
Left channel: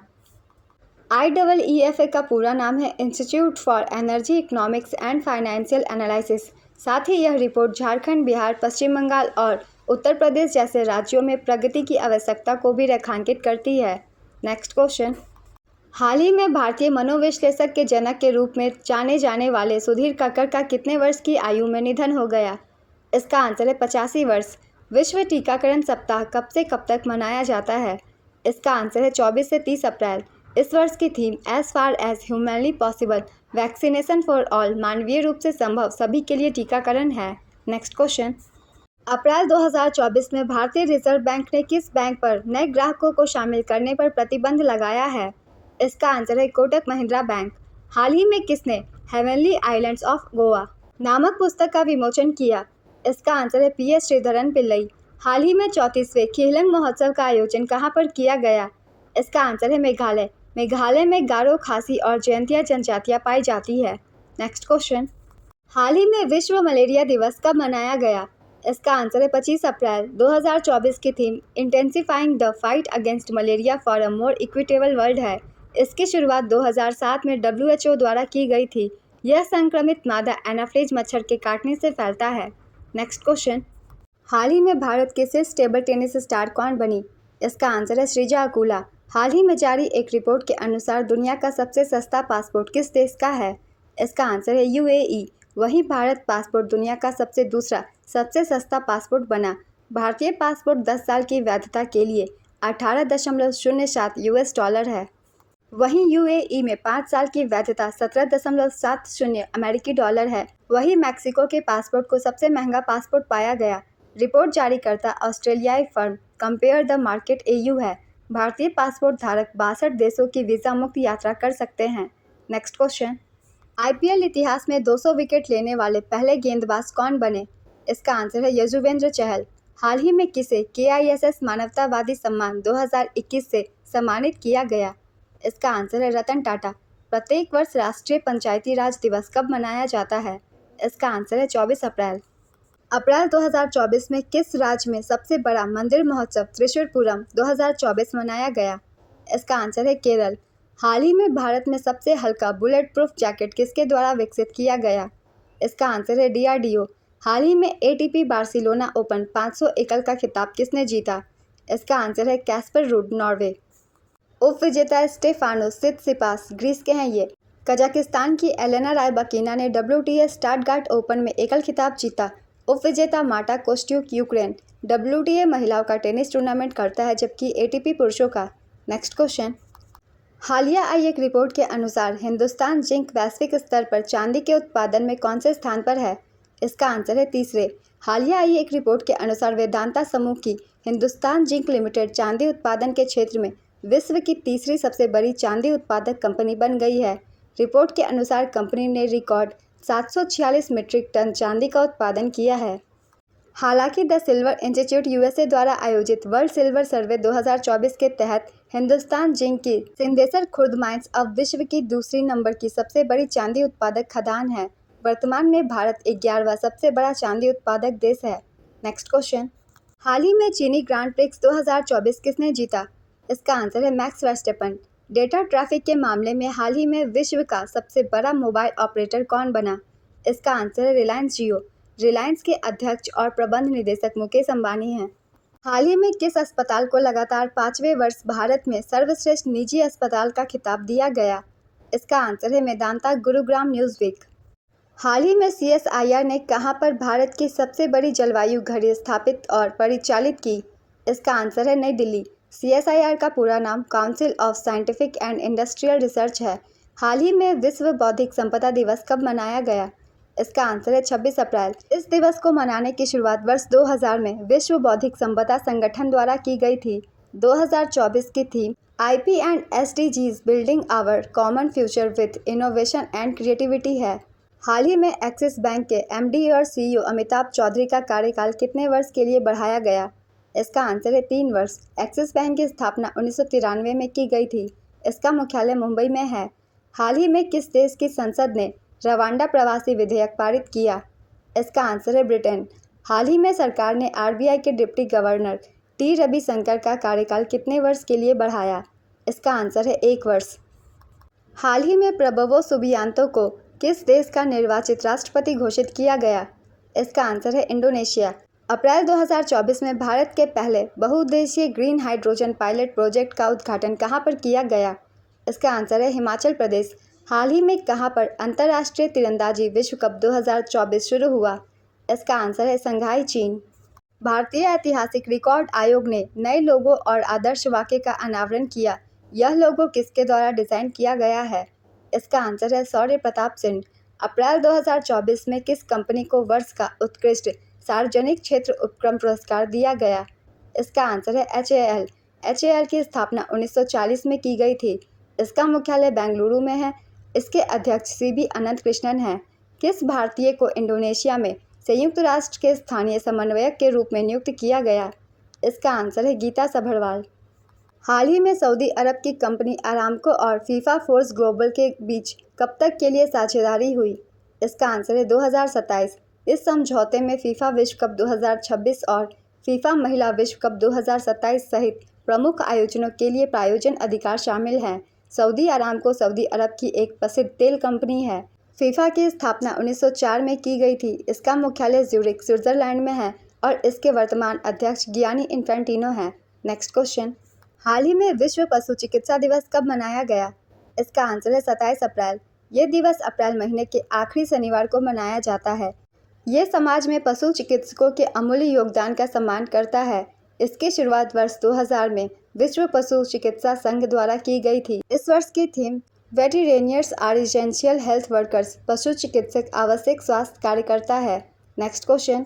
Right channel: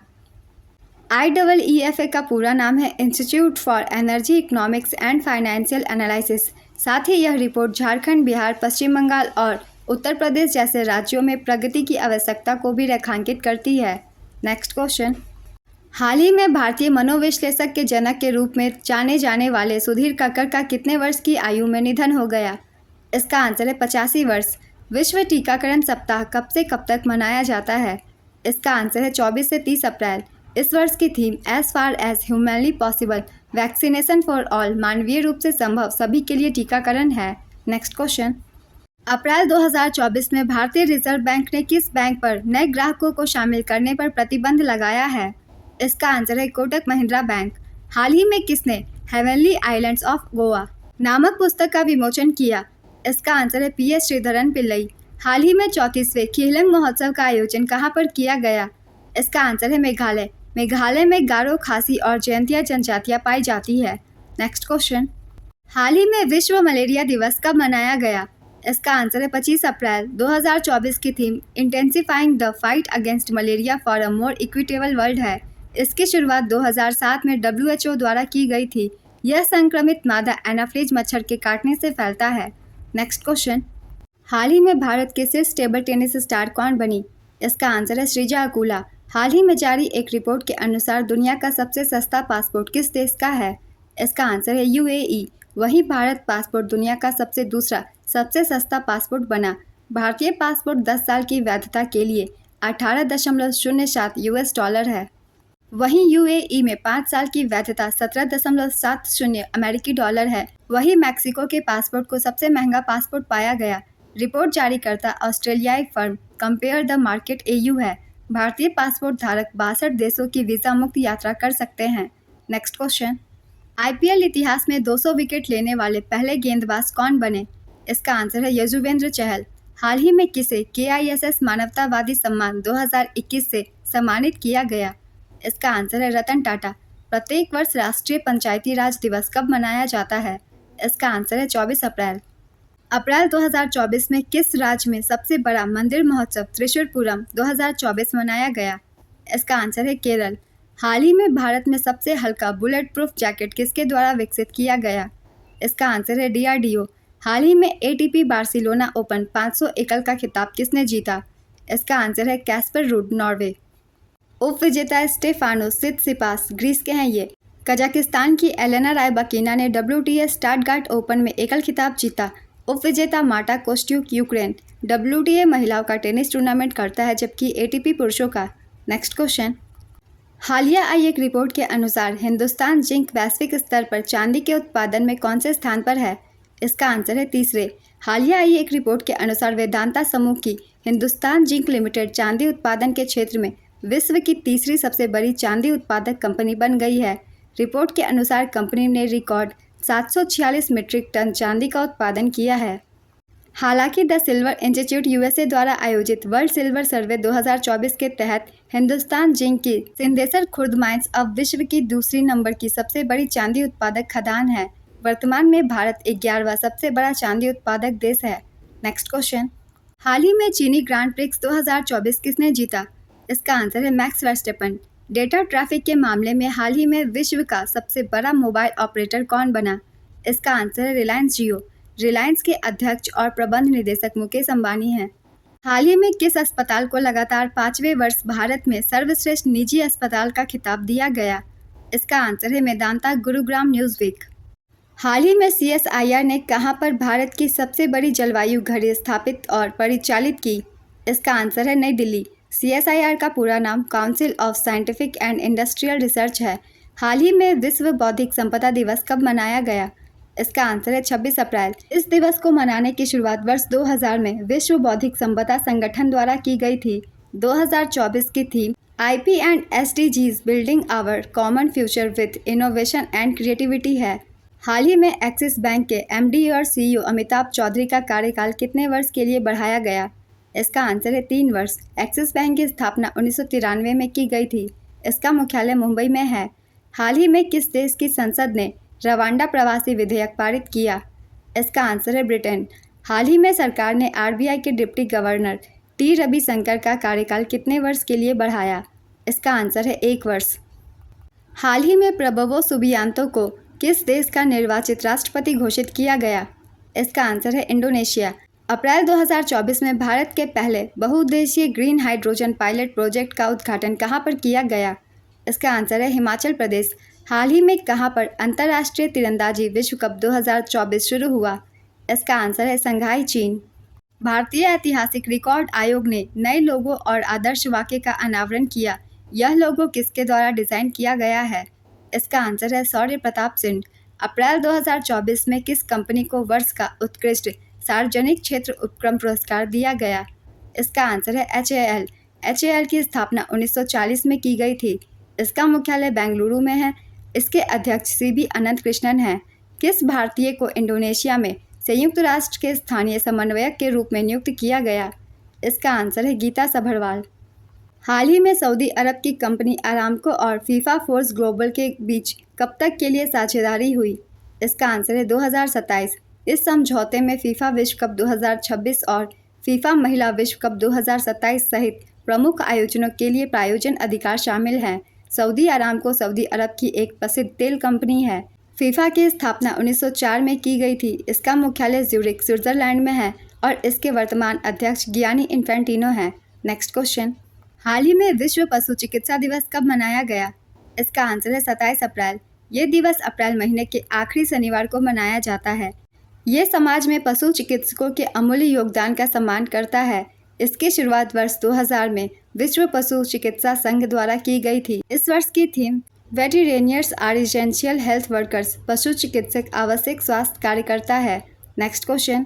IEEFA का पूरा नाम है institute for energy economics and financial analysis. साथ ही यह रिपोर्ट झारखंड, बिहार, पश्चिम बंगाल और उत्तर प्रदेश जैसे राज्यों में प्रगति की आवश्यकता को भी रेखांकित करती है। नेक्स्ट क्वेश्चन, हाल ही में भारतीय मनोविश्लेषक के जनक के रूप में जाने जाने वाले सुधीर कक्कड़ का कितने वर्ष की आयु में निधन हो गया? इसका आंसर है 85 वर्ष। विश्व टीकाकरण सप्ताह कब से कब तक मनाया जाता है? इसका आंसर है 24 से 30 अप्रैल। इस वर्ष की theme as far as humanly possible, vaccination for all, मानवीय रूप से संभव सभी के लिए टीकाकरण है। नेक्स्ट क्वेश्चन, अप्रैल 2024 में भारतीय रिजर्व बैंक ने किस बैंक पर नए ग्राहकों को शामिल करने पर प्रतिबंध लगाया है? इसका आंसर है कोटक महिंद्रा बैंक। हाल ही में किसने हेवनली आइलैंड्स ऑफ गोवा नामक पुस्तक का विमोचन किया? इसका आंसर है PS श्रीधरन पिल्लई। हाल ही में 34वें खिलंग महोत्सव का आयोजन कहाँ पर किया गया? इसका आंसर है मेघालय। मेघालय में गारो, खासी और जयंतिया जनजातियाँ पाई जाती है। नेक्स्ट क्वेश्चन, हाल ही में विश्व मलेरिया दिवस कब मनाया गया? इसका आंसर है 25 अप्रैल। 2024 की theme intensifying the fight against malaria for a more equitable world है। इसकी शुरुआत 2007 में WHO द्वारा की गई थी। यह संक्रमित मादा एनाफ्लीज मच्छर के काटने से फैलता है। नेक्स्ट क्वेश्चन, हाल ही में भारत की शीर्ष टेबल टेनिस स्टार कौन बनी? इसका आंसर है श्रीजा अकुला। हाल ही में जारी एक रिपोर्ट के अनुसार दुनिया का सबसे सस्ता पासपोर्ट किस देश का है? इसका आंसर है UAE। वहीं भारत पासपोर्ट दुनिया का दूसरा सबसे सस्ता पासपोर्ट बना। भारतीय पासपोर्ट 10 साल की वैधता के लिए 18.07 US डॉलर है। वहीं UAE में 5 साल की वैधता 17.70 अमेरिकी डॉलर है। वहीं मैक्सिको के पासपोर्ट को सबसे महंगा पासपोर्ट पाया गया। रिपोर्ट जारीकर्ता ऑस्ट्रेलियाई firm compare the market AU है। भारतीय पासपोर्ट धारक 62 देशों की वीज़ा मुक्त यात्रा कर सकते हैं। नेक्स्ट क्वेश्चन, IPL इतिहास में 200 विकेट लेने वाले पहले गेंदबाज कौन बने? इसका आंसर है यजुवेंद्र चहल। हाल ही में किसे KISS मानवतावादी सम्मान 2021 से सम्मानित किया गया? इसका आंसर है रतन टाटा। प्रत्येक वर्ष राष्ट्रीय पंचायती राज दिवस कब मनाया जाता है? इसका आंसर है 24 अप्रैल। अप्रैल 2024 में किस राज्य में सबसे बड़ा मंदिर महोत्सव त्रिशूरपुरम 2024 मनाया गया? इसका आंसर है केरल। हाल ही में भारत में सबसे हल्का बुलेट प्रूफ जैकेट किसके द्वारा विकसित किया गया? इसका आंसर है DRDO। हाल ही में ATP बार्सिलोना ओपन 500 एकल का खिताब किसने जीता? इसका आंसर है कैस्पर रूड, नॉर्वे। उप विजेता स्टेफानोस सित्सिपास ग्रीस के हैं ये। कजाकिस्तान की एलेना रायबाकिना ने WTA स्टटगार्ट ओपन में एकल खिताब जीता। उप विजेता मार्टा कोस्ट्यूक यूक्रेन WTA महिलाओं का टेनिस टूर्नामेंट करता है, जबकि ATP पुरुषों का। नेक्स्ट क्वेश्चन, हालिया आई एक रिपोर्ट के अनुसार हिंदुस्तान जिंक वैश्विक स्तर पर चांदी के उत्पादन में कौन से स्थान पर है? इसका आंसर है तीसरे। हालिया आई एक रिपोर्ट के अनुसार वेदांता समूह की हिंदुस्तान जिंक लिमिटेड चांदी उत्पादन के क्षेत्र में विश्व की तीसरी सबसे बड़ी चांदी उत्पादक कंपनी बन गई है। रिपोर्ट के अनुसार कंपनी ने रिकॉर्ड 746 मीट्रिक टन चांदी का उत्पादन किया है। हालांकि द सिल्वर इंस्टीट्यूट USA द्वारा आयोजित वर्ल्ड सिल्वर सर्वे 2024 के तहत हिंदुस्तान जिंक की सिंदेसर खुर्द माइंस अब विश्व की दूसरी नंबर की सबसे बड़ी चांदी उत्पादक खदान है। वर्तमान में भारत 11वां सबसे बड़ा चांदी उत्पादक देश है। नेक्स्ट क्वेश्चन, हाल ही में चीनी ग्रांड प्रिक्स 2024 किसने जीता? इसका आंसर है मैक्स वर्स्टेपन। डेटा ट्रैफिक के मामले में हाल ही में विश्व का सबसे बड़ा मोबाइल ऑपरेटर कौन बना? इसका आंसर है रिलायंस जियो। रिलायंस के अध्यक्ष और प्रबंध निदेशक मुकेश अंबानी हैं। हाल ही में किस अस्पताल को लगातार 5वें वर्ष भारत में सर्वश्रेष्ठ निजी अस्पताल का खिताब दिया गया? इसका आंसर है मेदांता गुरुग्राम न्यूज़वीक। हाल ही में CSIR ने कहां पर भारत की सबसे बड़ी जलवायु घड़ी स्थापित और परिचालित की? इसका आंसर है नई दिल्ली। CSIR का पूरा नाम council of scientific and industrial research है। हाल ही में विश्व बौद्धिक संपदा दिवस कब मनाया गया? इसका आंसर है 26 अप्रैल। इस दिवस को मनाने की शुरुआत वर्ष 2000 में विश्व बौद्धिक संपदा संगठन द्वारा की गई थी। 2024 की theme IP and SDGs building our common future with innovation and creativity है। हाल ही में एक्सिस बैंक के MD और CEO अमिताभ चौधरी का कार्यकाल कितने वर्ष के लिए बढ़ाया गया? इसका आंसर है 3 वर्ष। एक्सिस बैंक की स्थापना 1993 में की गई थी। इसका मुख्यालय मुंबई में है। हाल ही में किस देश की संसद ने रवांडा प्रवासी विधेयक पारित किया? इसका आंसर है ब्रिटेन। हाल ही में सरकार ने RBI के डिप्टी गवर्नर T रविशंकर का कार्यकाल कितने वर्ष के लिए बढ़ाया? इसका आंसर है 1 वर्ष। हाल ही में प्रबोवो सुबियांतो को किस देश का निर्वाचित राष्ट्रपति घोषित किया गया? इसका आंसर है इंडोनेशिया। अप्रैल 2024 में भारत के पहले बहुउद्देशीय ग्रीन हाइड्रोजन पायलट प्रोजेक्ट का उद्घाटन कहां पर किया गया? इसका आंसर है हिमाचल प्रदेश। हाल ही में कहां पर अंतर्राष्ट्रीय तीरंदाजी विश्व कप 2024 शुरू हुआ? इसका आंसर है संघाई, चीन। भारतीय ऐतिहासिक रिकॉर्ड आयोग ने नए लोगो और आदर्श वाक्य का अनावरण किया। यह लोगो किसके द्वारा डिज़ाइन किया गया है? इसका आंसर है शौर्य प्रताप सिंह। अप्रैल 2024 में किस कंपनी को वर्ष का उत्कृष्ट सार्वजनिक क्षेत्र उपक्रम पुरस्कार दिया गया? इसका आंसर है HAL। HAL की स्थापना 1940 में की गई थी। इसका मुख्यालय बेंगलुरु में है। इसके अध्यक्ष CB अनंत कृष्णन हैं। किस भारतीय को इंडोनेशिया में संयुक्त राष्ट्र के स्थानीय समन्वयक के रूप में नियुक्त किया गया? इसका आंसर है गीता सभरवाल। हाल ही में सऊदी अरब की कंपनी अरामको और फीफा फोर्स ग्लोबल के बीच कब तक के लिए साझेदारी हुई? इसका आंसर है 2027। इस समझौते में फीफा विश्व कप 2026 और फीफा महिला विश्व कप 2027 सहित प्रमुख आयोजनों के लिए प्रायोजन अधिकार शामिल हैं। सऊदी अरामको सऊदी अरब की एक प्रसिद्ध तेल कंपनी है। फीफा की स्थापना 1904 में की गई थी। इसका मुख्यालय ज्यूरिख, स्विट्जरलैंड में है और इसके वर्तमान अध्यक्ष गियानी इन्फेंटिनो हैं। नेक्स्ट क्वेश्चन, हाल ही में विश्व पशु चिकित्सा दिवस कब मनाया गया? इसका आंसर है 27 अप्रैल। ये दिवस अप्रैल महीने के आखिरी शनिवार को मनाया जाता है। ये समाज में पशु चिकित्सकों के अमूल्य योगदान का सम्मान करता है। इसकी शुरुआत वर्ष 2000 में विश्व पशु चिकित्सा संघ द्वारा की गई थी। इस वर्ष की theme veterinarians are essential health workers, पशु चिकित्सक आवश्यक स्वास्थ्य कार्यकर्ता है। नेक्स्ट क्वेश्चन,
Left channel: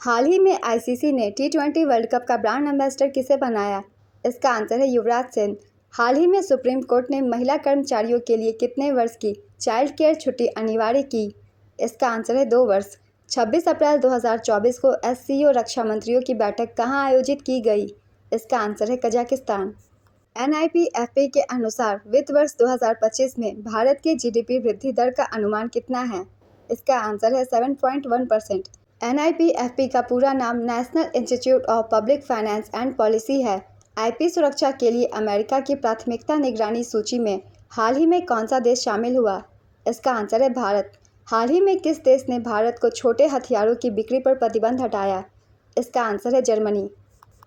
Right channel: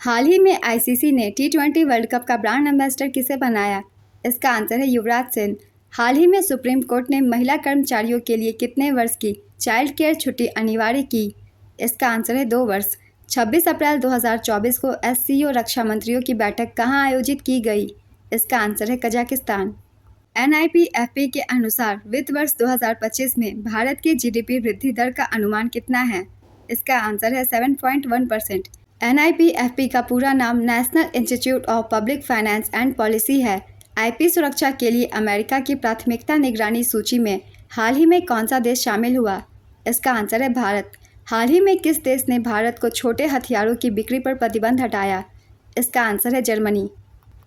हाल ही में ICC ने T20 वर्ल्ड कप का ब्रांड एम्बेसडर किसे बनाया? इसका आंसर है युवराज सिंह। हाल ही में सुप्रीम कोर्ट ने महिला कर्मचारियों के लिए कितने वर्ष की चाइल्ड केयर छुट्टी अनिवार्य की? इसका आंसर है 2 वर्ष। 26 अप्रैल 2024 को SCO रक्षा मंत्रियों की बैठक कहां आयोजित की गई? इसका आंसर है कजाकिस्तान। NIPFP के अनुसार वित्त वर्ष 2025 में भारत की GDP वृद्धि दर का अनुमान कितना है? इसका आंसर है 7.1%। NIPFP का पूरा नाम national institute of public finance and policy है। IP सुरक्षा के लिए अमेरिका की प्राथमिकता निगरानी सूची में हाल ही में कौन सा देश शामिल हुआ? इसका आंसर है भारत। हाल ही में किस देश ने भारत को छोटे हथियारों की बिक्री पर प्रतिबंध हटाया? इसका आंसर है जर्मनी।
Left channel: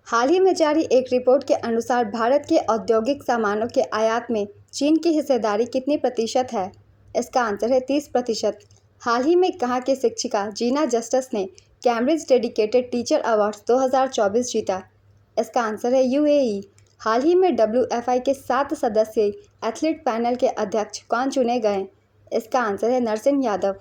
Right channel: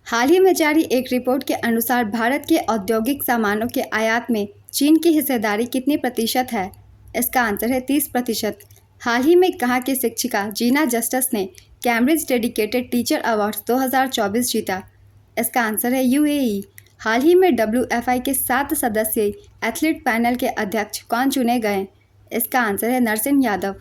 हाल ही में जारी एक रिपोर्ट के अनुसार भारत के औद्योगिक सामानों के आयात में चीन की हिस्सेदारी कितनी प्रतिशत है? इसका आंसर है 30%। हाल ही में कहाँ की शिक्षिका जीना जस्टिस ने कैम्ब्रिज डेडिकेटेड टीचर अवार्ड्स 2024 जीता? इसका आंसर है UAE। हाल ही में WFI के 7 सदस्यीय एथलीट पैनल के अध्यक्ष कौन चुने गए? इसका आंसर है नरसिंह यादव।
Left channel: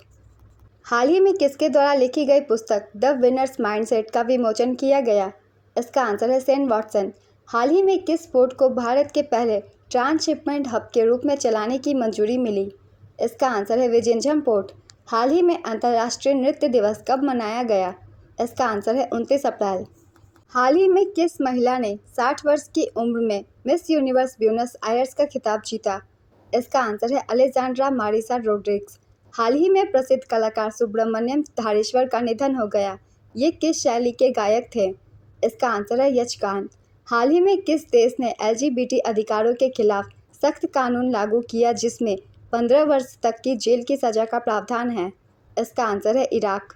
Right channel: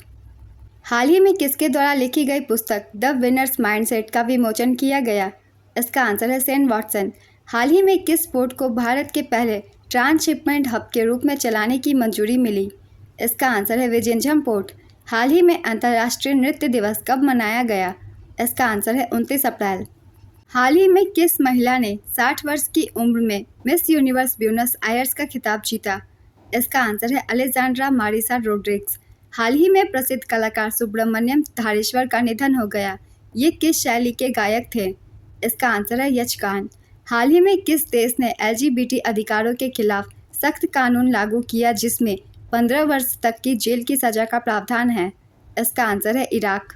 हाल ही में किसके द्वारा लिखी गई पुस्तक द विनर्स माइंडसेट का विमोचन किया गया? इसका आंसर है सेन वॉटसन। हाल ही में किस पोर्ट को भारत के पहले ट्रांसशिपमेंट हब के रूप में चलाने की मंजूरी मिली? इसका आंसर है विजिंझम पोर्ट। हाल ही में अंतर्राष्ट्रीय नृत्य दिवस कब मनाया गया? इसका आंसर है 29 अप्रैल। हाल ही में किस महिला ने 60 वर्ष की उम्र में मिस यूनिवर्स ब्यूनस आयर्स का खिताब जीता? इसका आंसर है अलेक्जेंड्रा मारिसा रोड्रिग्स। हाल ही में प्रसिद्ध कलाकार सुब्रमण्यम धारेश्वर का निधन हो गया। ये किस शैली के गायक थे? इसका आंसर है यक्षगान। हाल ही में किस देश ने LGBT अधिकारों के खिलाफ सख्त कानून लागू किया जिसमें 15 वर्ष तक की जेल की सज़ा का प्रावधान है? इसका आंसर है इराक।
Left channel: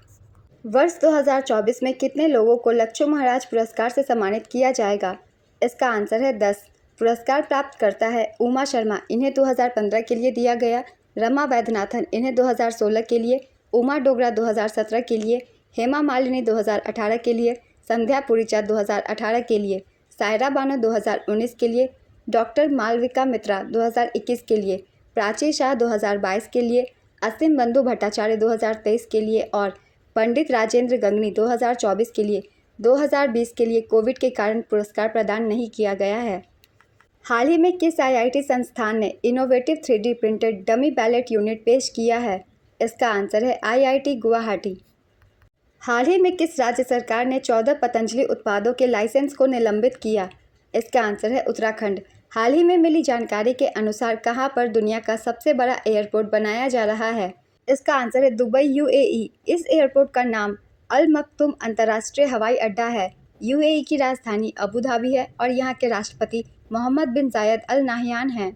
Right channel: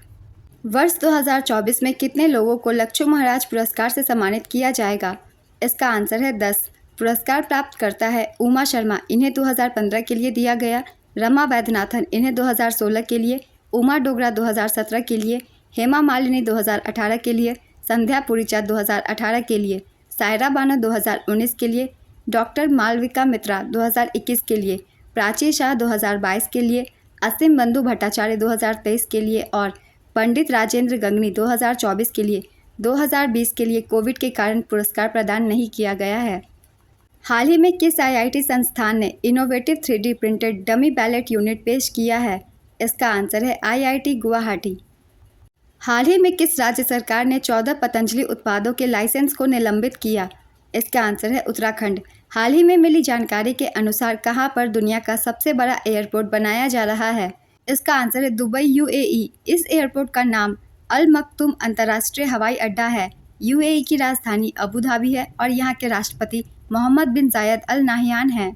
वर्ष 2024 में कितने लोगों को लक्ष्मण महाराज पुरस्कार से सम्मानित किया जाएगा? इसका आंसर है 10। पुरस्कार प्राप्त करता है उमा शर्मा, इन्हें 2015 के लिए दिया गया। रमा वैद्यनाथन, इन्हें 2016 के लिए। उमा डोगरा 2017 के लिए। हेमा मालिनी 2018 के लिए। संध्या पुरीचा 2018 के लिए, सायरा बानो 2019 के लिए, डॉक्टर मालविका मित्रा 2021 के लिए, प्राची शाह 2022 के लिए, असीम बंधु भट्टाचार्य 2023 के लिए और पंडित राजेंद्र गंगनी 2024 के लिए 2020 के लिए कोविड के कारण पुरस्कार प्रदान नहीं किया गया है। हाल ही में किस आईआईटी संस्थान ने innovative 3D printed dummy ballot unit पेश किया है? इसका आंसर है आईआईटी गुवाहाटी। हाल ही में किस राज्य सरकार ने 14 पतंजलि उत्पादों के लाइसेंस को निलंबित किया? इसका आंसर है उत्तराखंड। हाल ही में मिली जानकारी के अनुसार कहां पर दुनिया का सबसे बड़ा एयरपोर्ट बनाया जा रहा है? इसका आंसर है दुबई, यूएई। इस एयरपोर्ट का नाम अल मक्तूम अंतर्राष्ट्रीय हवाई अड्डा है। यूएई की राजधानी अबू धाबी है और यहाँ के राष्ट्रपति मोहम्मद बिन जायद अल नाहियान हैं।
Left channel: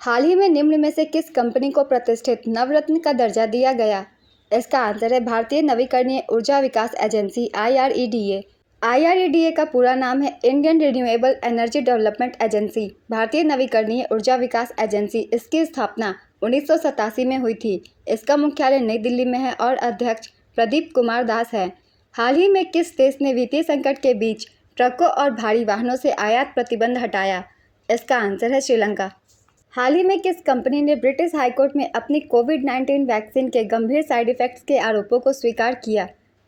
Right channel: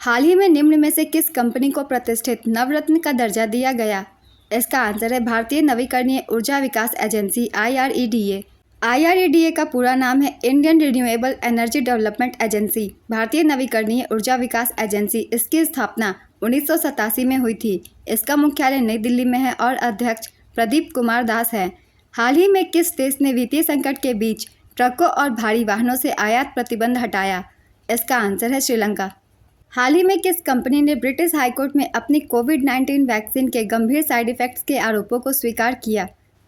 हाल ही में निम्न में से किस कंपनी को प्रतिष्ठित नवरत्न का दर्जा दिया गया? इसका आंसर है भारतीय नवीकरणीय ऊर्जा विकास एजेंसी IREDA। IREDA का पूरा नाम है Indian renewable energy development agency, भारतीय नवीकरणीय ऊर्जा विकास एजेंसी। इसकी स्थापना 1987 में हुई थी। इसका मुख्यालय नई दिल्ली में है और अध्यक्ष प्रदीप कुमार दास है। हाल ही में किस देश ने वित्तीय संकट के बीच ट्रकों और भारी वाहनों से आयात प्रतिबंध हटाया? इसका आंसर है श्रीलंका। हाल ही में किस कंपनी ने ब्रिटिश हाईकोर्ट में अपनी कोविड-19 वैक्सीन के गंभीर साइड इफेक्ट्स के आरोपों को स्वीकार किया?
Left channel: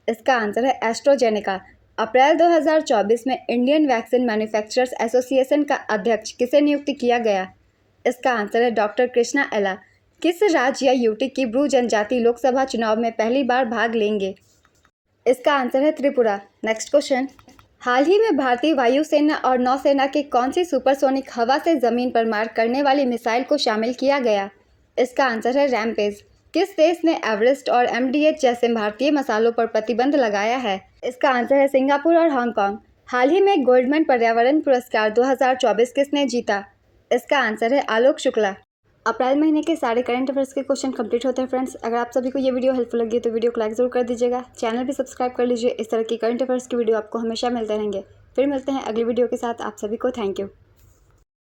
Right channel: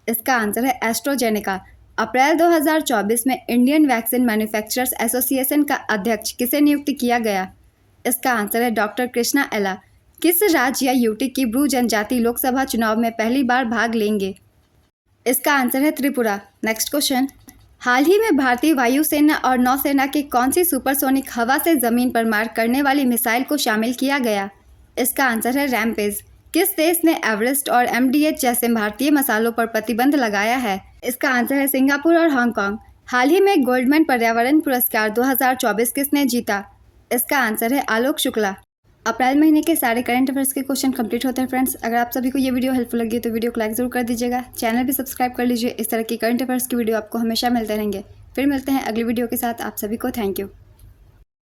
इसका आंसर है एस्ट्राजेनेका। अप्रैल 2024 में इंडियन वैक्सीन मैन्युफैक्चरर्स एसोसिएशन का अध्यक्ष किसे नियुक्त किया गया? इसका आंसर है डॉक्टर कृष्णा एला। किस राज्य या यूटी की ब्रू जनजाति लोकसभा चुनाव में पहली बार भाग लेंगे? इसका आंसर है त्रिपुरा। नेक्स्ट क्वेश्चन, हाल ही में भारतीय वायुसेना और नौसेना की कौन सी सुपरसोनिक हवा से ज़मीन पर मार करने वाली मिसाइल को शामिल किया गया? इसका आंसर है रैमपेज। किस देश ने एवरेस्ट और MDH जैसे भारतीय मसालों पर प्रतिबंध लगाया है? इसका आंसर है सिंगापुर और हांगकांग। हाल ही में गोल्डमैन पर्यावरण पुरस्कार 2024 किसने जीता? इसका आंसर है आलोक शुक्ला। अप्रैल महीने के सारे करंट अफेयर्स के क्वेश्चन कंप्लीट होते हैं फ्रेंड्स। अगर आप सभी को ये वीडियो हेल्पफुल लगी तो वीडियो को लाइक जरूर कर दीजिएगा, चैनल भी सब्सक्राइब कर लीजिए। इस तरह की करंट अफेयर्स की वीडियो आपको हमेशा मिलते रहेंगे। फिर मिलते हैं अगली वीडियो के साथ। आप सभी को थैंक यू।